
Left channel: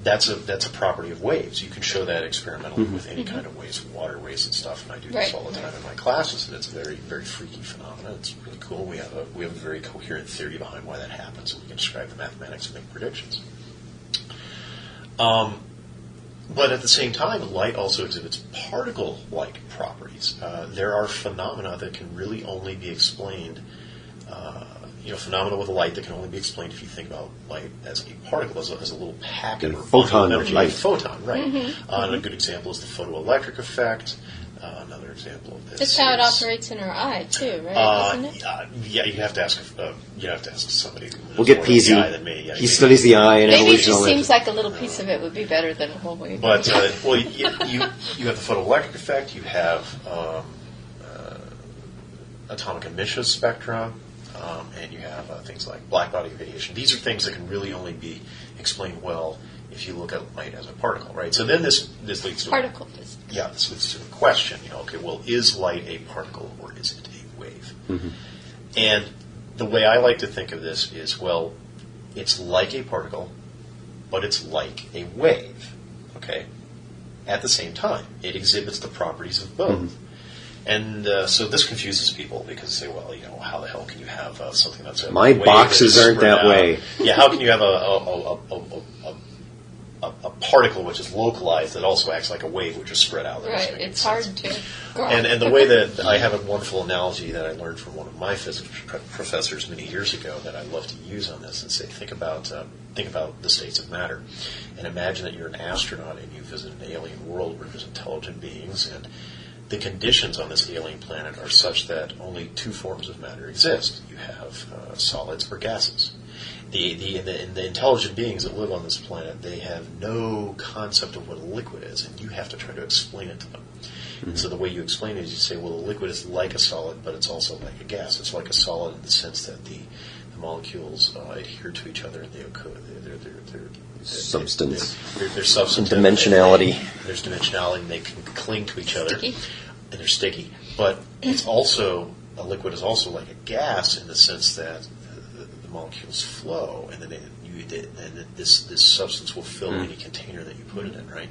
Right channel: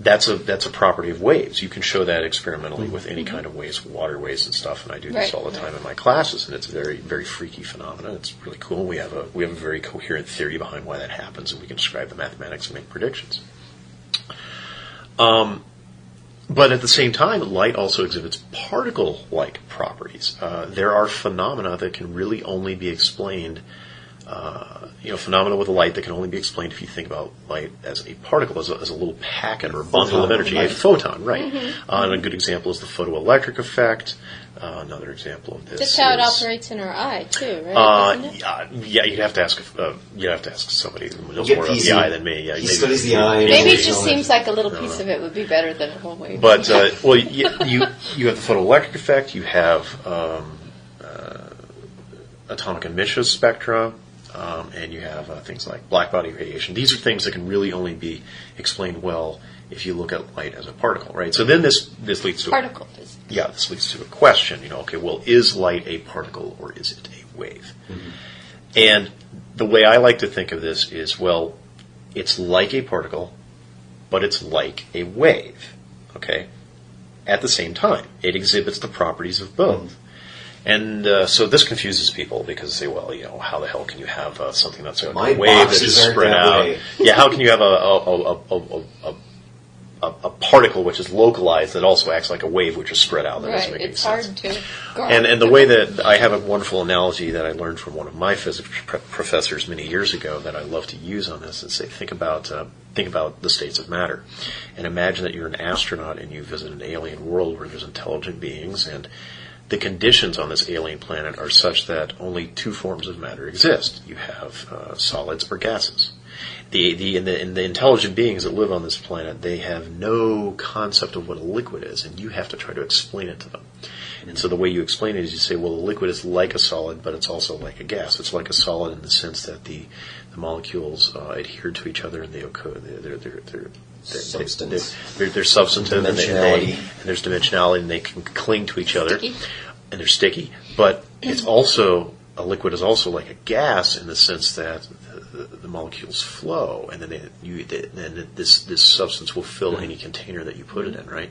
That's a property of waves. You can show that experimentally with any kind of waves, water waves and stuff, and I do this all the time in my classes, and it's a very, very freaky phenomenon. It's really cool. We have a very coherent theory behind why that happens, and we can describe the mathematics and make predictions. But at the same time, light also exhibits particle-like properties. There are phenomena that can really only be explained, phenomena with light that can only be explained if you think about light as a particle, as a little packet or bundle of energy, a photon, right? Mm-hmm. And a good example is the photoelectric effect. Another example of this. That's how it operates in our eye too, right? Isn't it? Yeah, you'd have to ask somebody who knows get more about the eye than me. Yeah, he studies the eye. And maybe it just seems like a little piece of it would be better than a whole wave. But you have the photoelectric effect. You have atomic emission spectra, and you have things like blackbody radiation. These are things that can really only be explained well if you look at light as a particle, right? So then this leads to particle physics. Yeah, this leads to a question. Okay, well, is light a particle or is it a wave? Mm-hmm. And the way I like to think of this is, well, it's like a particle, but it's like a wave. Okay, at the same time, it exhibits the properties of both. Mm-hmm. And so this confuses people because they say, well, how the hell can you have something that's a my wave boxes that's aren't spread that out? way. Yeah, how can you have a particle which is localized that also acts like a wave which is spread out? Right, it's hard to grasp. And the way that I have a wonderful analogy that I learned from one of my physics professors many years ago that I love to use on this and say, think about the states of matter, and imagine that you're an astronaut and you visit an alien world where there's intelligent beings, and the conditions on this alien planet are such that only two forms of matter exist. You have solids or gases. The intelligent beings that live on this planet, they have no concept of what a liquid is, and you have to try to explain it to them. And so the way you explain it is you say, well, the liquid is like a solid, but it's also like a gas. It's like a solid in the sense that the molecules adhere to each other, and they're Substance. They're substantive. Dimensionality. There's dimensionality, and they can cling to each other. Sticky. And they're sticky. But it's also, a liquid is also like a gas in the sense that the molecules flow, and then this substance will fill any container that you put it in, right?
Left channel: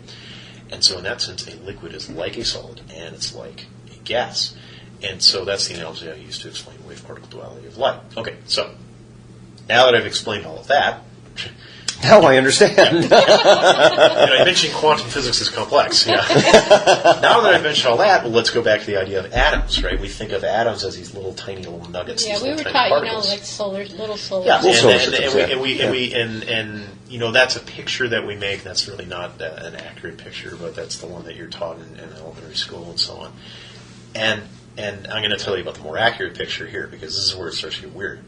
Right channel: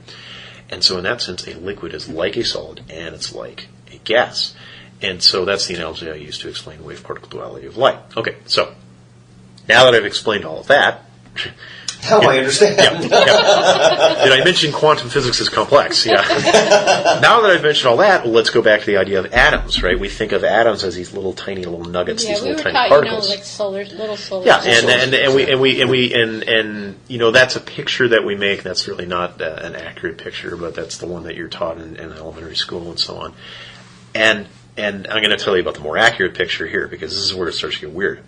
And so in that sense, a liquid is like a solid, and it's like a gas. And so that's the analogy I use to explain wave-particle duality of light. Okay, so now that I've explained all of that... Now I understand. Did I mention quantum physics is complex? Yeah. Now that I've mentioned all that, let's go back to the idea of atoms, right? We think of atoms as these little tiny little nuggets. Yeah, these we little were tiny taught, particles. like little solar. Yeah, systems. and that's a picture that we make. That's really not an accurate picture, but that's the one that you're taught in elementary school and so on. And I'm going to tell you about the more accurate picture here, because this is where it starts to get weird.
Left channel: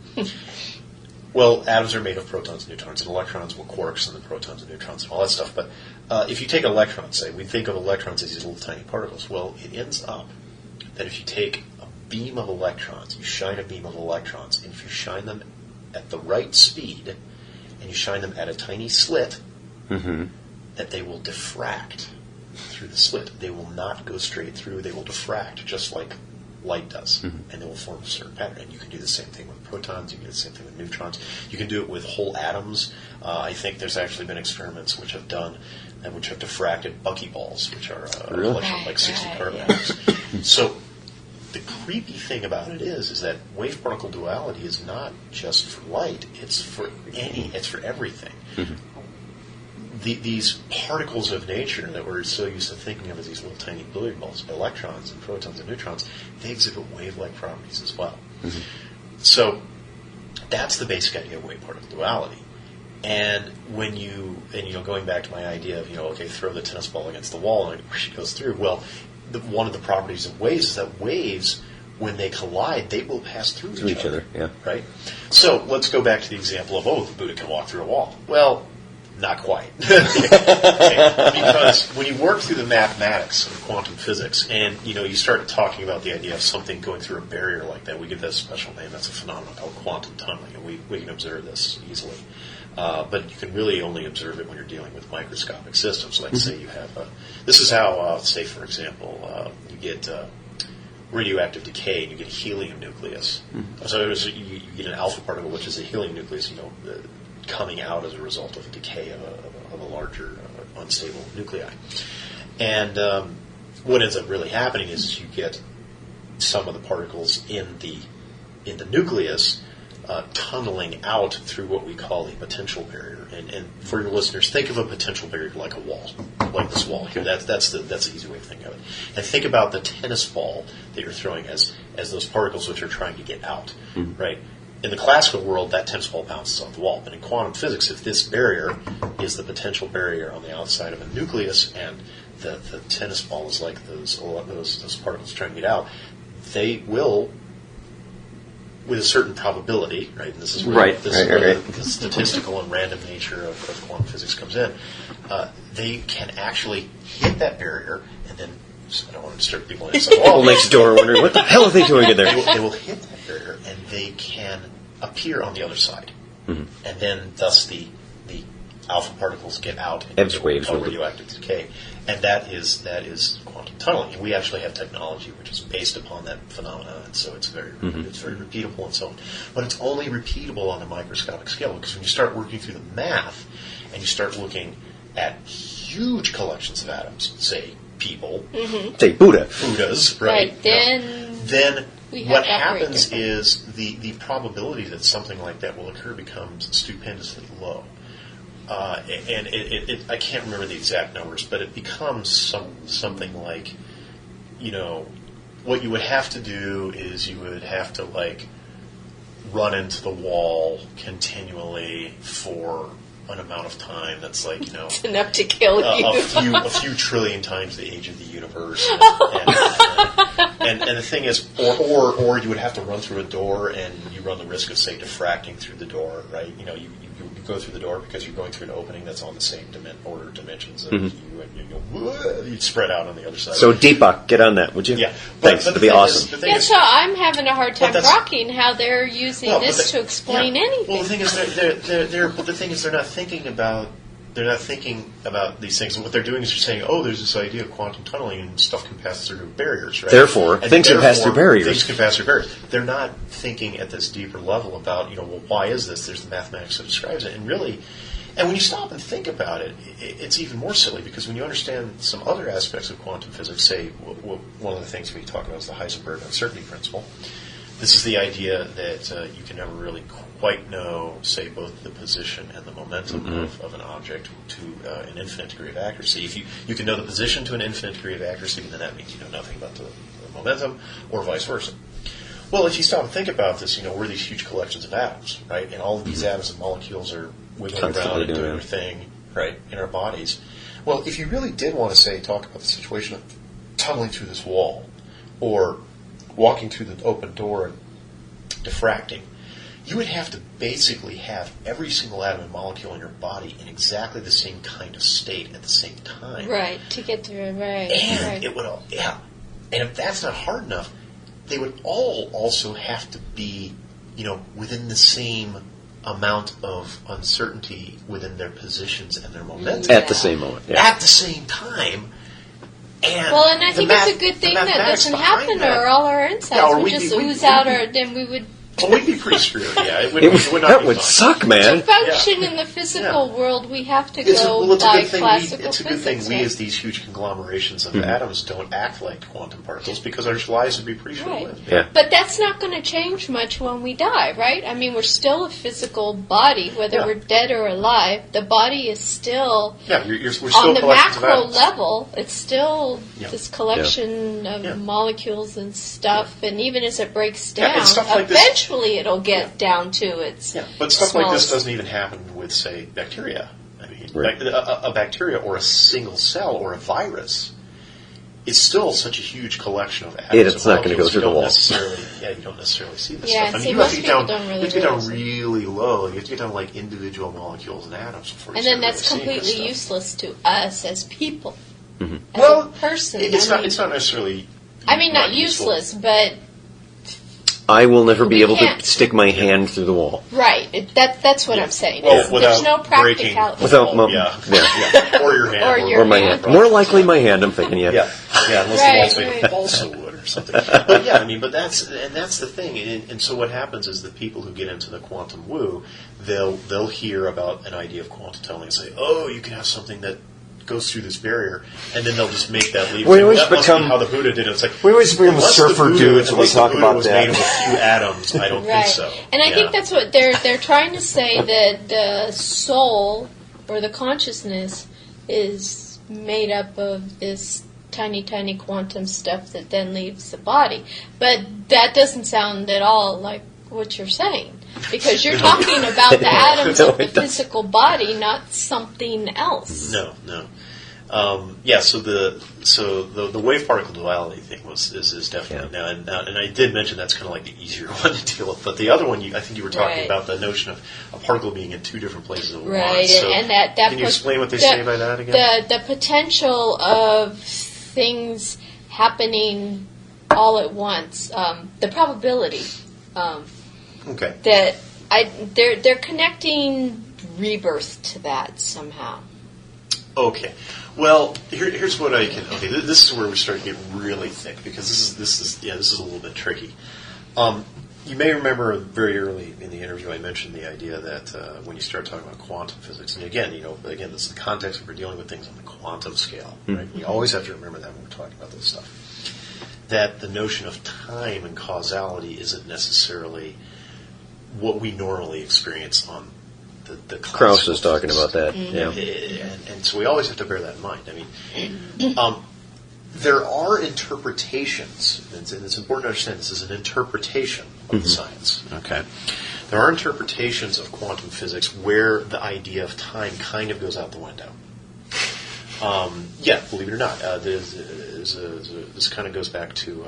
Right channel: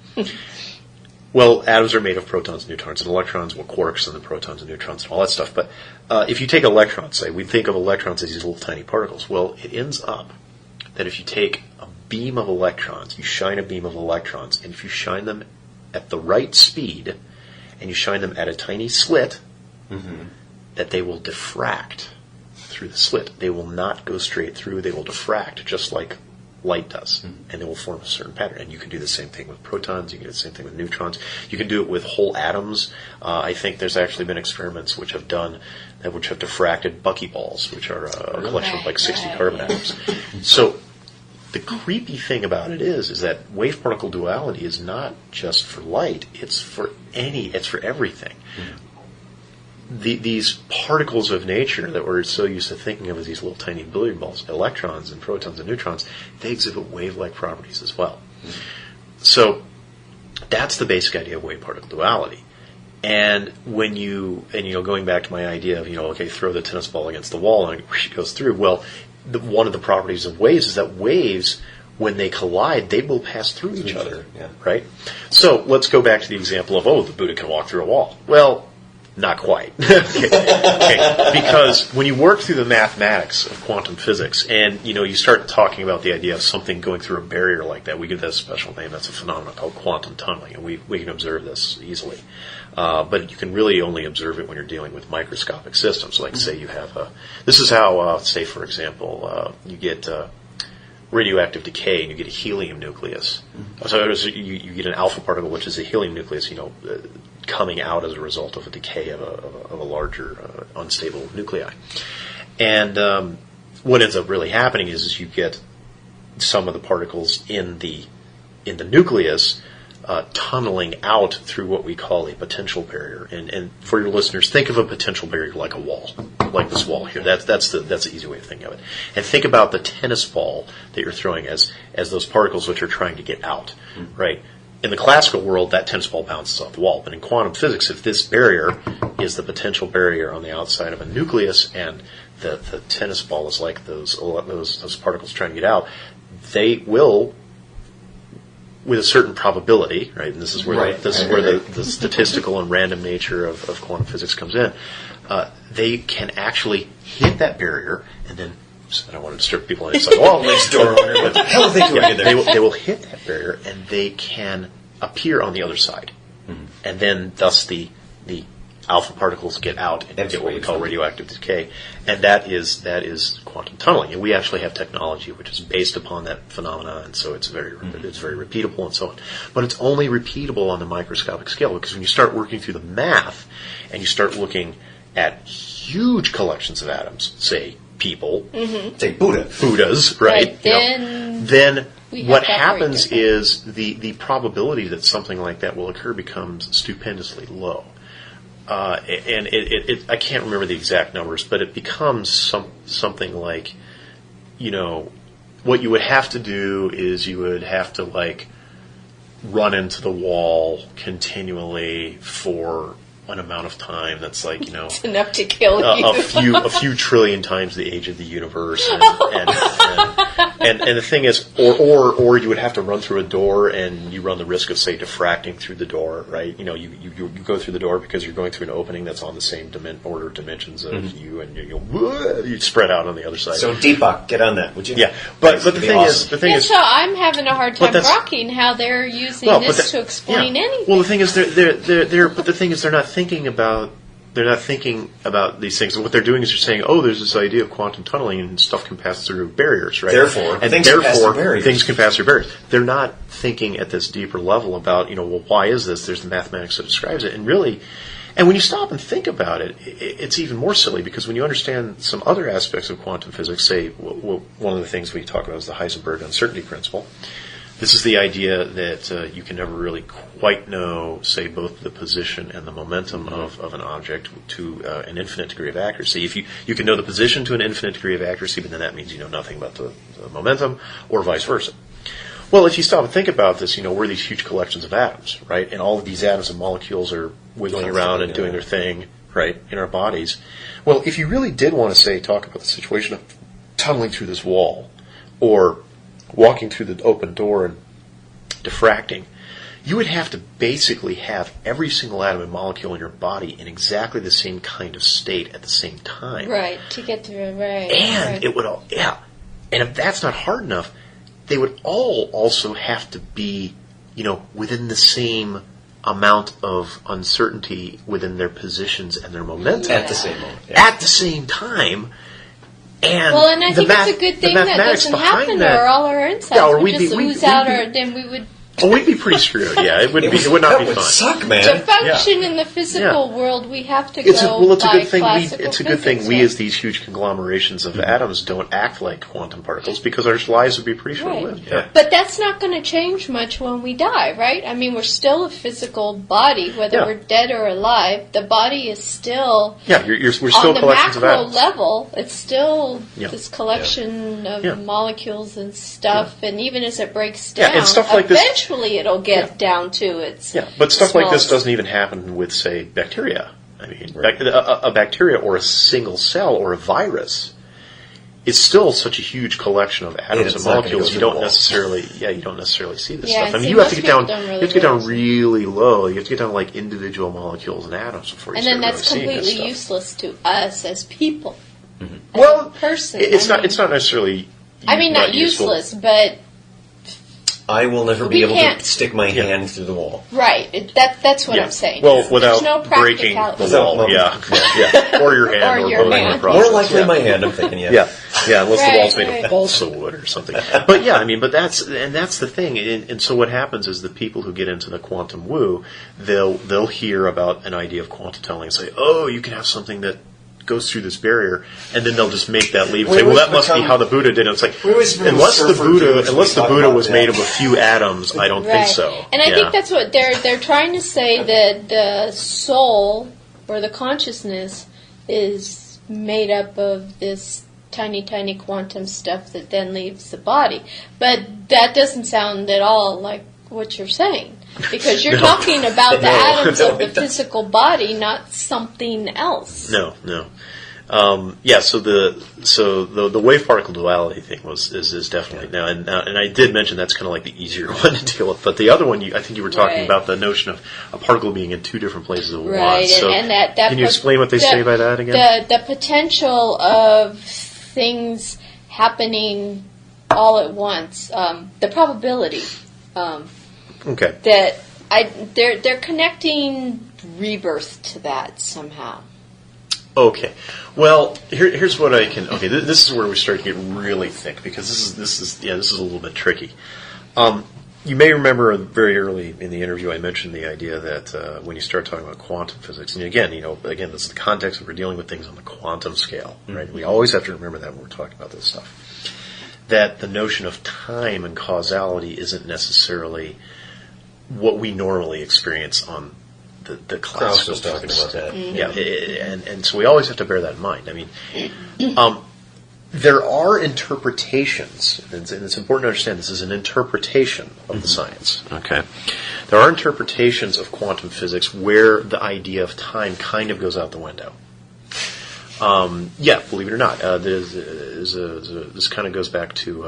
Well, atoms are made of protons and neutrons and electrons, well, quarks and the protons and neutrons and all that stuff. But if you take electrons, say, we think of electrons as these little tiny particles. Well, it ends up that if you take a beam of electrons, you shine a beam of electrons, and if you shine them at the right speed, and you shine them at a tiny slit, that they will diffract through the slit. They will not go straight through. They will diffract, just like light does, and they will form a certain pattern. And you can do the same thing with protons, you can do the same thing with neutrons, you can do it with whole atoms. I think there's actually been experiments which have diffracted buckyballs, which are a collection of like 60 carbon atoms. So the creepy thing about it is that wave-particle duality is not just for light, it's for everything. These particles of nature that we're so used to thinking of as these little tiny billiard balls, electrons and protons and neutrons, they exhibit wave-like properties as well. So that's the basic idea of wave-particle duality. And going back to my idea of, throw the tennis ball against the wall and it goes through. Well, one of the properties of waves is that waves, when they collide, they will pass through each other. Yeah. Right? So let's go back to the example of, the Buddha can walk through a wall. Well, not quite. Okay. Because when you work through the mathematics of quantum physics and, you start talking about the idea of something going through a barrier like that, we give that a special name. That's a phenomenon called quantum tunneling, and we can observe this easily. But you can really only observe it when you're dealing with microscopic systems. Like, say you have this is how, say, for example, you get radioactive decay and you get a helium nucleus. So you get an alpha particle, which is a helium nucleus, coming out as a result of a decay of a larger unstable nuclei. And what ends up really happening is you get some of the particles in the nucleus tunneling out through what we call a potential barrier. And for your listeners, think of a potential barrier like a wall, like this wall here. That's the easy way to think of it. And think about the tennis ball that you're throwing as those particles which are trying to get out, right? In the classical world, that tennis ball bounces off the wall. But in quantum physics, if this barrier is the potential barrier on the outside of a nucleus, and the tennis ball is like those particles trying to get out, they will, with a certain probability, right? And this is where the statistical and random nature of quantum physics comes in. They can actually hit that barrier, and then I don't want to disturb people inside the wall next door wondering what the hell are they doing in there. They will hit that barrier, and they can appear on the other side, and then thus the alpha particles get out and get what we call radioactive decay, and that is quantum tunneling. And we actually have technology which is based upon that phenomena, and so it's very repeatable and so on. But it's only repeatable on the microscopic scale, because when you start working through the math and you start looking at huge collections of atoms, say people, say Buddhas, right? Then what happens different. is the probability that something like that will occur becomes stupendously low. And I can't remember the exact numbers, but it becomes something like, what you would have to do is you would have to run into the wall continually for an amount of time that's it's enough to kill you. a few trillion times the age of the universe, and And the thing is, or you would have to run through a door, and you run the risk of, say, diffracting through the door, right? You go through the door because you're going through an opening that's on the same order of dimensions of you, and you spread out on the other side. So Deepak, get on that, would you? Yeah, but the thing is, so I'm having a hard time grokking how they're using this to explain anything. Well, the thing is, they're not thinking about. They're not thinking about these things. And what they're doing is they're saying, oh, there's this idea of quantum tunneling and stuff can pass through barriers, right? Therefore, things can pass through barriers. Things can pass through barriers. They're not thinking at this deeper level about, well, why is this? There's the mathematics that describes it. And really, and when you stop and think about it, it's even more silly, because when you understand some other aspects of quantum physics, say, one of the things we talk about is the Heisenberg uncertainty principle. This is the idea that you can never really quite know, say, both the position and the momentum of an object to an infinite degree of accuracy. If you can know the position to an infinite degree of accuracy, but then that means you know nothing about the momentum, or vice versa. Well, if you stop and think about this, we're these huge collections of atoms, right? And all of these atoms and molecules are wiggling around and doing their thing, right, in our bodies. Well, if you really did want to, say, talk about the situation of tunneling through this wall, or walking through the open door and diffracting, you would have to basically have every single atom and molecule in your body in exactly the same kind of state at the same time. Right, to get through it, right. And it would all, and if that's not hard enough, they would all also have to be, within the same amount of uncertainty within their positions and their momentum. At the same moment. Yeah. At the same time. And I think it's a good thing that doesn't happen, or all our insides would just ooze out, or then we would... Well, we'd be pretty screwed, yeah. It would not be fun. That would suck, man. To function in the physical world, we have to go by classical physics. It's a good thing we, as these huge conglomerations of atoms, don't act like quantum particles, because our lives would be pretty short-lived. Right. Yeah. But that's not going to change much when we die, right? I mean, we're still a physical body, whether we're dead or alive. The body is still... Yeah, we're still on the macro level, it's still this collection of molecules and stuff, and even as it breaks down, and stuff like eventually it'll get down to its but stuff like this doesn't even happen with, say, bacteria. I mean, a bacteria or a single cell or a virus is still such a huge collection of atoms and molecules. You don't necessarily see this stuff. I mean, you have to get down really low. You have to get down to like individual molecules and atoms before you and then that's completely useless to us as people. Mm-hmm. As a person. It's not necessarily. I mean, not useless, but. I will never be able to stick my hand through the wall. Right. That's what I'm saying. Well, there's no practicality. Without or your hand. Or your hand. More likely my hand, I'm thinking, unless the wall's made of balsa wood or something. But that's the thing. And so what happens is the people who get into the quantum woo, they'll hear about an idea of quantum tunneling and say, oh, you can have something that goes through this barrier, and then they'll just make that leap. Well, that must be how the Buddha did it. It's like, unless the Buddha was made of a few atoms, I don't think so. And I think that's what they're trying to say, that the soul, or the consciousness, is made up of this tiny, tiny quantum stuff that then leaves the body. But that doesn't sound at all like what you're saying, because you're talking about the atoms of the physical body, not something else. No. So the wave particle duality thing is definitely now, and I did mention that's kind of like the easier one to deal with. But the other one, I think you were talking about the notion of a particle being in two different places at once. Right, so and that can you explain what they say by that again? The potential of things happening all at once, the probability. That they're connecting rebirth to that somehow. Okay. Well, here's what I can. Okay, this is where we start to get really thick, because this is a little bit tricky. You may remember very early in the interview I mentioned the idea that when you start talking about quantum physics, and again, this is the context that we're dealing with things on the quantum scale, right? We always have to remember that when we're talking about this stuff. That the notion of time and causality isn't necessarily what we normally experience on the classical Krauss was talking about that. Mm-hmm. And so we always have to bear that in mind. I mean, there are interpretations, and it's important to understand this is an interpretation of the science. Okay, there are interpretations of quantum physics where the idea of time kind of goes out the window. Believe it or not, this kind of goes back to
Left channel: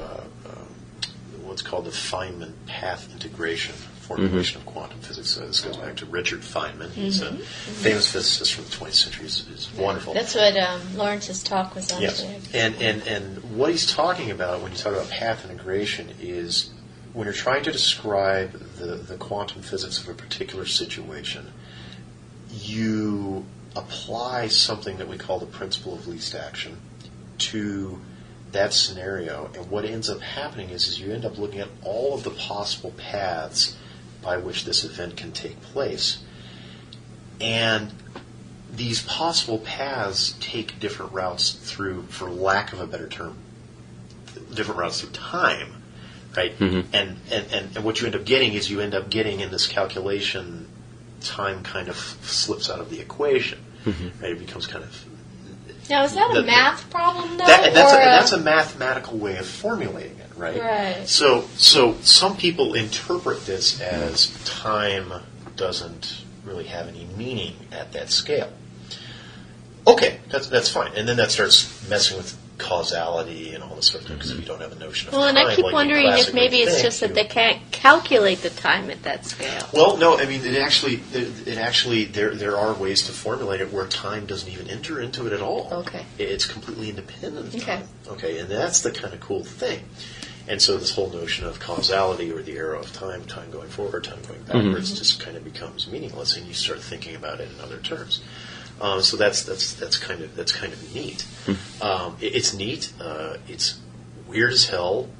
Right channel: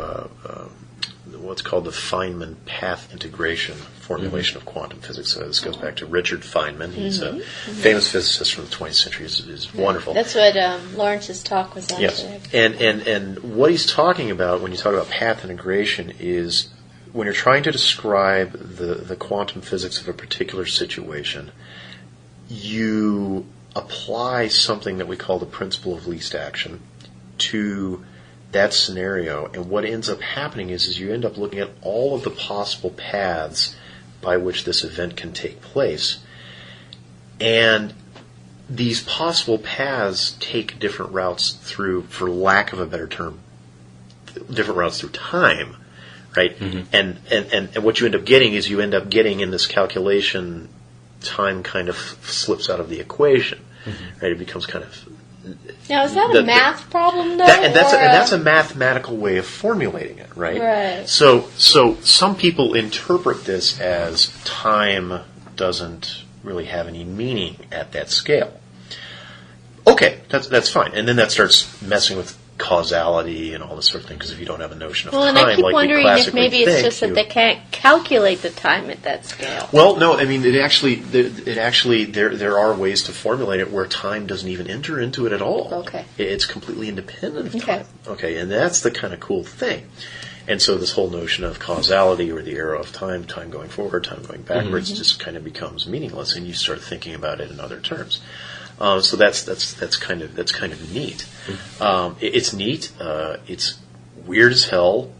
what's called the Feynman path integration formulation of quantum physics. So this goes back to Richard Feynman. He's a famous physicist from the 20th century. He's wonderful. That's what Lawrence's talk was on today. And what he's talking about when you talk about path integration is when you're trying to describe the quantum physics of a particular situation, you apply something that we call the principle of least action to that scenario, and what ends up happening is you end up looking at all of the possible paths by which this event can take place. And these possible paths take different routes through, for lack of a better term, different routes through time, right? And what you end up getting is you end up getting in this calculation, time kind of slips out of the equation, right? It becomes kind of... Now, is that a math problem, though? That's a mathematical way of formulating it, right? Right. So some people interpret this as time doesn't really have any meaning at that scale. Okay, that's fine. And then that starts messing with causality and all this sort of thing, because if you don't have a notion of time... Well, and I keep like wondering if maybe it's just that they can't calculate the time at that scale. Well, no, I mean, there are ways to formulate it where time doesn't even enter into it at all. Okay. It's completely independent of time. Okay, and that's the kind of cool thing. And so this whole notion of causality, or the arrow of time going forward, time going backwards, just kind of becomes meaningless, and you start thinking about it in other terms. So that's kind of neat. It's neat. It's weird as hell.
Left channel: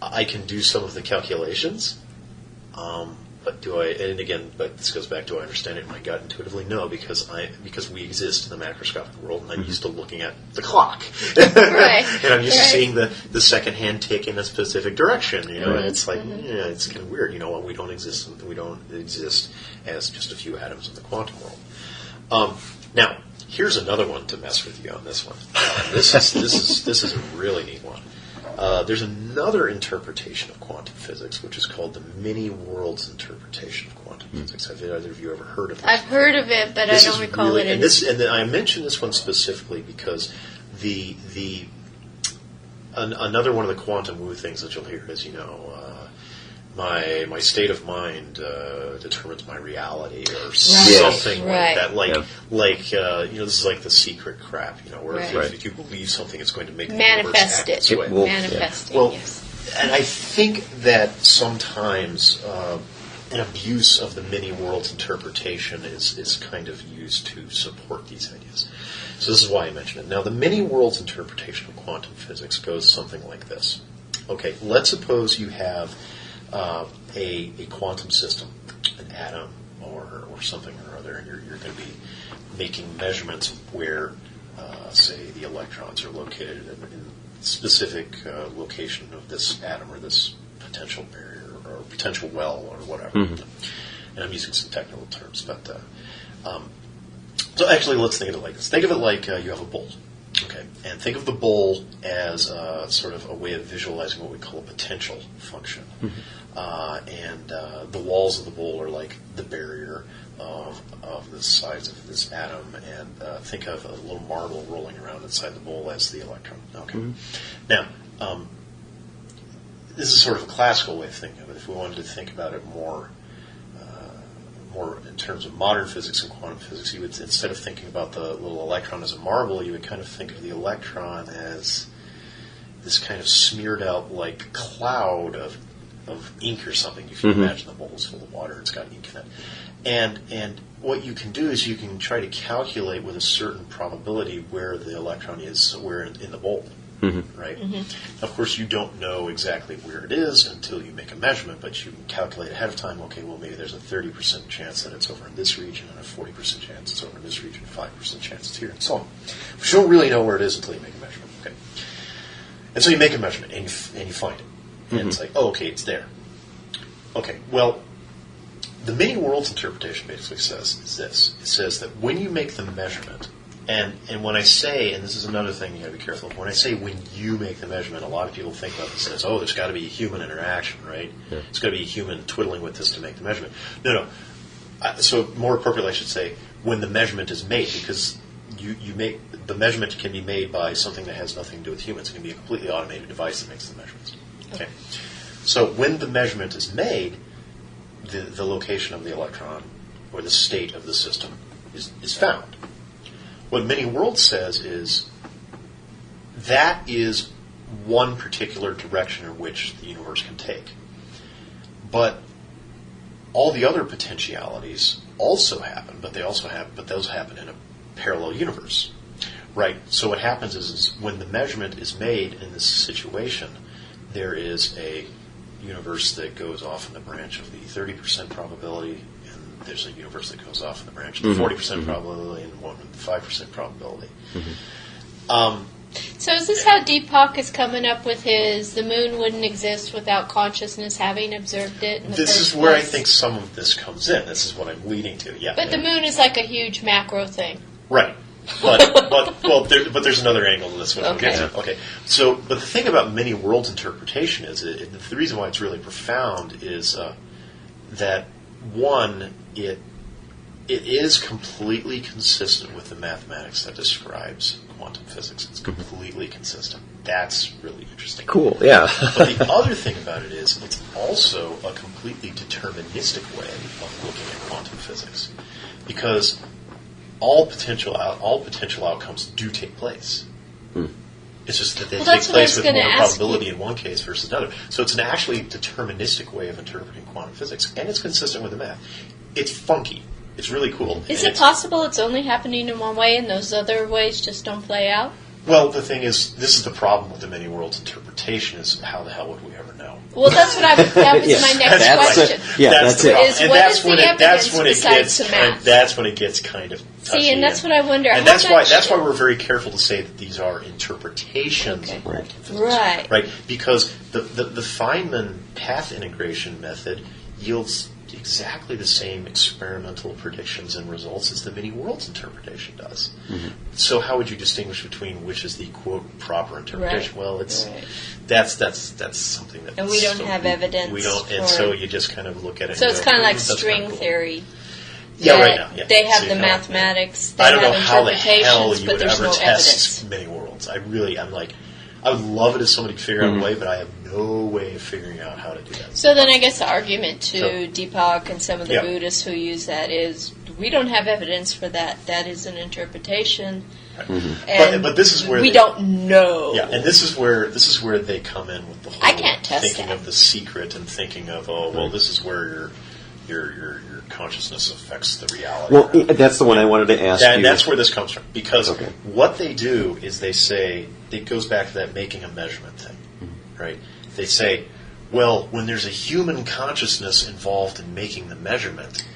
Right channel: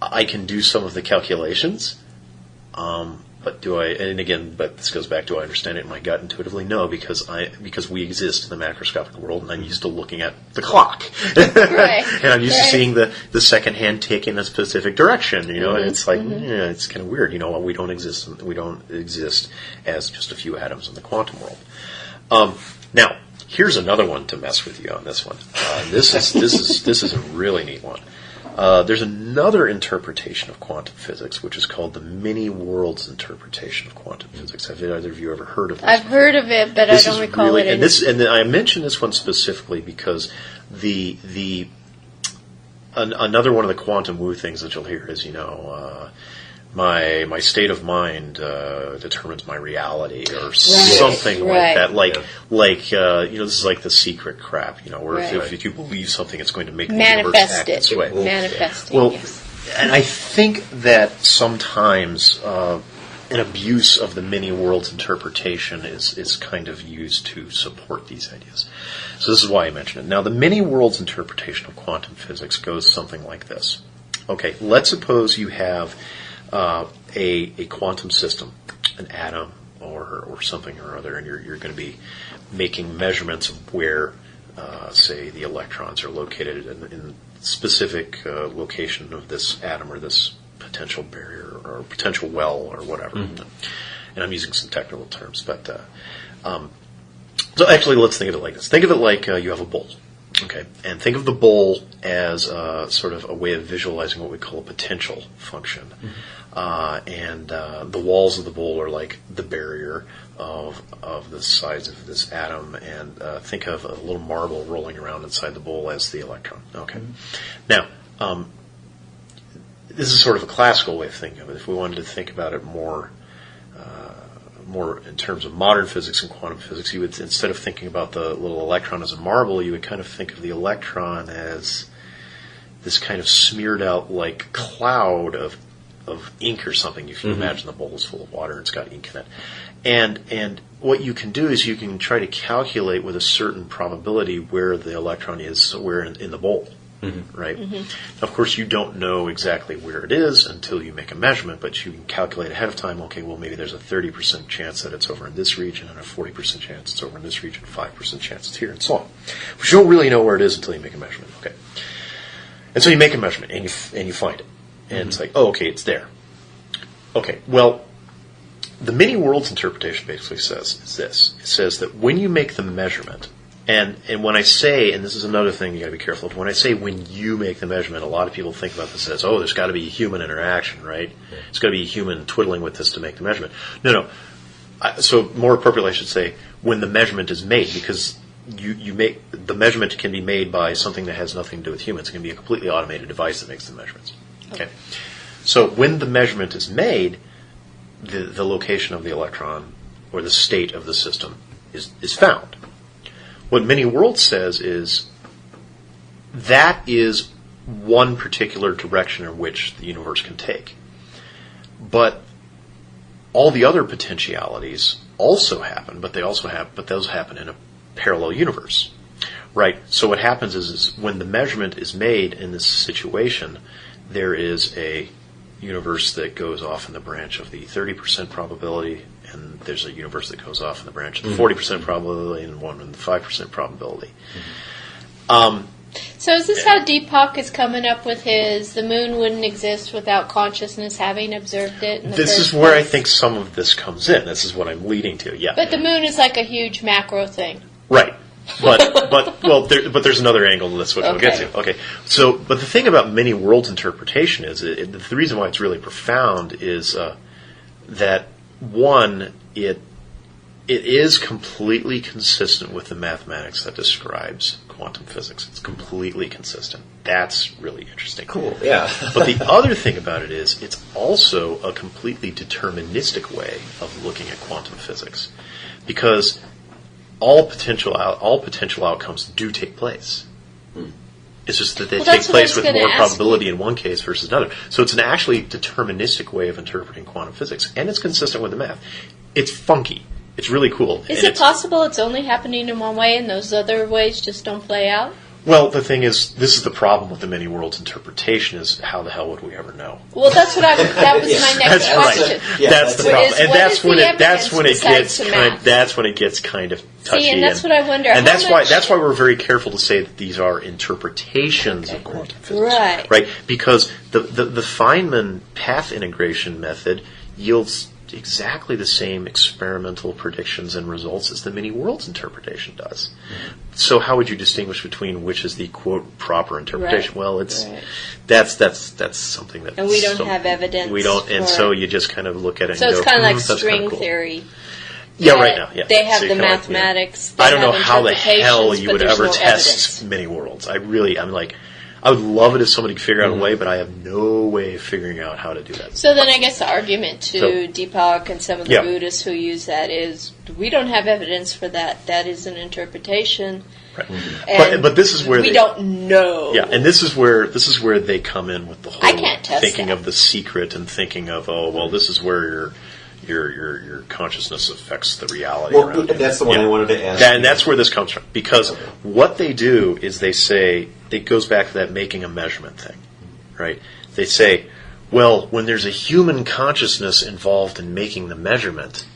I can do some of the calculations, but do I? And again, but this goes back: do I understand it in my gut intuitively? No, because we exist in the macroscopic world, and I'm used to looking at the clock, Right. and I'm used to seeing the second hand tick in a specific direction. You know, and it's like it's kind of weird. You know, we don't exist as just a few atoms in the quantum world. Now, here's another one to mess with you on this one. This is a really neat one. There's another interpretation of quantum physics, which is called the many worlds interpretation of quantum physics. Have either of you ever heard of this? I've heard of it, but I don't recall it. And I mention this one specifically because another one of the quantum woo things that you'll hear is, my state of mind determines my reality, or something like that. This is like the secret crap, where if you believe something, it's going to make the universe act this way. Manifesting, yes. And I think that sometimes an abuse of the many worlds interpretation is kind of used to support these ideas. So this is why I mention it. Now, the many worlds interpretation of quantum physics goes something like this. Okay, let's suppose you have a quantum system, an atom or something or other, and you're going to be making measurements of where, say, the electrons are located in specific location of this atom or this potential barrier or potential well or whatever. And I'm using some technical terms, but so actually, let's think of it like this. Think of it like you have a bowl. Okay, and think of the bowl as sort of a way of visualizing what we call a potential function. And the walls of the bowl are like the barrier of the size of this atom, and think of a little marble rolling around inside the bowl as the electron. Okay, now this is sort of a classical way of thinking of it. If we wanted to think about it more in terms of modern physics and quantum physics, you would, instead of thinking about the little electron as a marble, you would kind of think of the electron as this kind of smeared out like cloud of ink or something. You can imagine the bowl is full of water, it's got ink in it. And what you can do is you can try to calculate with a certain probability where the electron is somewhere in the bowl. Right? Of course, you don't know exactly where it is until you make a measurement, but you can calculate ahead of time, okay, well, maybe there's a 30% chance that it's over in this region, and a 40% chance it's over in this region, 5% chance it's here, and so on. But you don't really know where it is until you make a measurement, okay? And so you make a measurement, and you find it. And it's like, oh, okay, it's there. Okay, well, the many worlds interpretation basically says is this. It says that when you make the measurement, and when I say, and this is another thing you got to be careful of, when I say when you make the measurement, a lot of people think about this as, oh, there's got to be a human interaction, right? Yeah. It's got to be a human twiddling with this to make the measurement. No. So more appropriately, I should say when the measurement is made, because you make the measurement can be made by something that has nothing to do with humans. It can be a completely automated device that makes the measurements. Okay. So when the measurement is made, the location of the electron or the state of the system is found. What Many Worlds says is that is one particular direction in which the universe can take. But all the other potentialities also happen, but those happen in a parallel universe. Right? So what happens is when the measurement is made in this situation, there is a universe that goes off in the branch of the 30% probability, and there's a universe that goes off in the branch of the 40% probability, and one in the 5% probability. So is this how Deepak is coming up with the moon wouldn't exist without consciousness having observed it in the This first is where I place? think some of this comes in. This is what I'm leading to. Yeah. But the moon is like a huge macro thing. Right. But there's another angle to this one. Okay. We'll get to. Okay. So, but the thing about Many Worlds interpretation is the reason why it's really profound is that one, it is completely consistent with the mathematics that describes quantum physics. It's completely consistent. That's really interesting. Cool, yeah. But the other thing about it is it's also a completely deterministic way of looking at quantum physics, because all potential outcomes do take place. It's just that they take place with more probability in one case versus another. So it's an actually deterministic way of interpreting quantum physics, and it's consistent with the math. It's funky. It's really cool. Is it possible it's only happening in one way and those other ways just don't play out? Well, the thing is, this is the problem with the Many Worlds interpretation: is how the hell would we ever know? Well, that was my next question. That's the problem. What is the evidence besides the math? That's when it gets kind of touchy. See, and that's what I wonder. And that's why we're very careful to say that these are interpretations of quantum physics. Right. Because the Feynman path integration method yields exactly the same experimental predictions and results as the Many Worlds interpretation does. So how would you distinguish between which is the quote proper interpretation? Right. Well, that's something that, and we don't have evidence. We don't, and so you just kind of look at it. So and it's go, kind of like that's string kinda cool. theory. Yeah, right now. Yeah. They have So the you mathematics. I don't they have know how the hell interpretations, you but would there's ever no test evidence. Many Worlds. I would love it if somebody could figure out a way, but I have no way of figuring out how to do that. So then I guess the argument to Deepak and some of the Buddhists who use that is, we don't have evidence for that. That is an interpretation. Right. And but this is where we don't know. Yeah, and this is where they come in with the whole I can't test thinking that. of the secret and thinking of this is where your consciousness affects the reality. Well, that's the one I wanted to ask. And that's where this comes from, because what they do is they say, it goes back to that making a measurement thing, right? They say, well, when there's a human consciousness involved in making the measurement,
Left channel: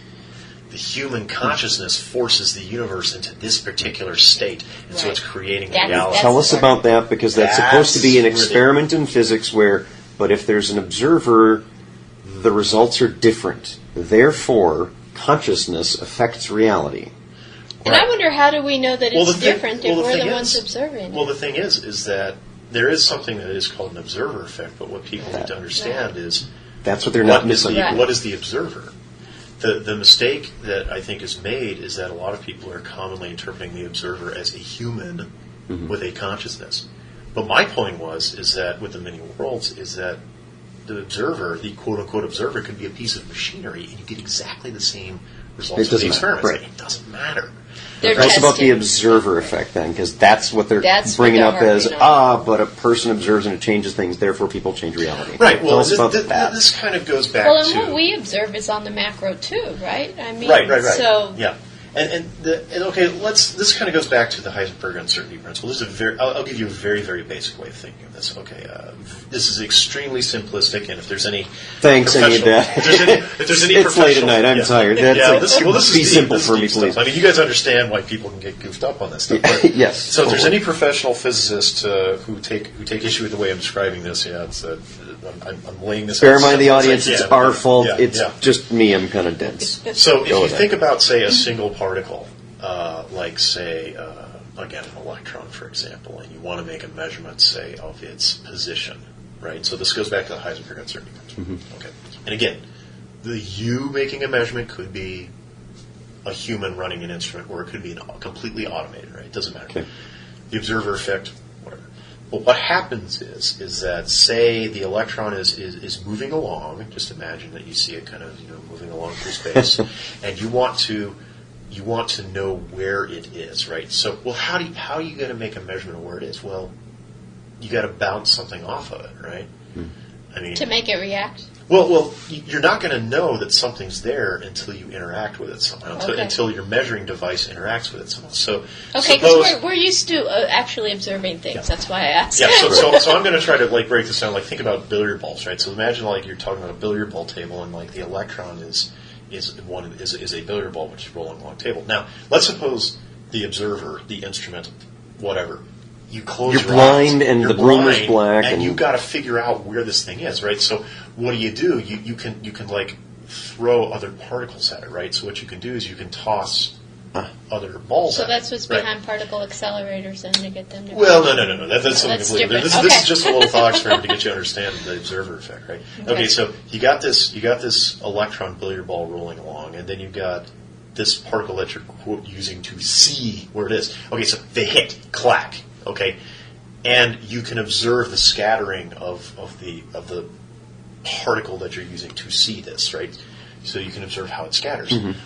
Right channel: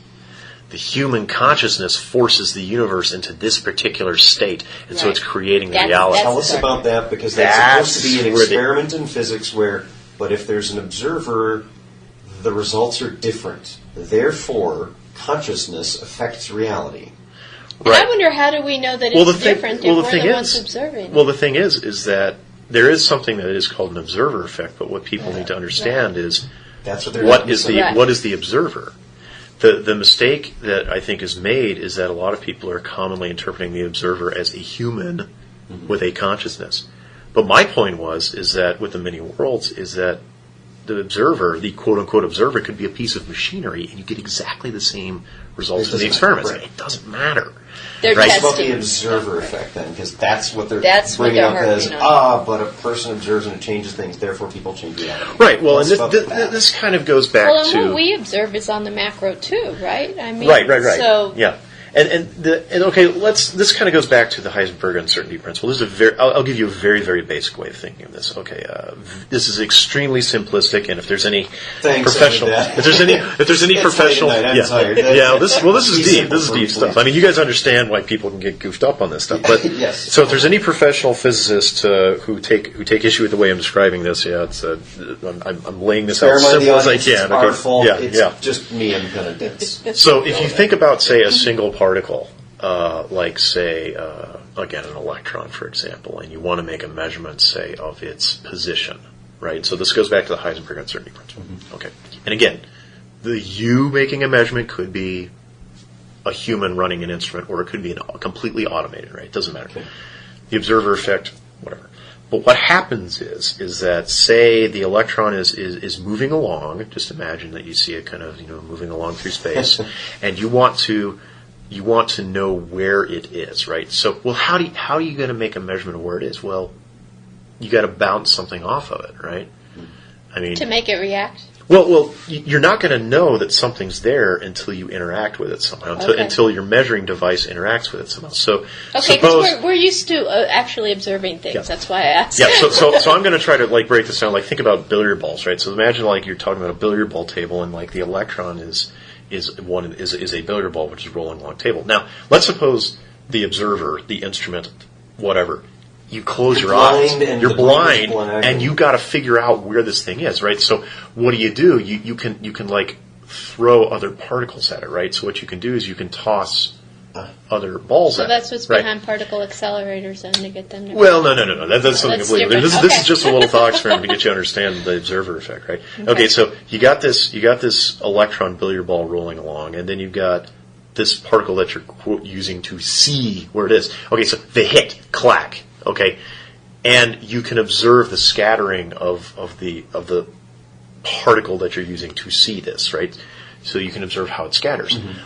the human consciousness forces the universe into this particular state, and so it's creating the reality. Tell us about that, because that's supposed to be an experiment in physics but if there's an observer, the results are different. Therefore, consciousness affects reality. And I wonder, how do we know that it's different if we're the thing ones is, observing it? Well, the thing is that there is something that is called an observer effect, but what people need to understand is that's what they're not missing. What is the observer? The mistake that I think is made is that a lot of people are commonly interpreting the observer as a human with a consciousness. But my point is that with the Many Worlds is that the observer, the quote-unquote observer, could be a piece of machinery, and you get exactly the same results of the experiments. Right. It doesn't matter. They're It's testing. about the observer effect, then, because that's what they're That's what bringing they're up as, harping on. but a person observes and it changes things, therefore people change reality. Right, well, Tell us about this kind of goes back Well, and to... what we observe is on the macro too, right? I mean, Right. So Yeah. And okay, this kind of goes back to the Heisenberg uncertainty principle. This is I'll give you a very, very basic way of thinking of this. Okay, this is extremely simplistic, and if there's any professional, if there's any professional, I'm tired. This is deep. This This is deep stuff. I mean, you guys understand why people can get goofed up on this stuff, but yes. So if there's any professional physicists who take issue with the way I'm describing this, I'm laying this out as simple as I can. It's our fault. Yeah, it's just me. I'm kind of dense. So if you think about, say, a single particle, like, say, again, an electron, for example, and you want to make a measurement, say, of its position, right? So this goes back to the Heisenberg uncertainty principle. Okay. And again, you making a measurement could be a human running an instrument, or it could be completely automated, right? It doesn't matter. Okay. The observer effect, whatever. But what happens is that, say the electron is moving along. Just imagine that you see it kind of moving along through space, and you want to know where it is, right? So, well, how are you going to make a measurement of where it is? Well, you got to bounce something off of it, right? I mean, to make it react. Well, you're not going to know that something's there until you interact with it somehow, until your measuring device interacts with it somehow. So, okay, because we're used to actually observing things. Yeah. That's why I asked. Yeah. So I'm going to try to break this down. Think about billiard balls, right? So imagine you're talking about a billiard ball table, and the electron is a billiard ball which is rolling along a table. Now, let's suppose the observer, the instrument, whatever. You close your eyes, and you're the blind, black, and you've got to figure out where this thing is, right? So what do? You can throw other particles at it, right? So what you can do is you can toss other balls at it. So that's what's behind particle accelerators, and to get them to... Well, no. That's something completely different. This is just a little thought experiment to get you to understand the observer effect, right? Okay, so you got this electron billiard ball rolling along, and then you've got this particle that you're, quote, using to see where it is. Okay, so they hit, clack. Okay, and you can observe the scattering of the particle that you're using to see this, right? So you can observe how it scatters. Mm-hmm.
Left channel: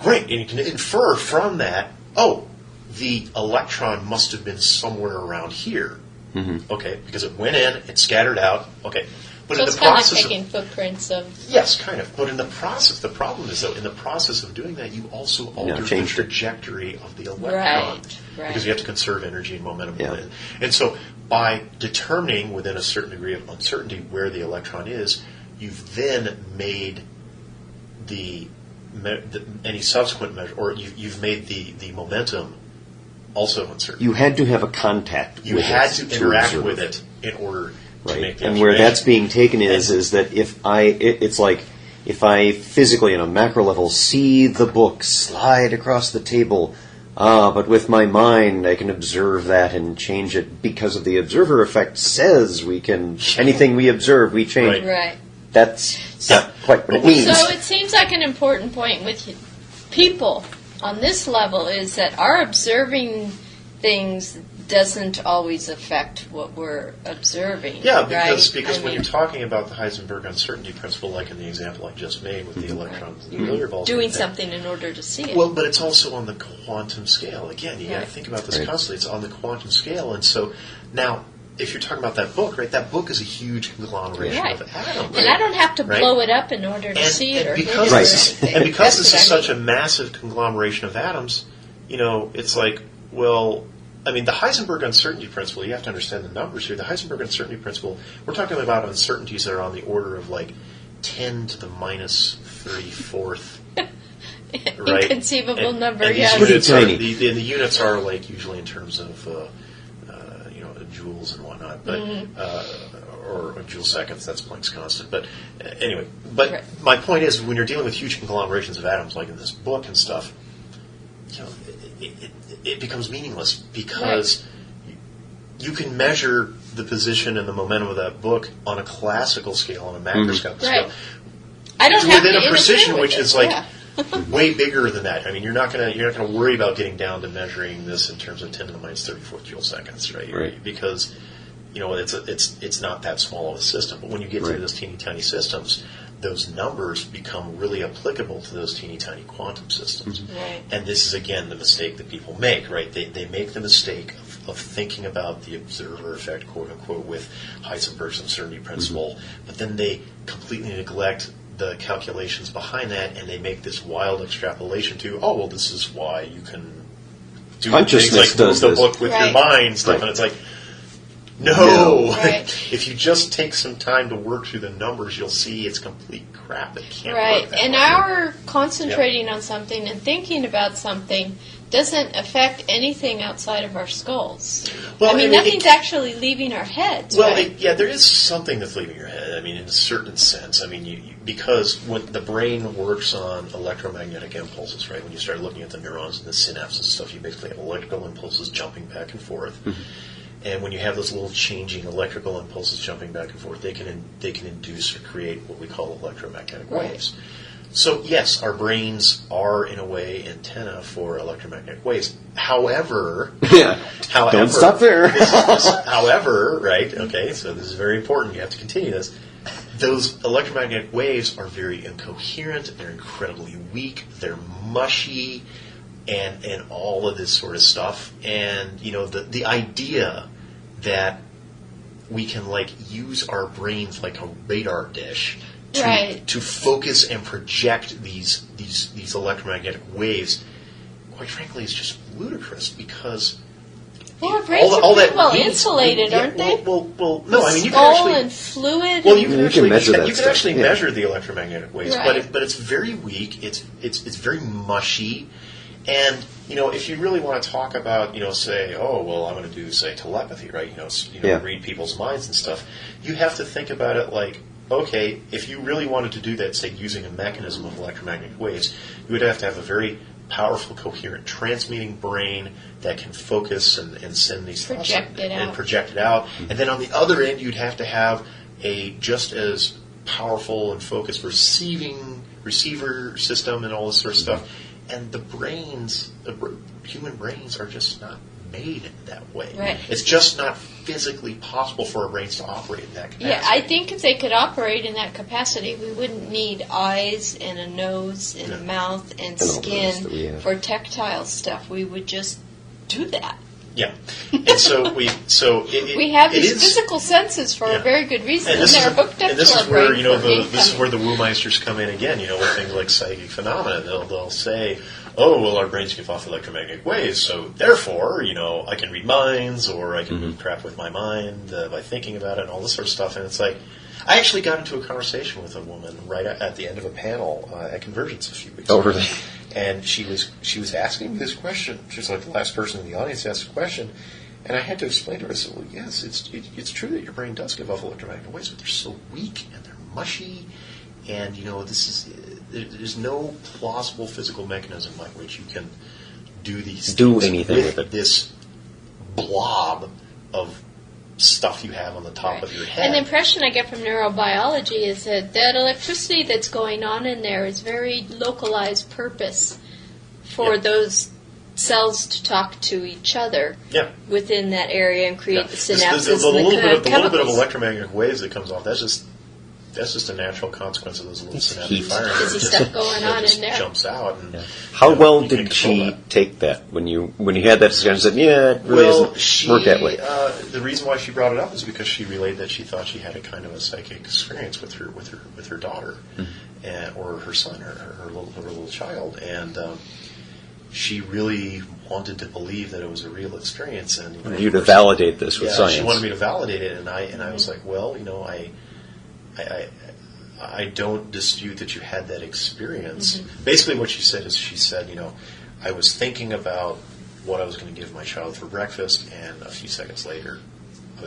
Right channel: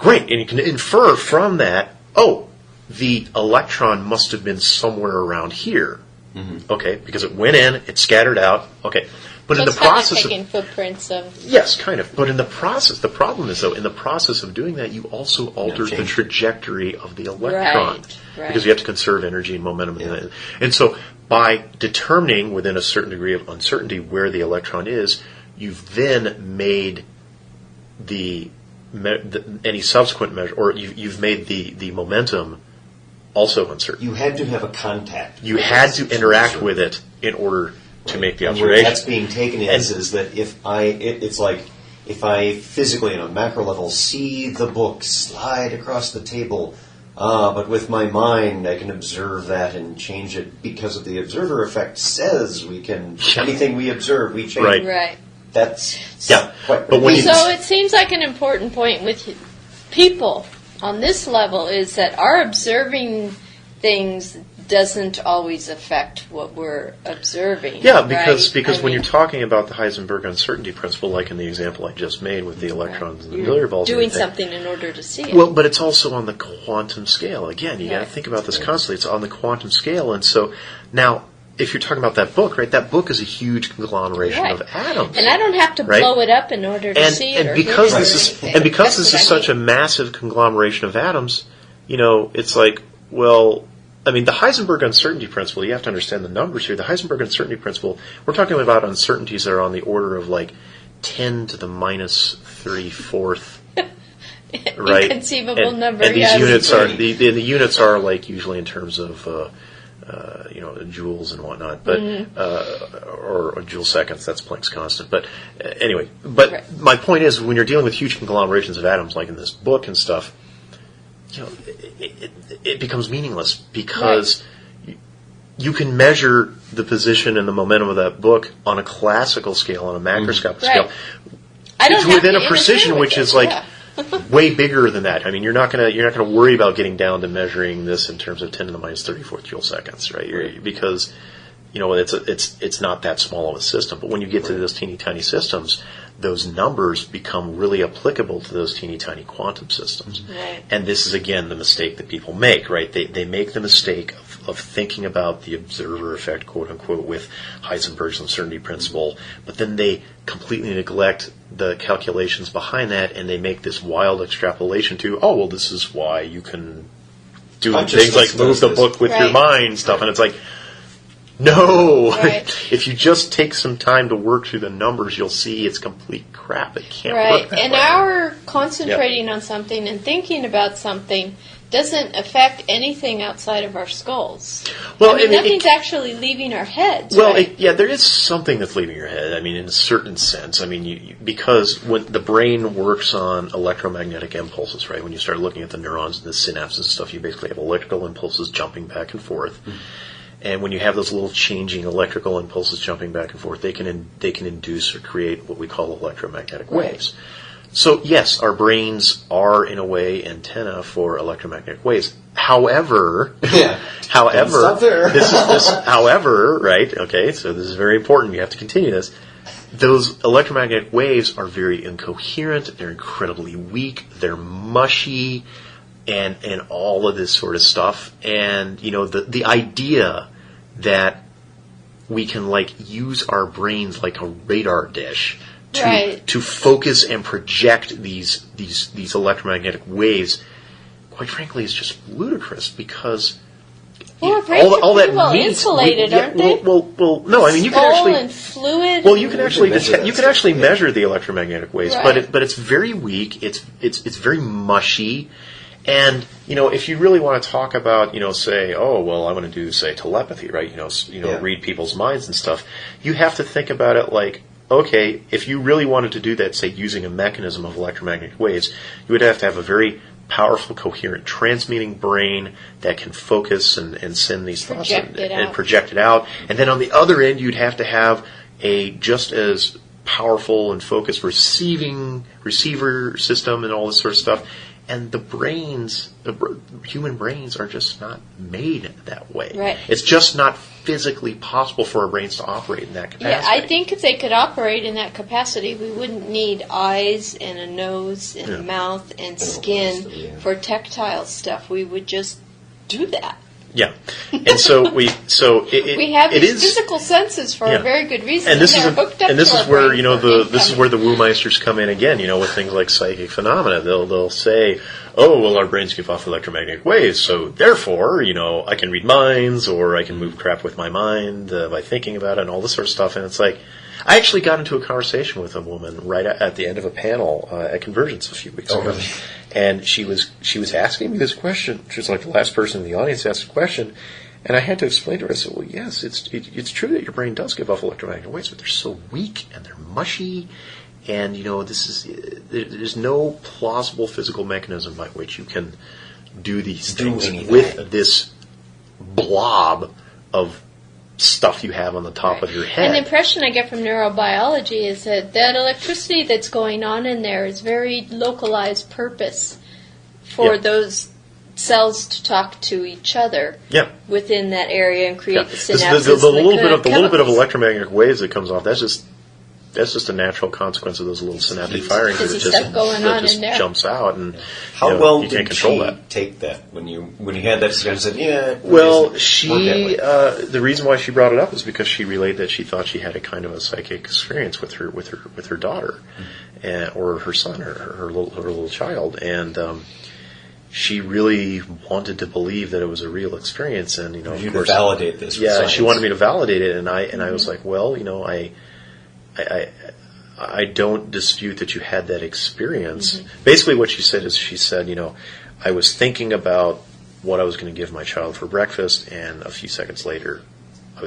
Great, and you can infer from that, the electron must have been somewhere around here. Mm-hmm. Okay, because it went in, it scattered out. Okay, but so in it's the process kind of taking footprints of... Yes, kind of. But in the process, the problem is, though, in the process of doing that, you also alter the trajectory of the electron. Right. Because you have to conserve energy and momentum. Yeah. And so by determining within a certain degree of uncertainty where the electron is, you've then made any subsequent measure, or you've made the momentum also uncertain. You had to have a contact. You had to interact with it in order to make the observation. And where that's being taken is that if I physically, on a macro level, see the book slide across the table, but with my mind I can observe that and change it because of the observer effect says we can, anything we observe, we change. Right. That's quite So it seems like an important point with people on this level is that our observing things doesn't always affect what we're observing. Yeah, because when you're talking about the Heisenberg uncertainty principle, like in the example I just made with the electrons and the billiard balls, doing something in order to see it. Well, but it's also on the quantum scale. Again, you got to think about this constantly. It's on the quantum scale, and so now, if you're talking about that book, right? That book is a huge conglomeration of atoms, and I don't have to blow it up in order to see it, or because hit it or anything. And because this is such a massive conglomeration of atoms, it's like, well, I mean, the Heisenberg uncertainty principle, you have to understand the numbers here. The Heisenberg uncertainty principle, we're talking about uncertainties that are on the order of 10 to the minus 34th. Right? Inconceivable number, and yes. The units are usually in terms of joules and whatnot, but or joule seconds. That's Planck's constant. But anyway, my point is, when you're dealing with huge conglomerations of atoms, like in this book and stuff, it becomes meaningless because you can measure the position and the momentum of that book on a classical scale, on a macroscopic scale. I don't have within to a precision which it. is way bigger than that. I mean, you're not gonna worry about getting down to measuring this in terms of 10 to the minus 34th joule seconds, right? Because it's not that small of a system. But when you get to those teeny tiny systems, those numbers become really applicable to those teeny tiny quantum systems. Right. And this is again the mistake that people make, right? They make the mistake of thinking about the observer effect, quote unquote, with Heisenberg's uncertainty principle, but then they completely neglect the calculations behind that, and they make this wild extrapolation to, this is why you can do things like move the book with your mind stuff, and it's like, no. If you just take some time to work through the numbers, you'll see it's complete crap. It can't work that and way. our concentrating on something and thinking about something doesn't affect anything outside of our skulls. Well, I mean, nothing's actually leaving our heads, right? There is something that's leaving your head. I mean, in a certain sense. I mean, because when the brain works on electromagnetic impulses, right? When you start looking at the neurons and the synapses and stuff, you basically have electrical impulses jumping back and forth. Mm-hmm. And when you have those little changing electrical impulses jumping back and forth, they can induce or create what we call electromagnetic waves. So yes, our brains are in a way antenna for electromagnetic waves. However, Don't stop there. however, right? Okay, so this is very important. You have to continue this. Those electromagnetic waves are very incoherent. They're incredibly weak. They're mushy, and all of this sort of stuff. And the idea that we can use our brains like a radar dish to focus and project these electromagnetic waves, quite frankly, is just ludicrous because our brains are pretty well insulated, aren't they? Well, no. I mean, you can Skull actually and fluid. well, you can actually measure measure the electromagnetic waves, Right. but it's very weak. It's very mushy. And if you really want to talk about, say, oh well, I want to do say telepathy, right? Read people's minds and stuff. You have to think about it like, okay, if you really wanted to do that, say using a mechanism of electromagnetic waves, you would have to have a very powerful, coherent, transmitting brain that can focus and send these thoughts and project it out. And then on the other end, you'd have to have a just as powerful and focused receiver system and all this sort of stuff. And the human brains are just not made that way. Right. It's just not physically possible for our brains to operate in that capacity. Yeah, I think if they could operate in that capacity, we wouldn't need eyes and a nose and a mouth and skin for tactile stuff. We would just do that. Yeah, and so we have these physical senses for a very good reason, and they're hooked up to our brain. This is where the Woo-meisters come in again. With things like psychic phenomena, they'll say, "Oh, well, our brains give off electromagnetic waves, so therefore, I can read minds, or I can move crap with my mind by thinking about it, and all this sort of stuff." And it's like, I actually got into a conversation with a woman right at the end of a panel at Convergence a few weeks ago. Oh, really? And she was asking me this question. She was like the last person in the audience to ask a question, and I had to explain to her. I said, "Well, yes, it's true that your brain does give off electromagnetic waves, but they're so weak and they're mushy, and there's no plausible physical mechanism by which you can do these things with this blob of stuff you have on the top of your head." And the impression I get from neurobiology is that electricity that's going on in there is very localized purpose for those cells to talk to each other within that area and create the synapses the and the little bit of chemicals. electromagnetic waves that comes off, that's just a natural consequence of those little synaptic firing. There's stuff going on in there. Jumps out, and how well you can't did control she that. take that when you had that discussion? Said, "Yeah, Well, work that way." the reason why she brought it up is because she relayed that she thought she had a kind of a psychic experience with her daughter, or her son, or her little child, and she really wanted to believe that it was a real experience. And you to validate this with science. She wanted me to validate it, and I was like, well, I don't dispute that you had that experience. Mm-hmm. Basically what she said is, I was thinking about what I was going to give my child for breakfast, and a few seconds later,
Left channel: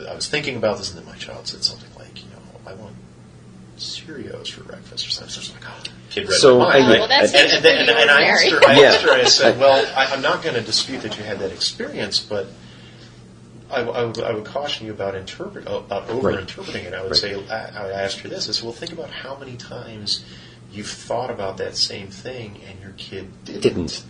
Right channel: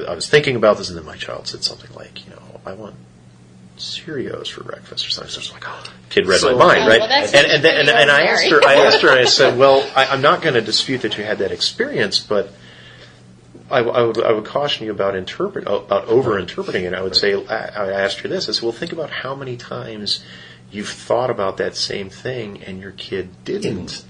I was thinking about this, and then my child said something like, I want Cheerios for breakfast or something. So I was like, oh, kid read my mind, right? Well, that's and I asked her, I said, well, I'm not going to dispute that you had that experience, but I would caution you about over-interpreting it. I would say, I asked her this. I said, well, think about how many times you've thought about that same thing and your kid didn't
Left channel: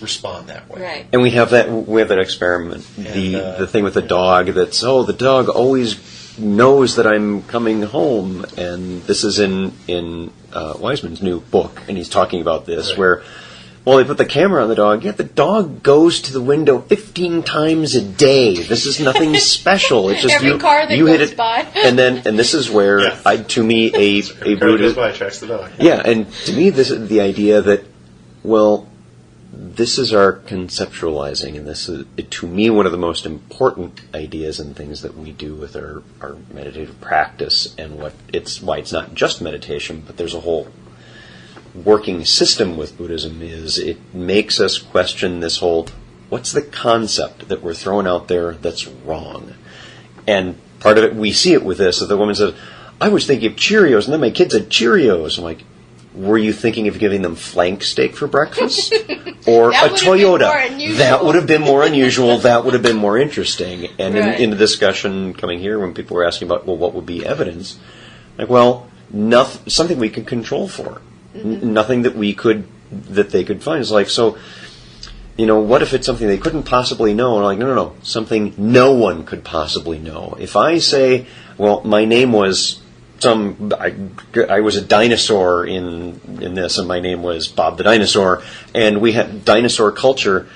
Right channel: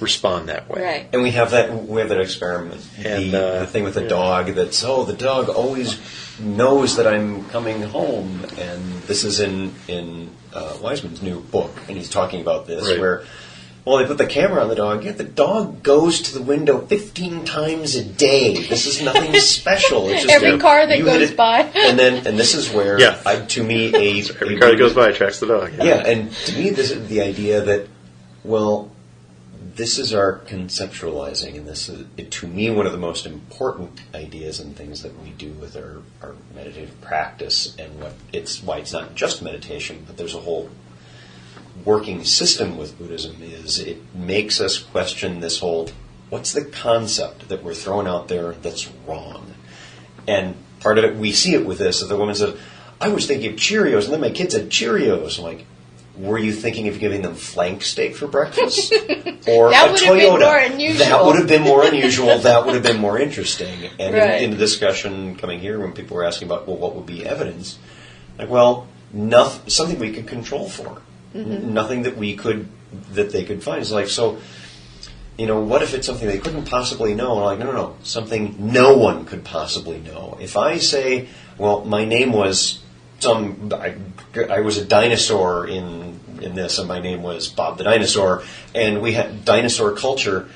respond that way. Right. And we have that experiment. And, the thing with the dog that's, the dog always knows that I'm coming home. And this is in Wiseman's new book, and he's talking about this, where they put the camera on the dog, yet the dog goes to the window 15 times a day. This is nothing special. It's just every car that goes by. And this is where, to me, every car that goes by attracts the dog. Yeah, and to me, this is the idea that, this is our conceptualizing, and this is, to me, one of the most important ideas and things that we do with our meditative practice, and why it's not just meditation, but there's a whole working system with Buddhism is it makes us question this whole, what's the concept that we're throwing out there that's wrong? And part of it, we see it with this, that the woman says, I was thinking of Cheerios, and then my kids had Cheerios. I'm like, were you thinking of giving them flank steak for breakfast? Or that a would Toyota? Have been more unusual. That would have been more unusual. That would have been more interesting. And in the discussion coming here, when people were asking about, what would be evidence? Like, something we can control for. Nothing that they could find. It's like, so, what if it's something they couldn't possibly know? And I'm like, no, something no one could possibly know. If I say, well, my name was I was a dinosaur in this, and my name was Bob the Dinosaur, and we had dinosaur culture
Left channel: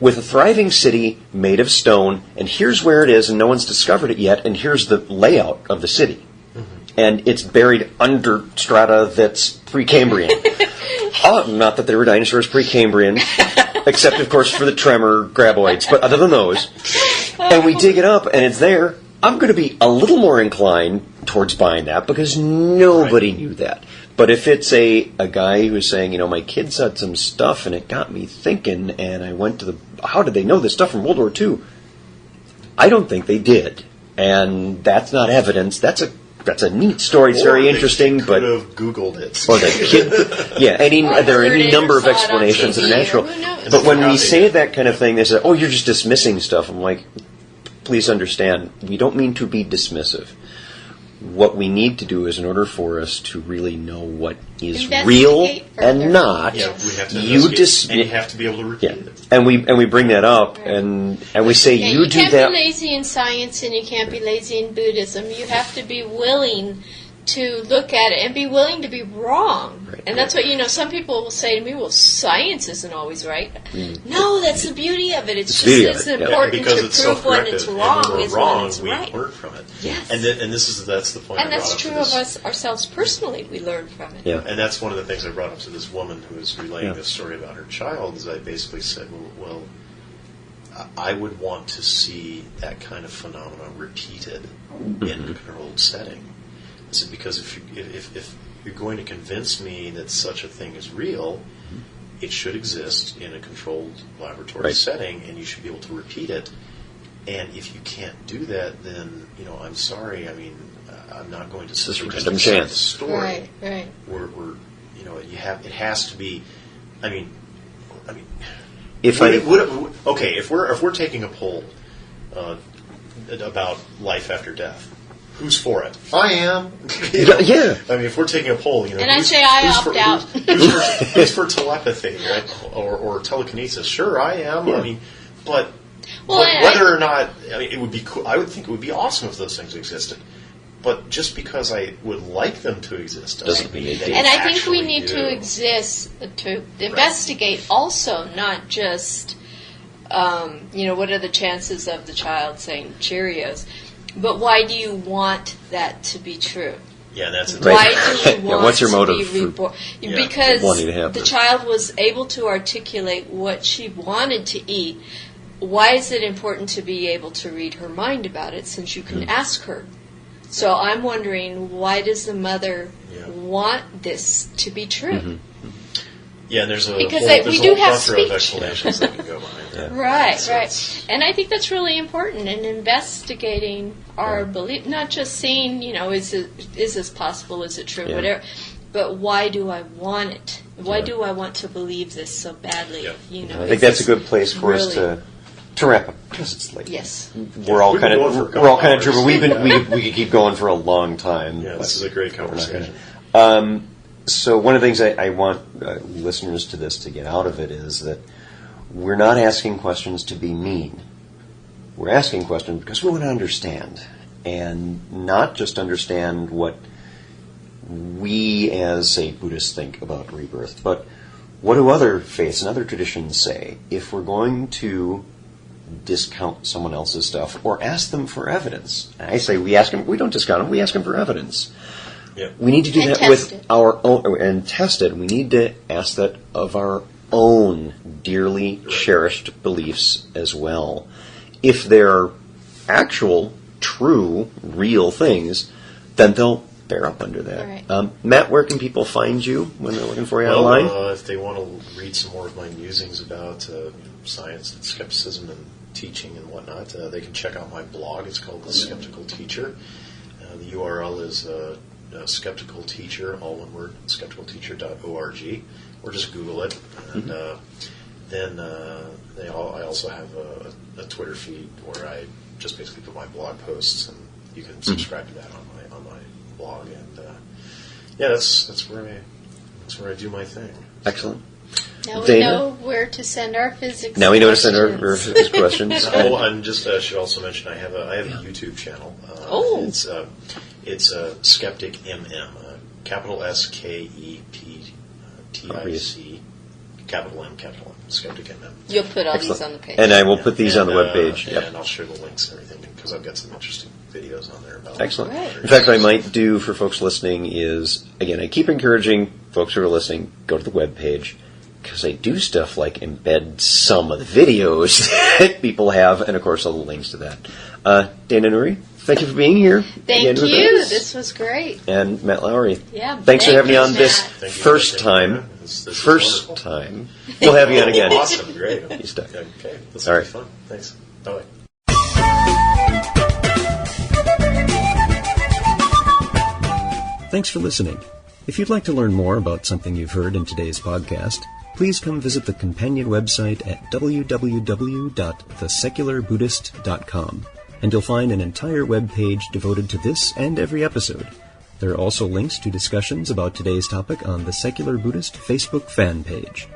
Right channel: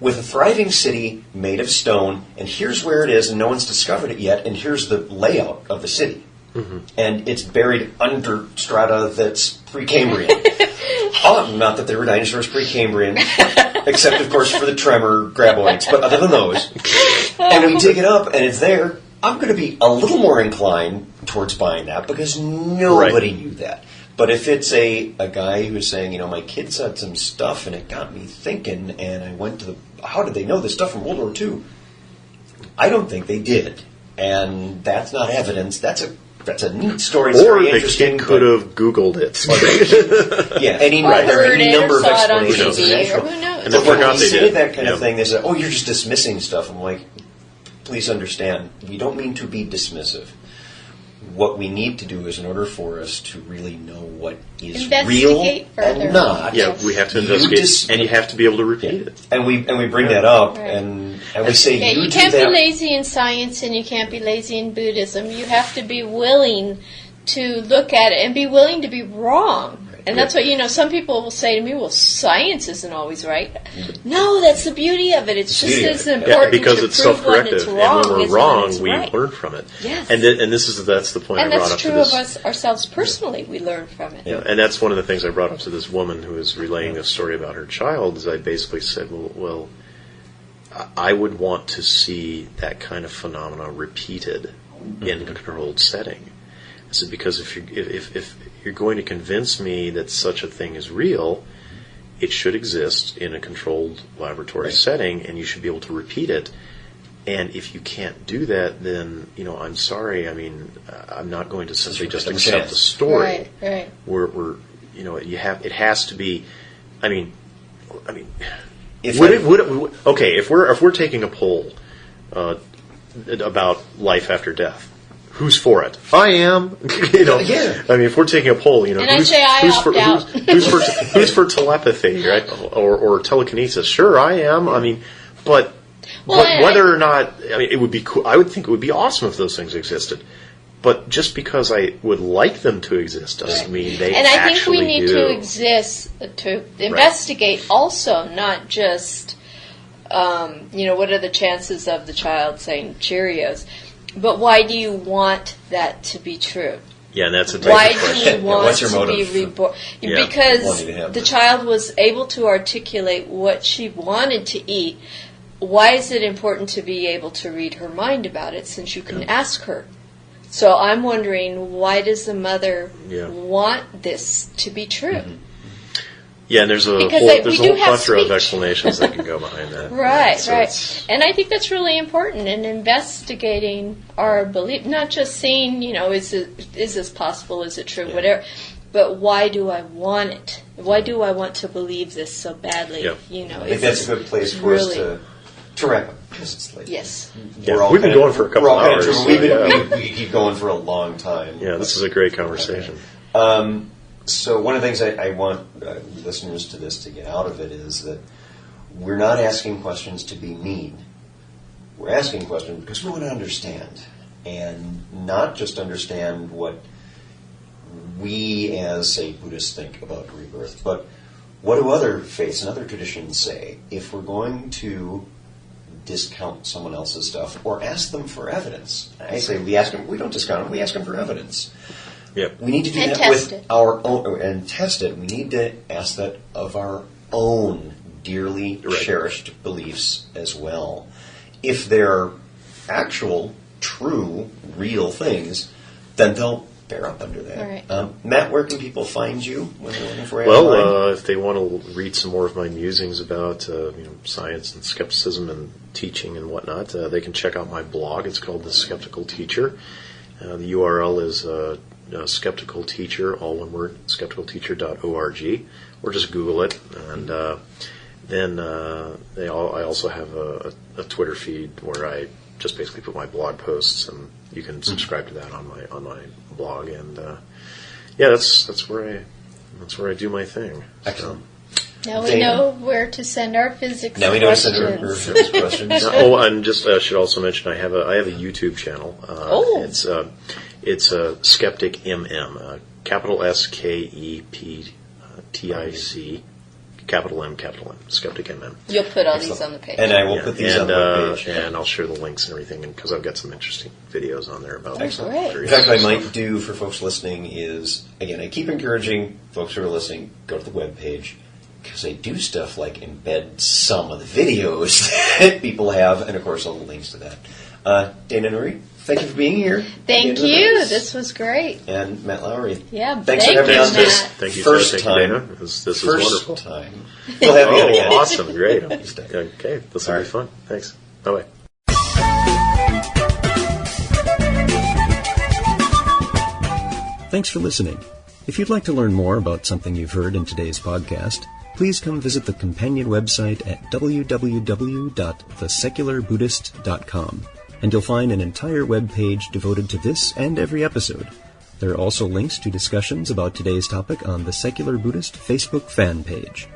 with a thriving city made of stone, and here's where it is, and no one's discovered it yet, and here's the layout of the city. And it's buried under strata that's Precambrian. Not that there were dinosaurs Precambrian, except, of course, for the tremor graboids, but other than those. And we dig it up, and it's there. I'm going to be a little more inclined towards buying that because nobody knew that. But if it's a guy who's saying, my kid said some stuff and it got me thinking, and I went to how did they know this stuff from World War II? I don't think they did. And that's not evidence. That's a neat story. It's very interesting. Could have Googled it. There are any number of explanations. Natural. Who knows? But when we say that kind of thing, they say, "Oh, you're just dismissing stuff." I'm like, please understand, we don't mean to be dismissive. What we need to do is, in order for us to really know what is real and not, we have to investigate, and you have to be able to repeat it. And we bring that up, and we say you can't be lazy in science, and you can't be lazy in Buddhism. You have to be willing to look at it and be willing to be wrong. Right. And that's what, some people will say to me, well, science isn't always right. No, that's the beauty of it. It's just as important to prove when it's wrong as when it's right. We learn from it. Yes. And that's the point and I brought up. And that's true of us ourselves personally. We learn from it. Yeah. And that's one of the things I brought up to this woman who was relaying this story about her child, is I basically said, well, I would want to see that kind of phenomena repeated in a controlled setting. I said, because if you're going to convince me that such a thing is real, it should exist in a controlled laboratory setting, and you should be able to repeat it. And if you can't do that, then I'm sorry. I mean, I'm not going to simply just accept the story. Right. It has to be. I mean, if we're taking a poll about life after death. Who's for it? I am. Yeah. I mean, if we're taking a poll, and I say I opt out. Who's for telepathy, right? Or telekinesis? Sure, I am. Yeah. I mean, but whether or not, it would be cool. I would think it would be awesome if those things existed. But just because I would like them to exist doesn't mean they. And I think we need to investigate also, not just, what are the chances of the child saying Cheerios. But why do you want that to be true? Yeah, and that's why do you want what's your to motive be reborn? Because the child was able to articulate what she wanted to eat. Why is it important to be able to read her mind about it, since you can ask her? So I'm wondering, why does the mother want this to be true? Mm-hmm. Yeah, and there's a plethora of explanations that can go behind that. Right. And I think that's really important in investigating our belief, not just seeing, is this possible, is it true, whatever, but why do I want it? Why do I want to believe this so badly? Yeah. I think that's a good place for us to wrap up, because it's late. Yes. We're all kind of driven. We could keep going for a long time. Yeah, this is a great conversation. So one of the things I want listeners to this to get out of it is that we're not asking questions to be mean. We're asking questions because we want to understand, and not just understand what we as, say, Buddhists think about rebirth, but what do other faiths and other traditions say? If we're going to discount someone else's stuff or ask them for evidence, I say we don't discount them, we ask them for evidence. Yeah. We need to do that with our own, and test it. We need to ask that of our own dearly cherished beliefs as well. If they're actual, true, real things, then they'll bear up under that. Right. Matt, where can people find you when they're looking for you online? Well, if they want to read some more of my musings about science and skepticism and teaching and whatnot, they can check out my blog. It's called The Skeptical Teacher. The URL is Skeptical Teacher, all one word, skepticalteacher.org, or just Google it. And then I also have a Twitter feed where I just basically put my blog posts, and you can subscribe to that on my blog. And that's where That's where I do my thing. Excellent. Now we Dana? know where to send our physics Now we know to questions. send our physics questions. Oh, and just should also mention I have a YouTube channel. It's Skeptic MM, capital SKEPTIC, capital M, Skeptic MM. You'll put all Excellent. these on the page. And I will put these on the webpage. And I'll share the links and everything because I've got some interesting videos on there about Excellent. Great. In fact, what I might do for folks listening is, again, I keep encouraging folks who are listening, go to the webpage, because I do stuff like embed some of the videos that people have, and of course all the links to that. Dana Nourie, thank you for being here. Thank Again with you. us. This was great. And Matt Lowry. Yeah, Thanks for thank having me you, on this Matt. Thank you, first Dana. time. This is First wonderful. time. We'll have you on again. Awesome, great. He's done. Okay, this All will right. be fun. Thanks. Bye-bye. Thanks for listening. If you'd like to learn more about something you've heard in today's podcast, please come visit the companion website at www.thesecularbuddhist.com, and you'll find an entire web page devoted to this and every episode. There are also links to discussions about today's topic on the Secular Buddhist Facebook fan page.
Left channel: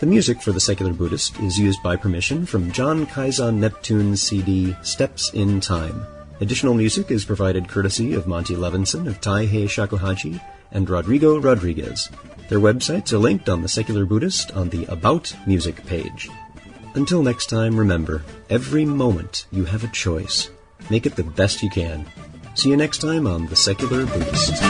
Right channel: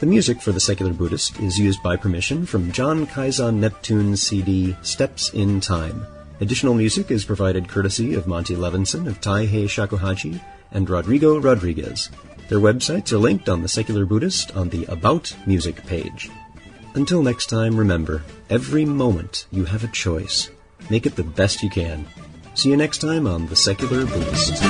The music for the Secular Buddhist is used by permission from John Kaizan Neptune's CD Steps in Time. Additional music is provided courtesy of Monty Levinson of Taihei Shakuhachi and Rodrigo Rodriguez. Their websites are linked on the Secular Buddhist on the About Music page. Until next time, remember, every moment you have a choice. Make it the best you can. See you next time on the Secular Buddhist.